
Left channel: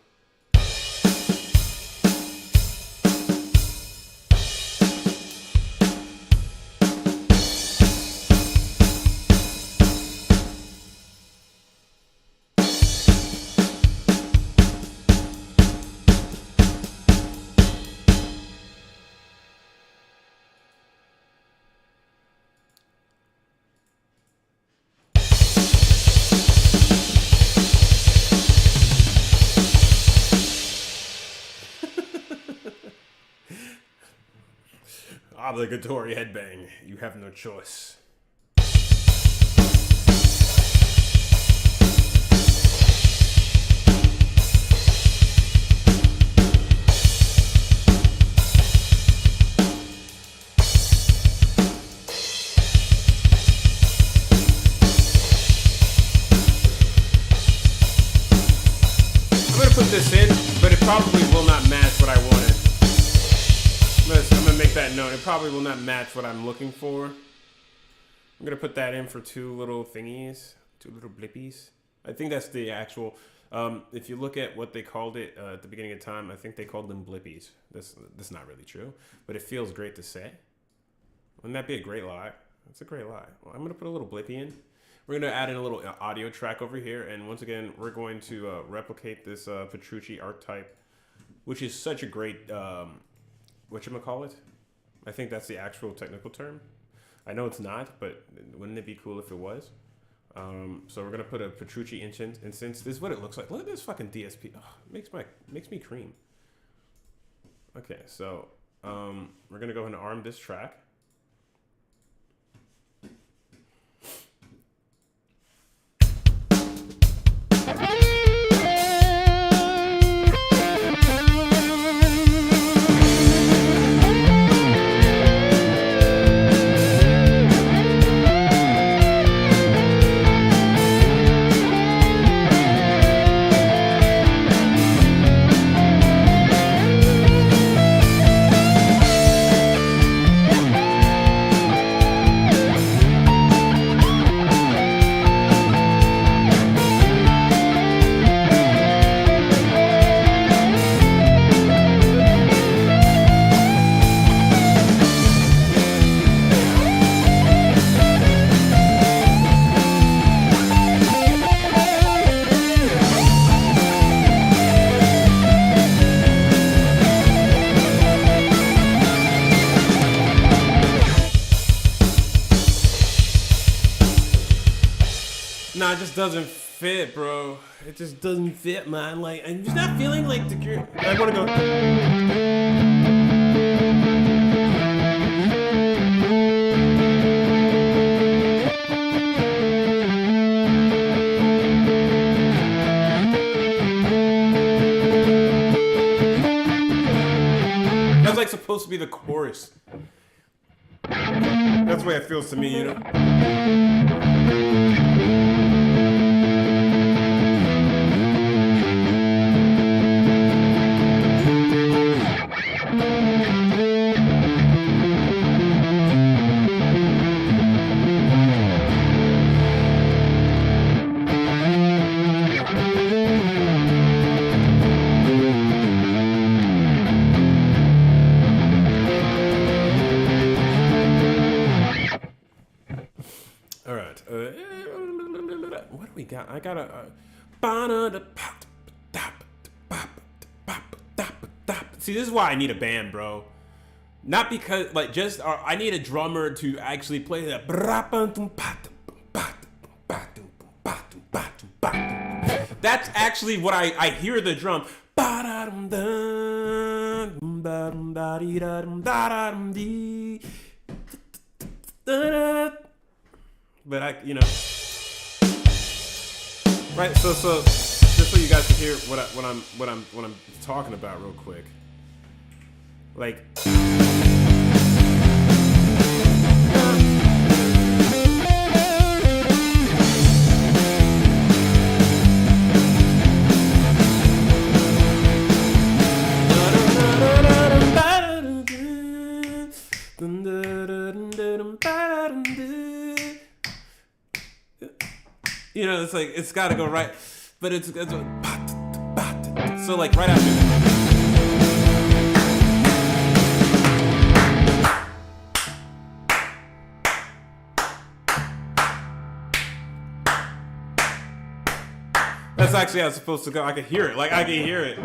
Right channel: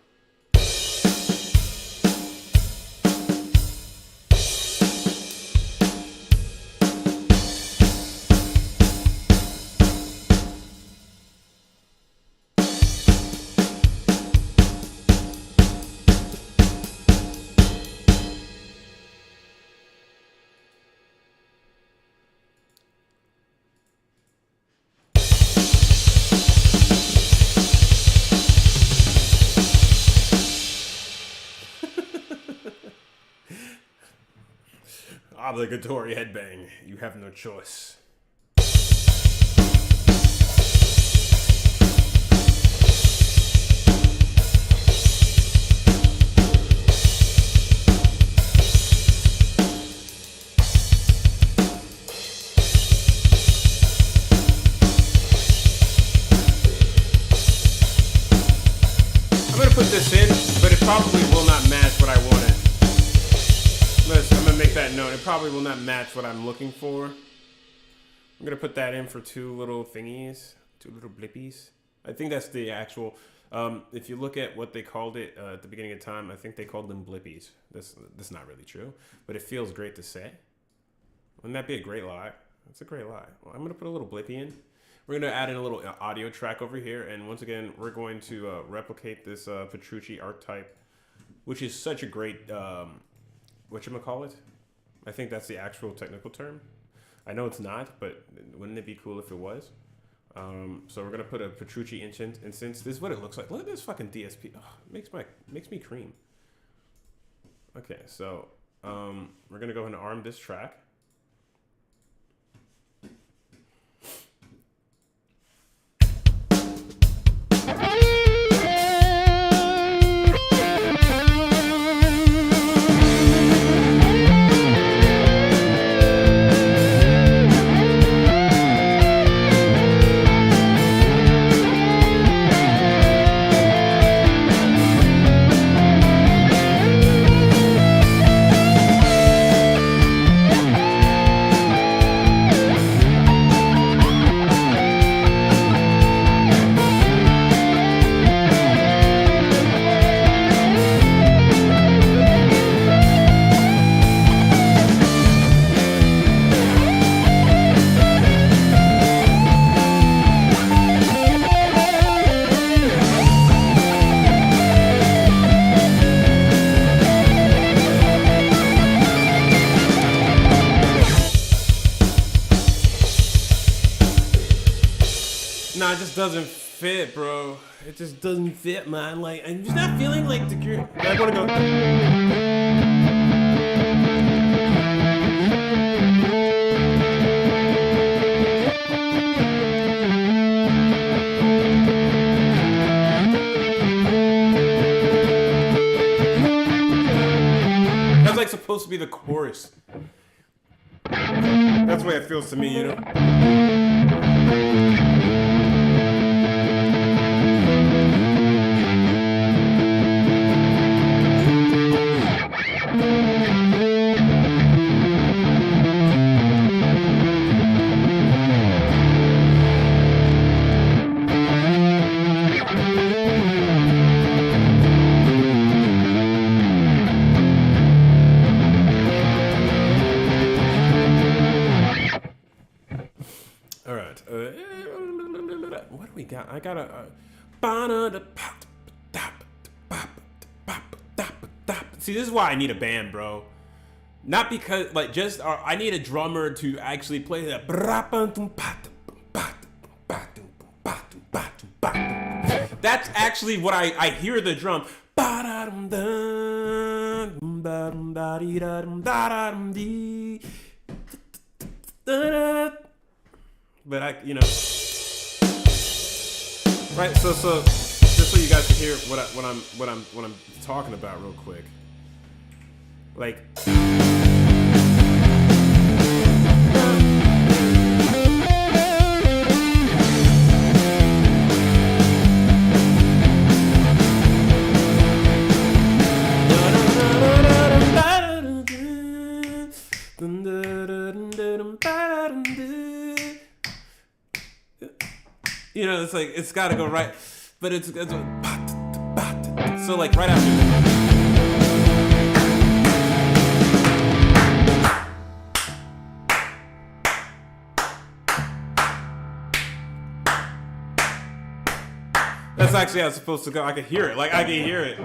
Obligatory headbang. You have no choice. this in, but it probably will not match what I wanted. Listen, I'm gonna make that note. It probably will not match what I'm looking for. I'm gonna put that in for 2 little thingies, 2 little blippies. I think that's the actual. If you look at what they called it at the beginning of time, I think they called them blippies. That's not really true, but it feels great to say. Wouldn't that be a great lie? That's a great lie. Well, I'm gonna put a little blippy in. We're gonna add in a little audio track over here, and once again, we're going to replicate this Petrucci archetype, which is such a great whatchamacallit? I think that's the actual technical term. I know it's not, but wouldn't it be cool if it was? So we're gonna put a Petrucci instance. This is what it looks like. Look at this fucking DSP. Oh, makes me cream. Okay, so we're gonna go ahead and arm this track. Nah, it just doesn't fit, bro. It just doesn't fit, man. Like, I'm just not feeling like the. I want to go. That's like supposed to be the chorus. That's the way it feels to me, you know? All right. What do we got? I got a. See, this is why I need a band, bro. Not because, like, just I need a drummer to actually play that. That's actually what I hear the drum. But you know, right? So just so you guys can hear what I'm talking about real quick, like. You know, it's like, it's gotta go right, but it's so like right after. That's actually how it's supposed to go. I could hear it. Like, I can hear it.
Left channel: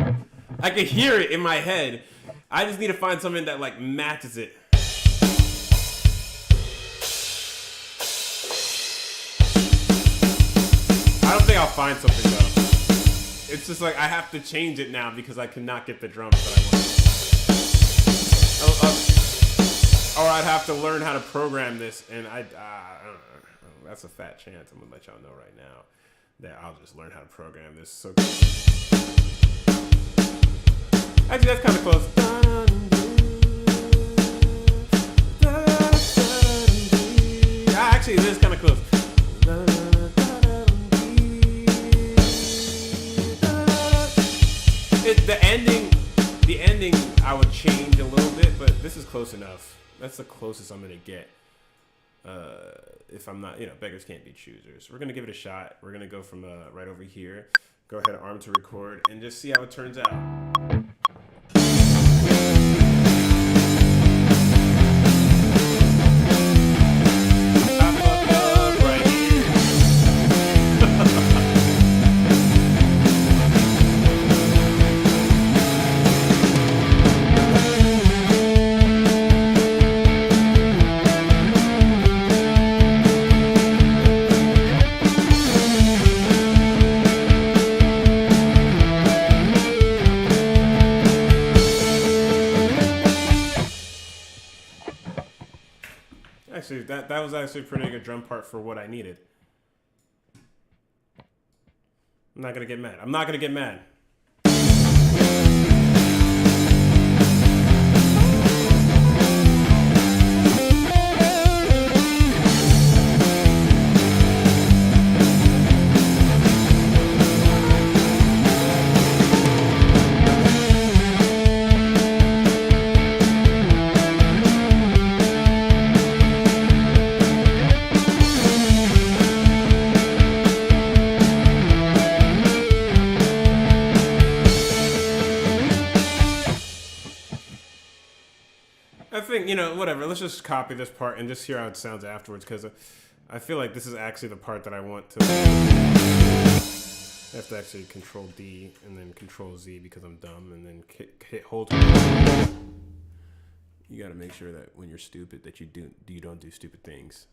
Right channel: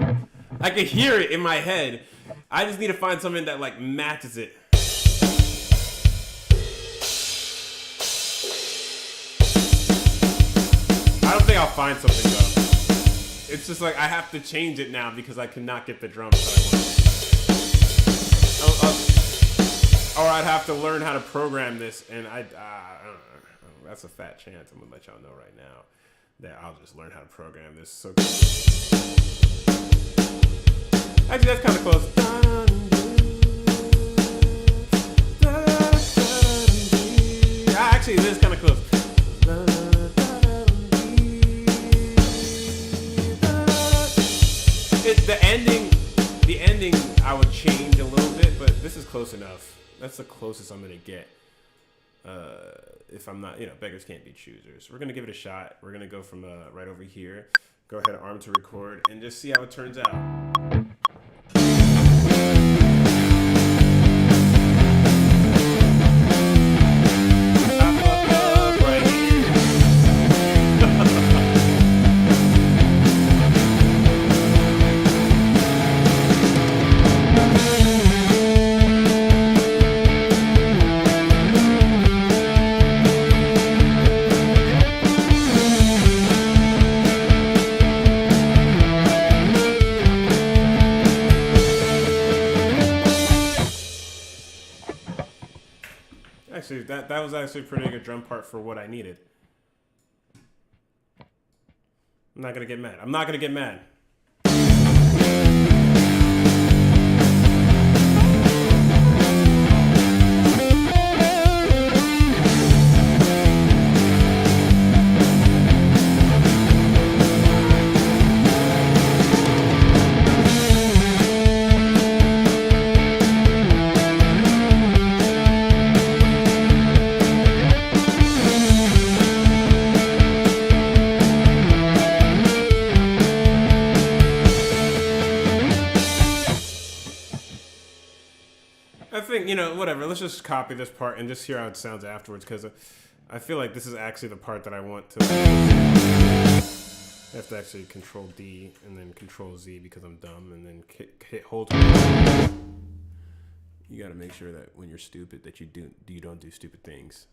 I can hear it in my head. I just need to find something that like matches it. I don't think I'll find something though. It's just like I have to change it now because I cannot get the drums that I want. Or I'd have to learn how to program this, and I don't know. That's a fat chance. I'm gonna let y'all know right now that I'll just learn how to program this. So actually, that's kind of close. Actually, this is kind of close. the ending I would change a little bit, but this is close enough. That's the closest I'm gonna get. If I'm not, beggars can't be choosers. We're gonna give it a shot. We're gonna go from right over here. Go ahead, arm to record, and just see how it turns out. I fucked up right here. Actually, that was actually a pretty good drum part for what I needed. I'm not gonna get mad. I'm not gonna get mad. I think, whatever. Let's just copy this part and just hear how it sounds afterwards, because I feel like this is actually the part that I want to. I have to actually Control D and then Control Z because I'm dumb, and then hit hold. You got to make sure that when you're stupid that you don't do stupid things.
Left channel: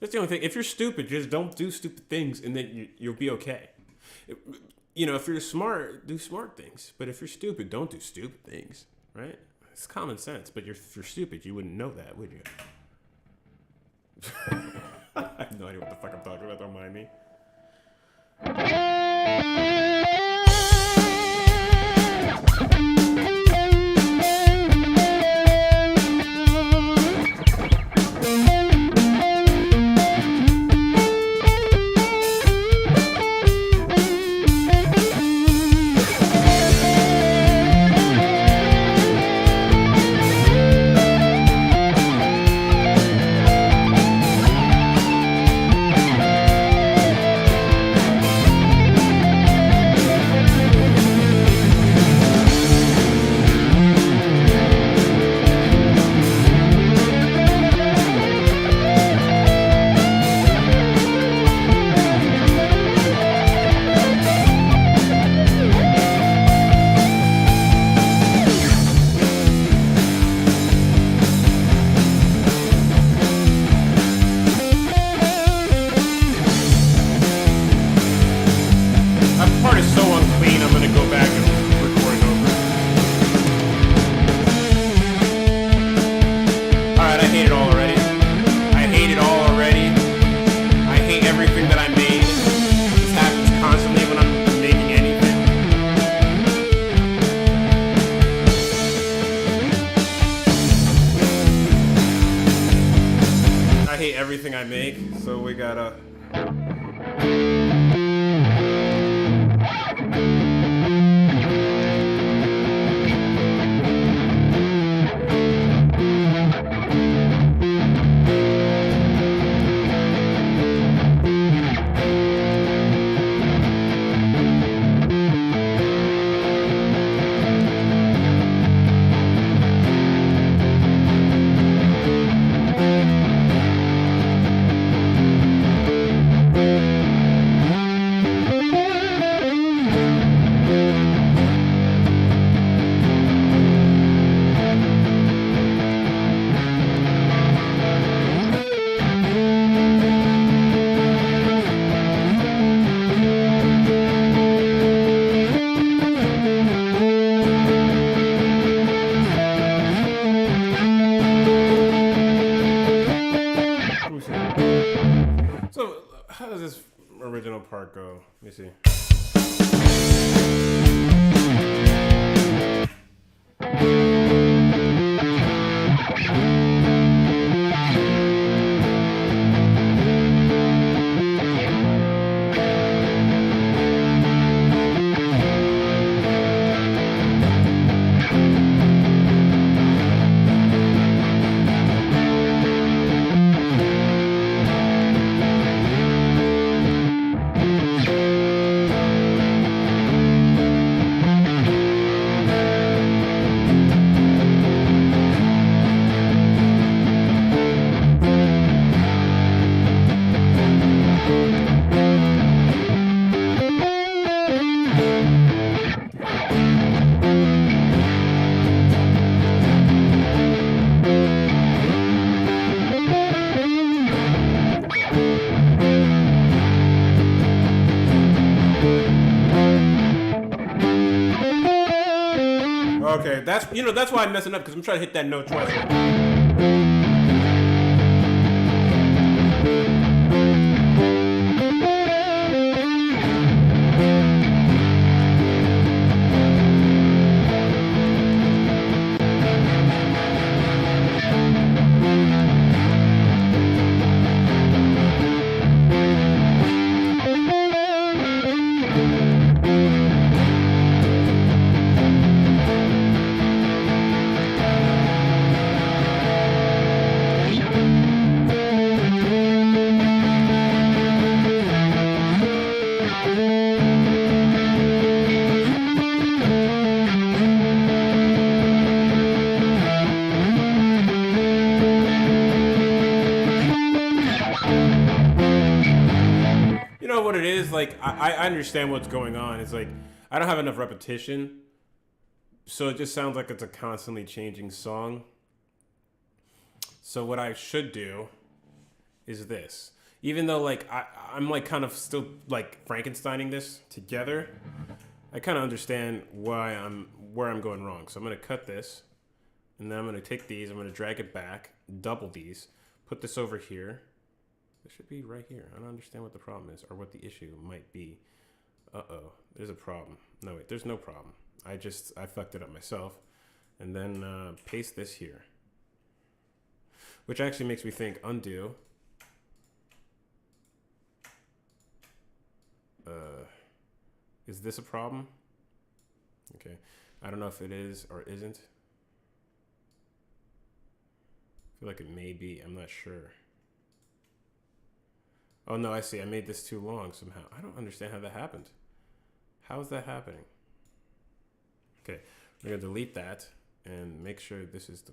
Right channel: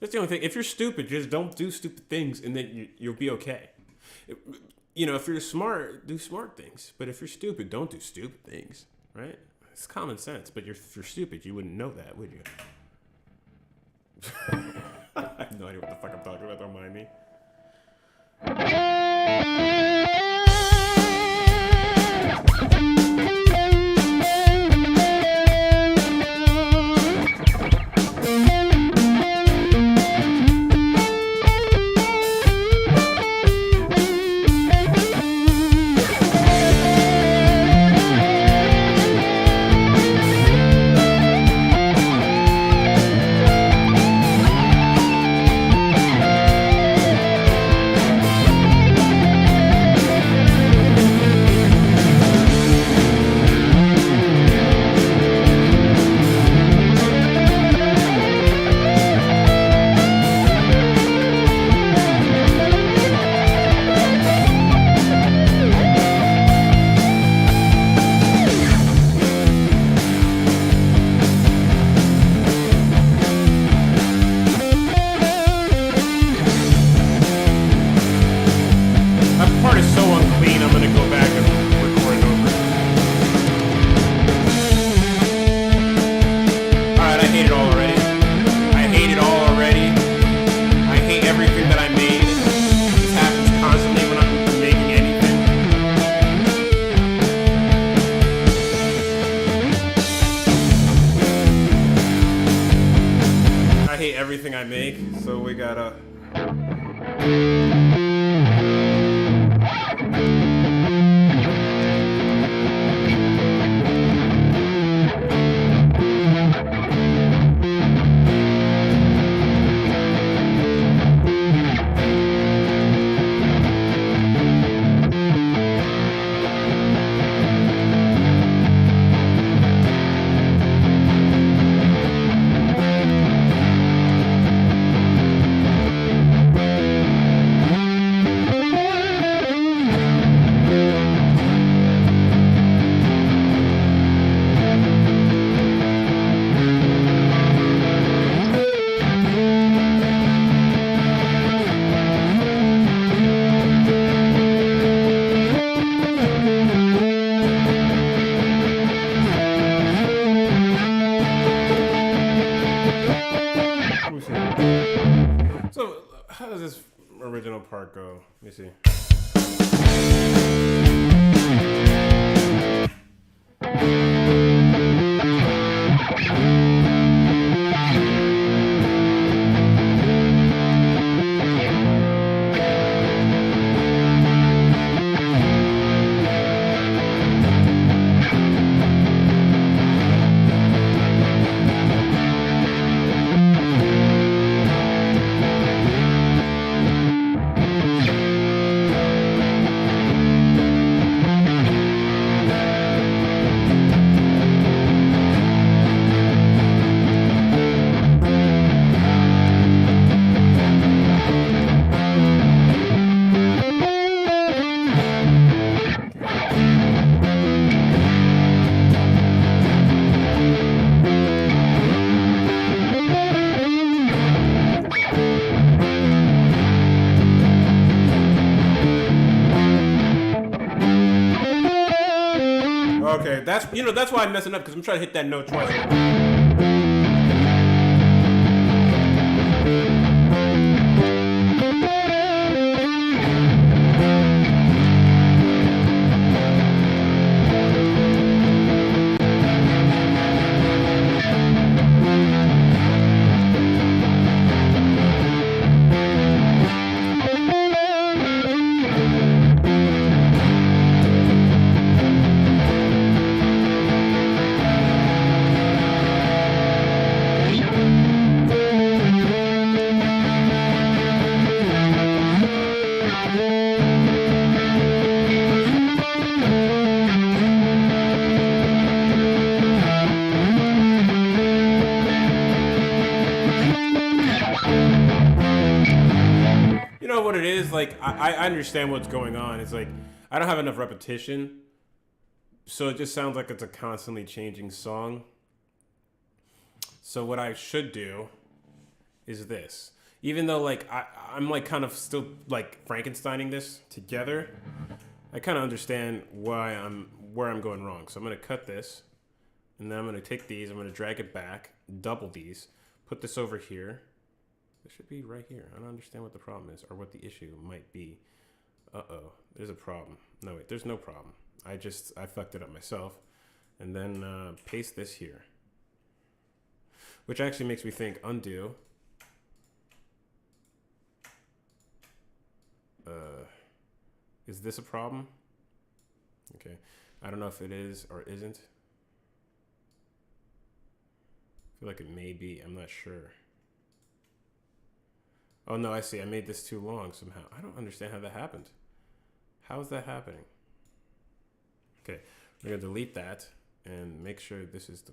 That's the only thing. If you're stupid, just don't do stupid things, and then you'll be okay. If you're smart, do smart things. But if you're stupid, don't do stupid things, right? It's common sense, but if you're stupid, you wouldn't know that, would you? I have no idea what the fuck I'm talking about. Don't mind me. Part is so unclean, I'm gonna go back and record it over. Alright, I hate it all already. I hate it all already. I hate everything that I made. This happens constantly when I'm making anything. I hate everything I make, so we gotta. So, how does this original part go? Let me see. Okay, that's that's why I'm messing up because I'm trying to hit that note twice. You know what it is? Like, I understand what's going on. It's like, I don't have enough repetition. So it just sounds like it's a constantly changing song. So what I should do is this. Even though, like, I'm, like, kind of still, like, Frankensteining this together, I kind of understand where I'm going wrong. So I'm going to cut this. And then I'm going to take these. I'm going to drag it back. Double these. Put this over here. It should be right here. I don't understand what the problem is or what the issue might be. Uh-oh. There's a problem. No, wait. There's no problem. I fucked it up myself. And then paste this here. Which actually makes me think undo. Is this a problem? Okay. I don't know if it is or isn't. I feel like it may be. I'm not sure. Oh, no, I see. I made this too long somehow. I don't understand how that happened. How is that happening? Okay, we're going to delete that and make sure this is the...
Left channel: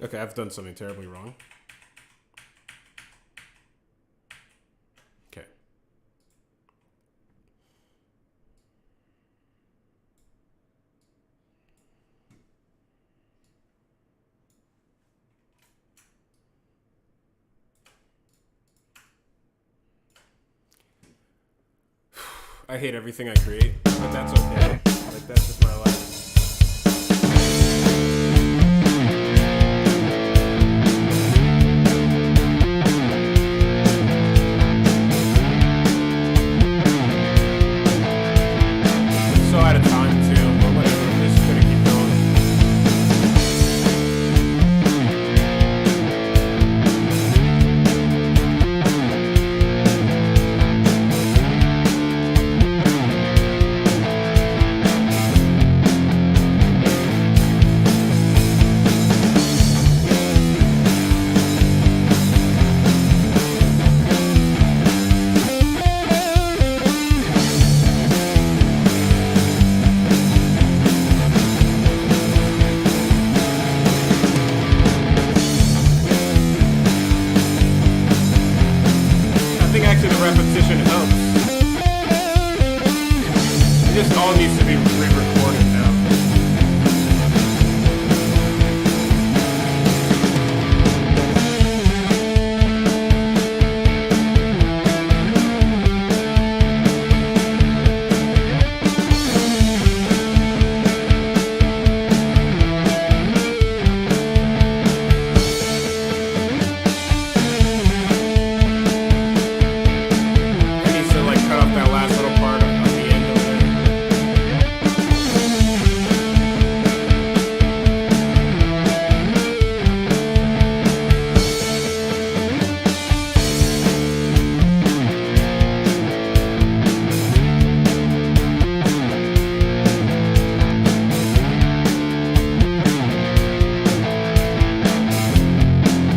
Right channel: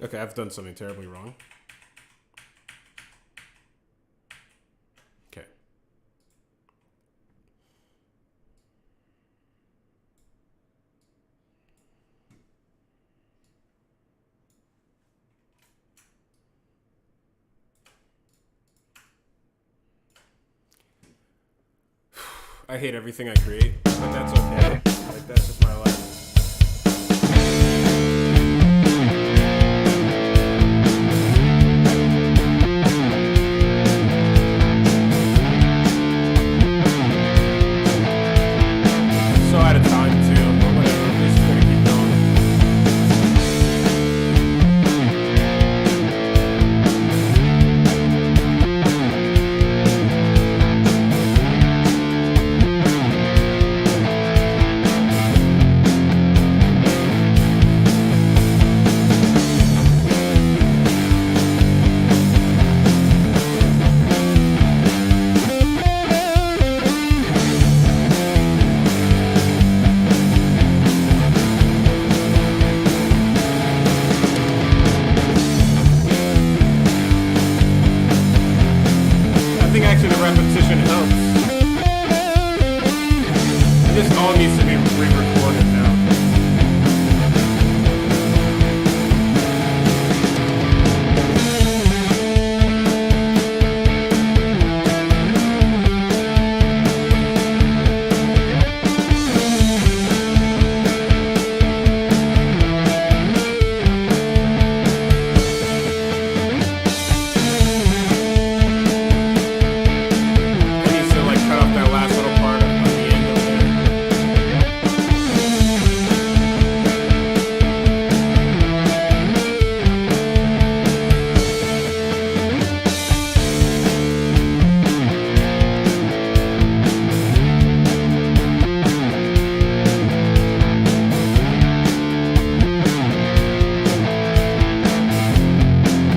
Okay, I've done something terribly wrong. Okay. I hate everything I create, but that's okay. Like, that's just my life. So out of time too, but whatever. I'm just gonna keep going. I think actually the repetition helps. It just all needs to be re-recorded now. Cut off that last little part on the end over there.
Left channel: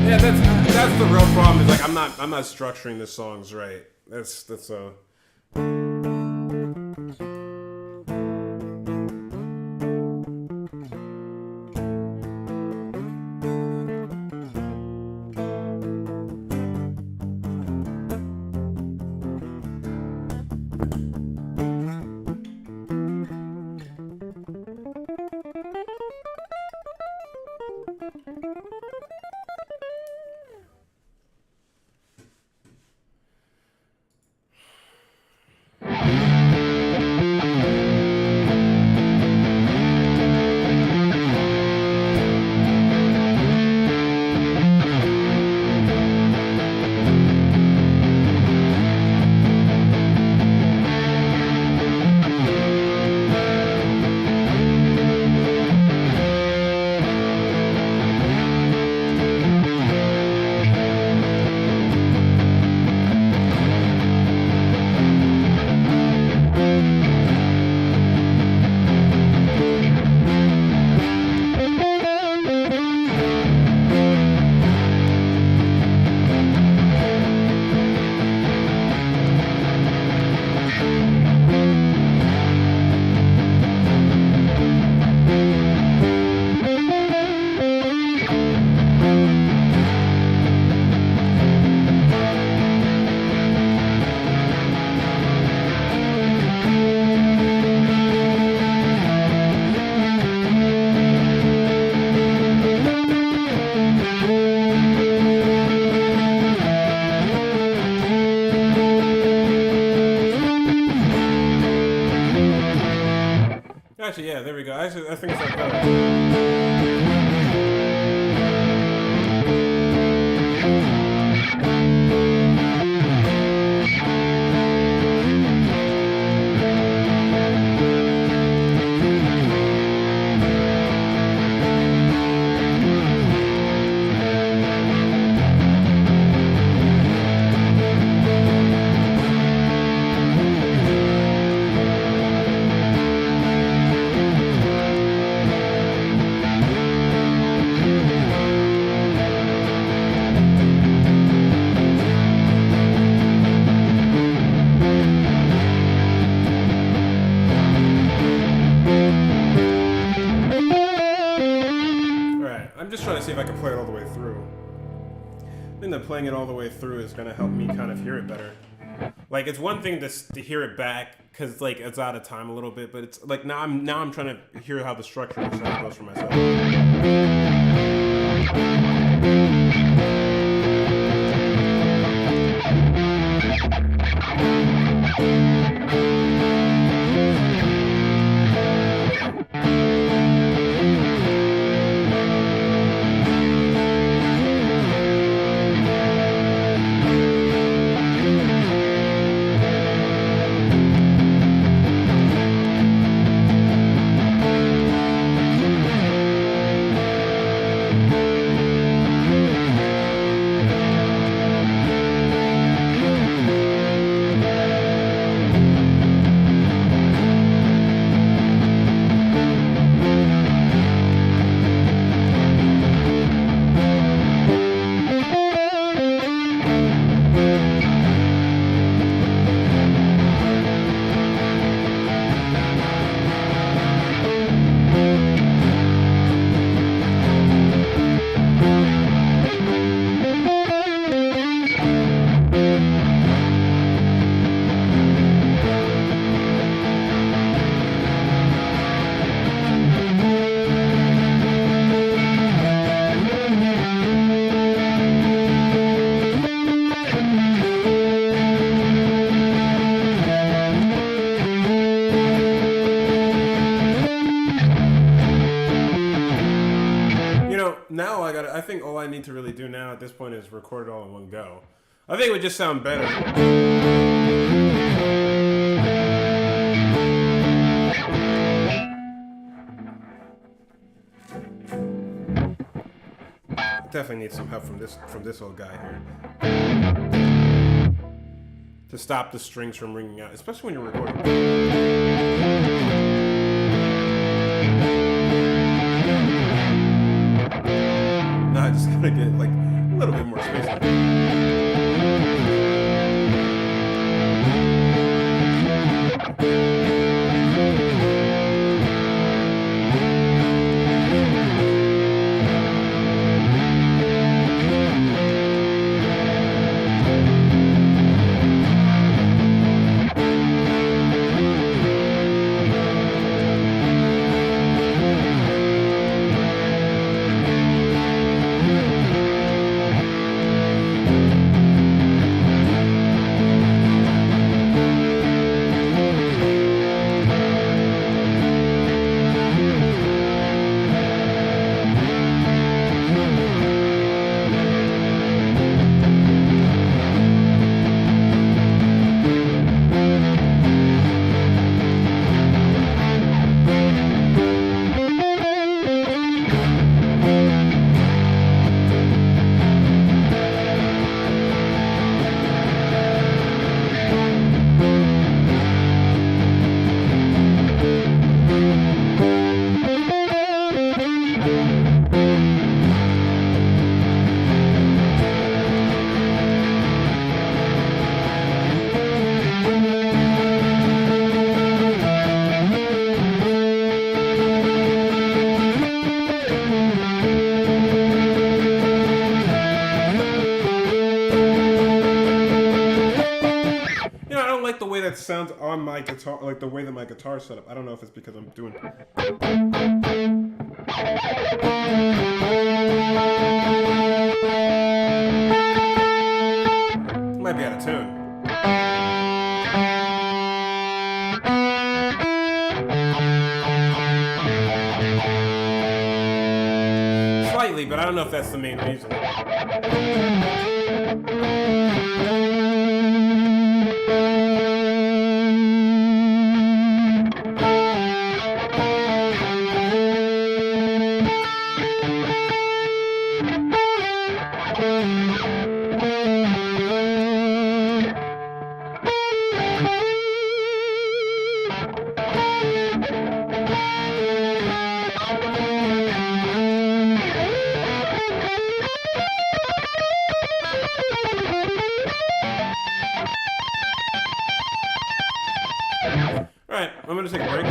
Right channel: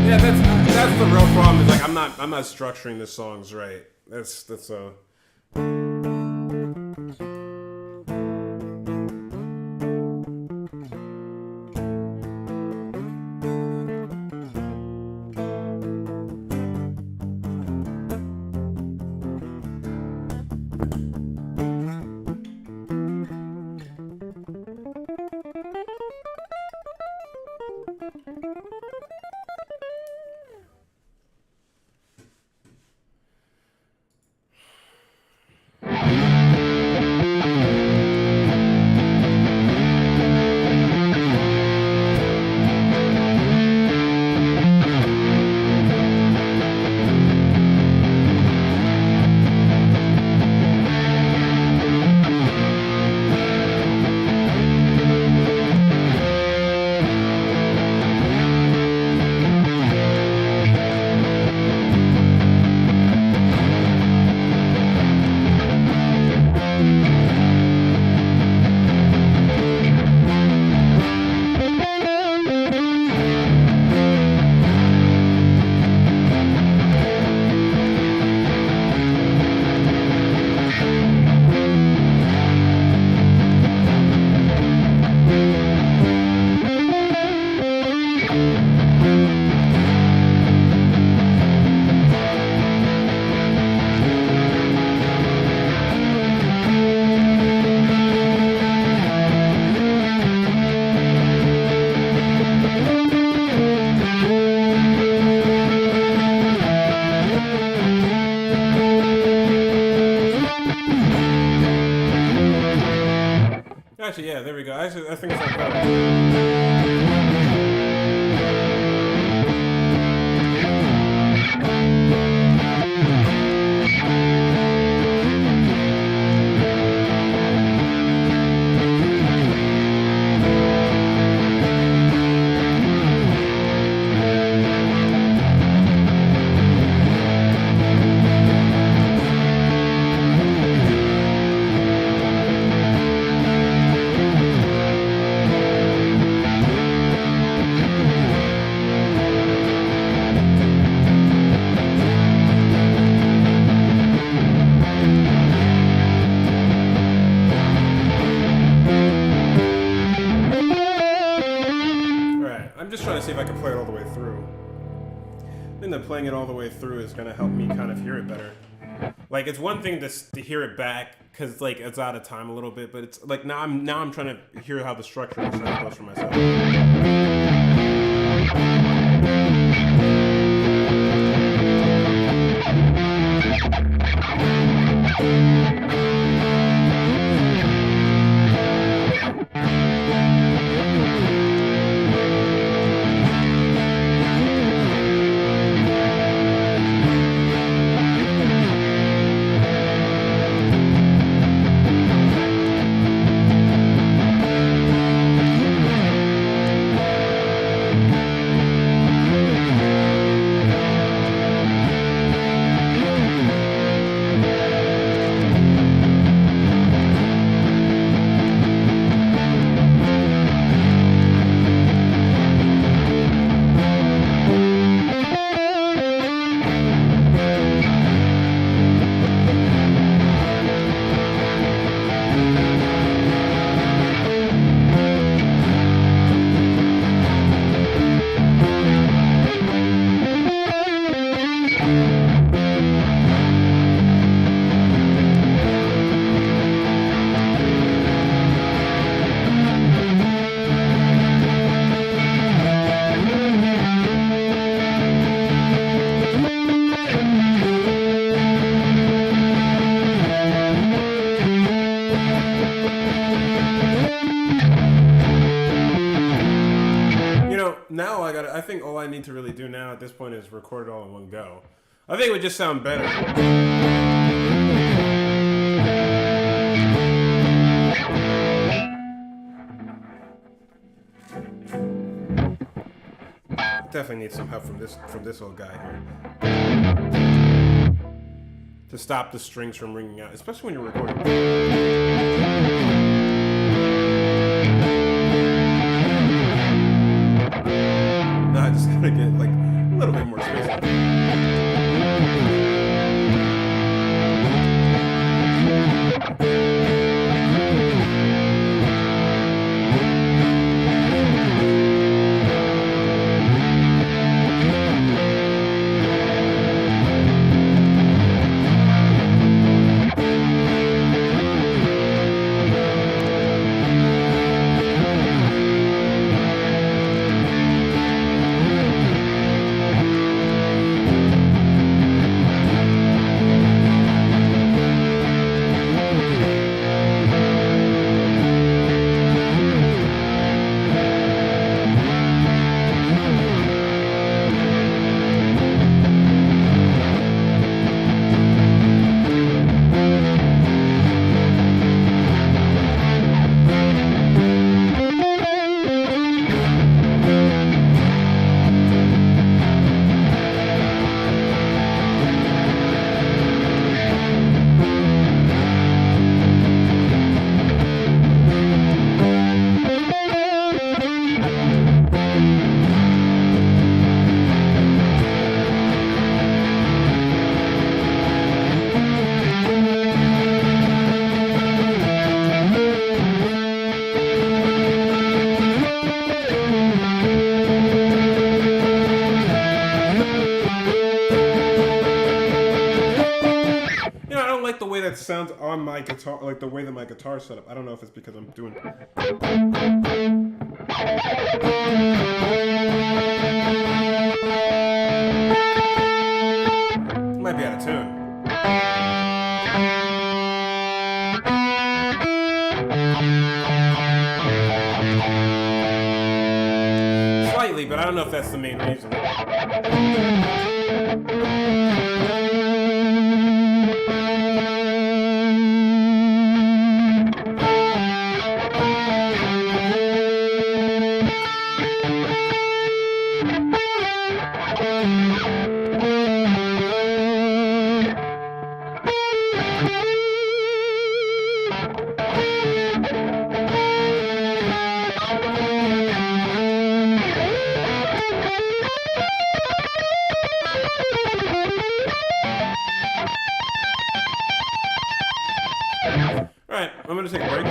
Yeah, that's the real problem. Is like I'm not structuring the songs right. That's Actually, yeah, there we go. Actually, I think it's not better. I'm just trying to see if I can play it all the way through. I think that playing it all the way through is going to help me kind of hear it better. Like, it's one thing to hear it back because like it's out of time a little bit, but it's like now I'm trying to hear how the structure of the sound goes for myself. Now I think all I need to really do now at this point is record it all in one go. I think it would just sound better. Definitely need some help from this old guy here to stop the strings from ringing out, especially when you're recording. Now I just gotta get like a little bit more space. on my guitar, like the way that my guitar's set up. I don't know if it's because I'm doing. Might be out of tune. Slightly, but I don't know if that's the main reason. Alright, I'm gonna take a break.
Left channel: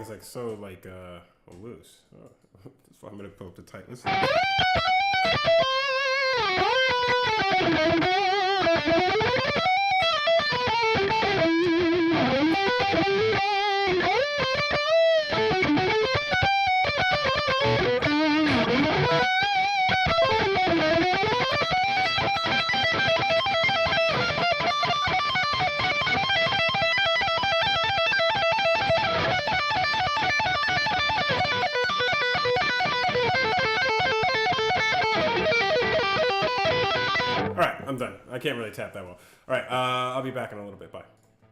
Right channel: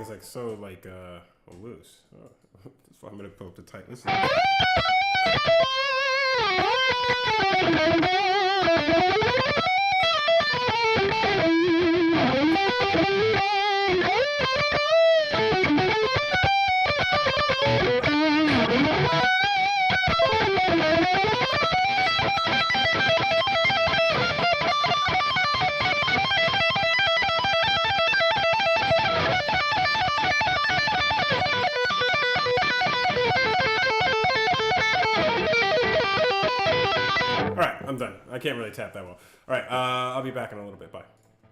It's like so loose. Oh, that's why I'm gonna put up the tight. Listen. All right, I'm done. I can't really tap that well. All right, I'll be back in a little bit. Bye.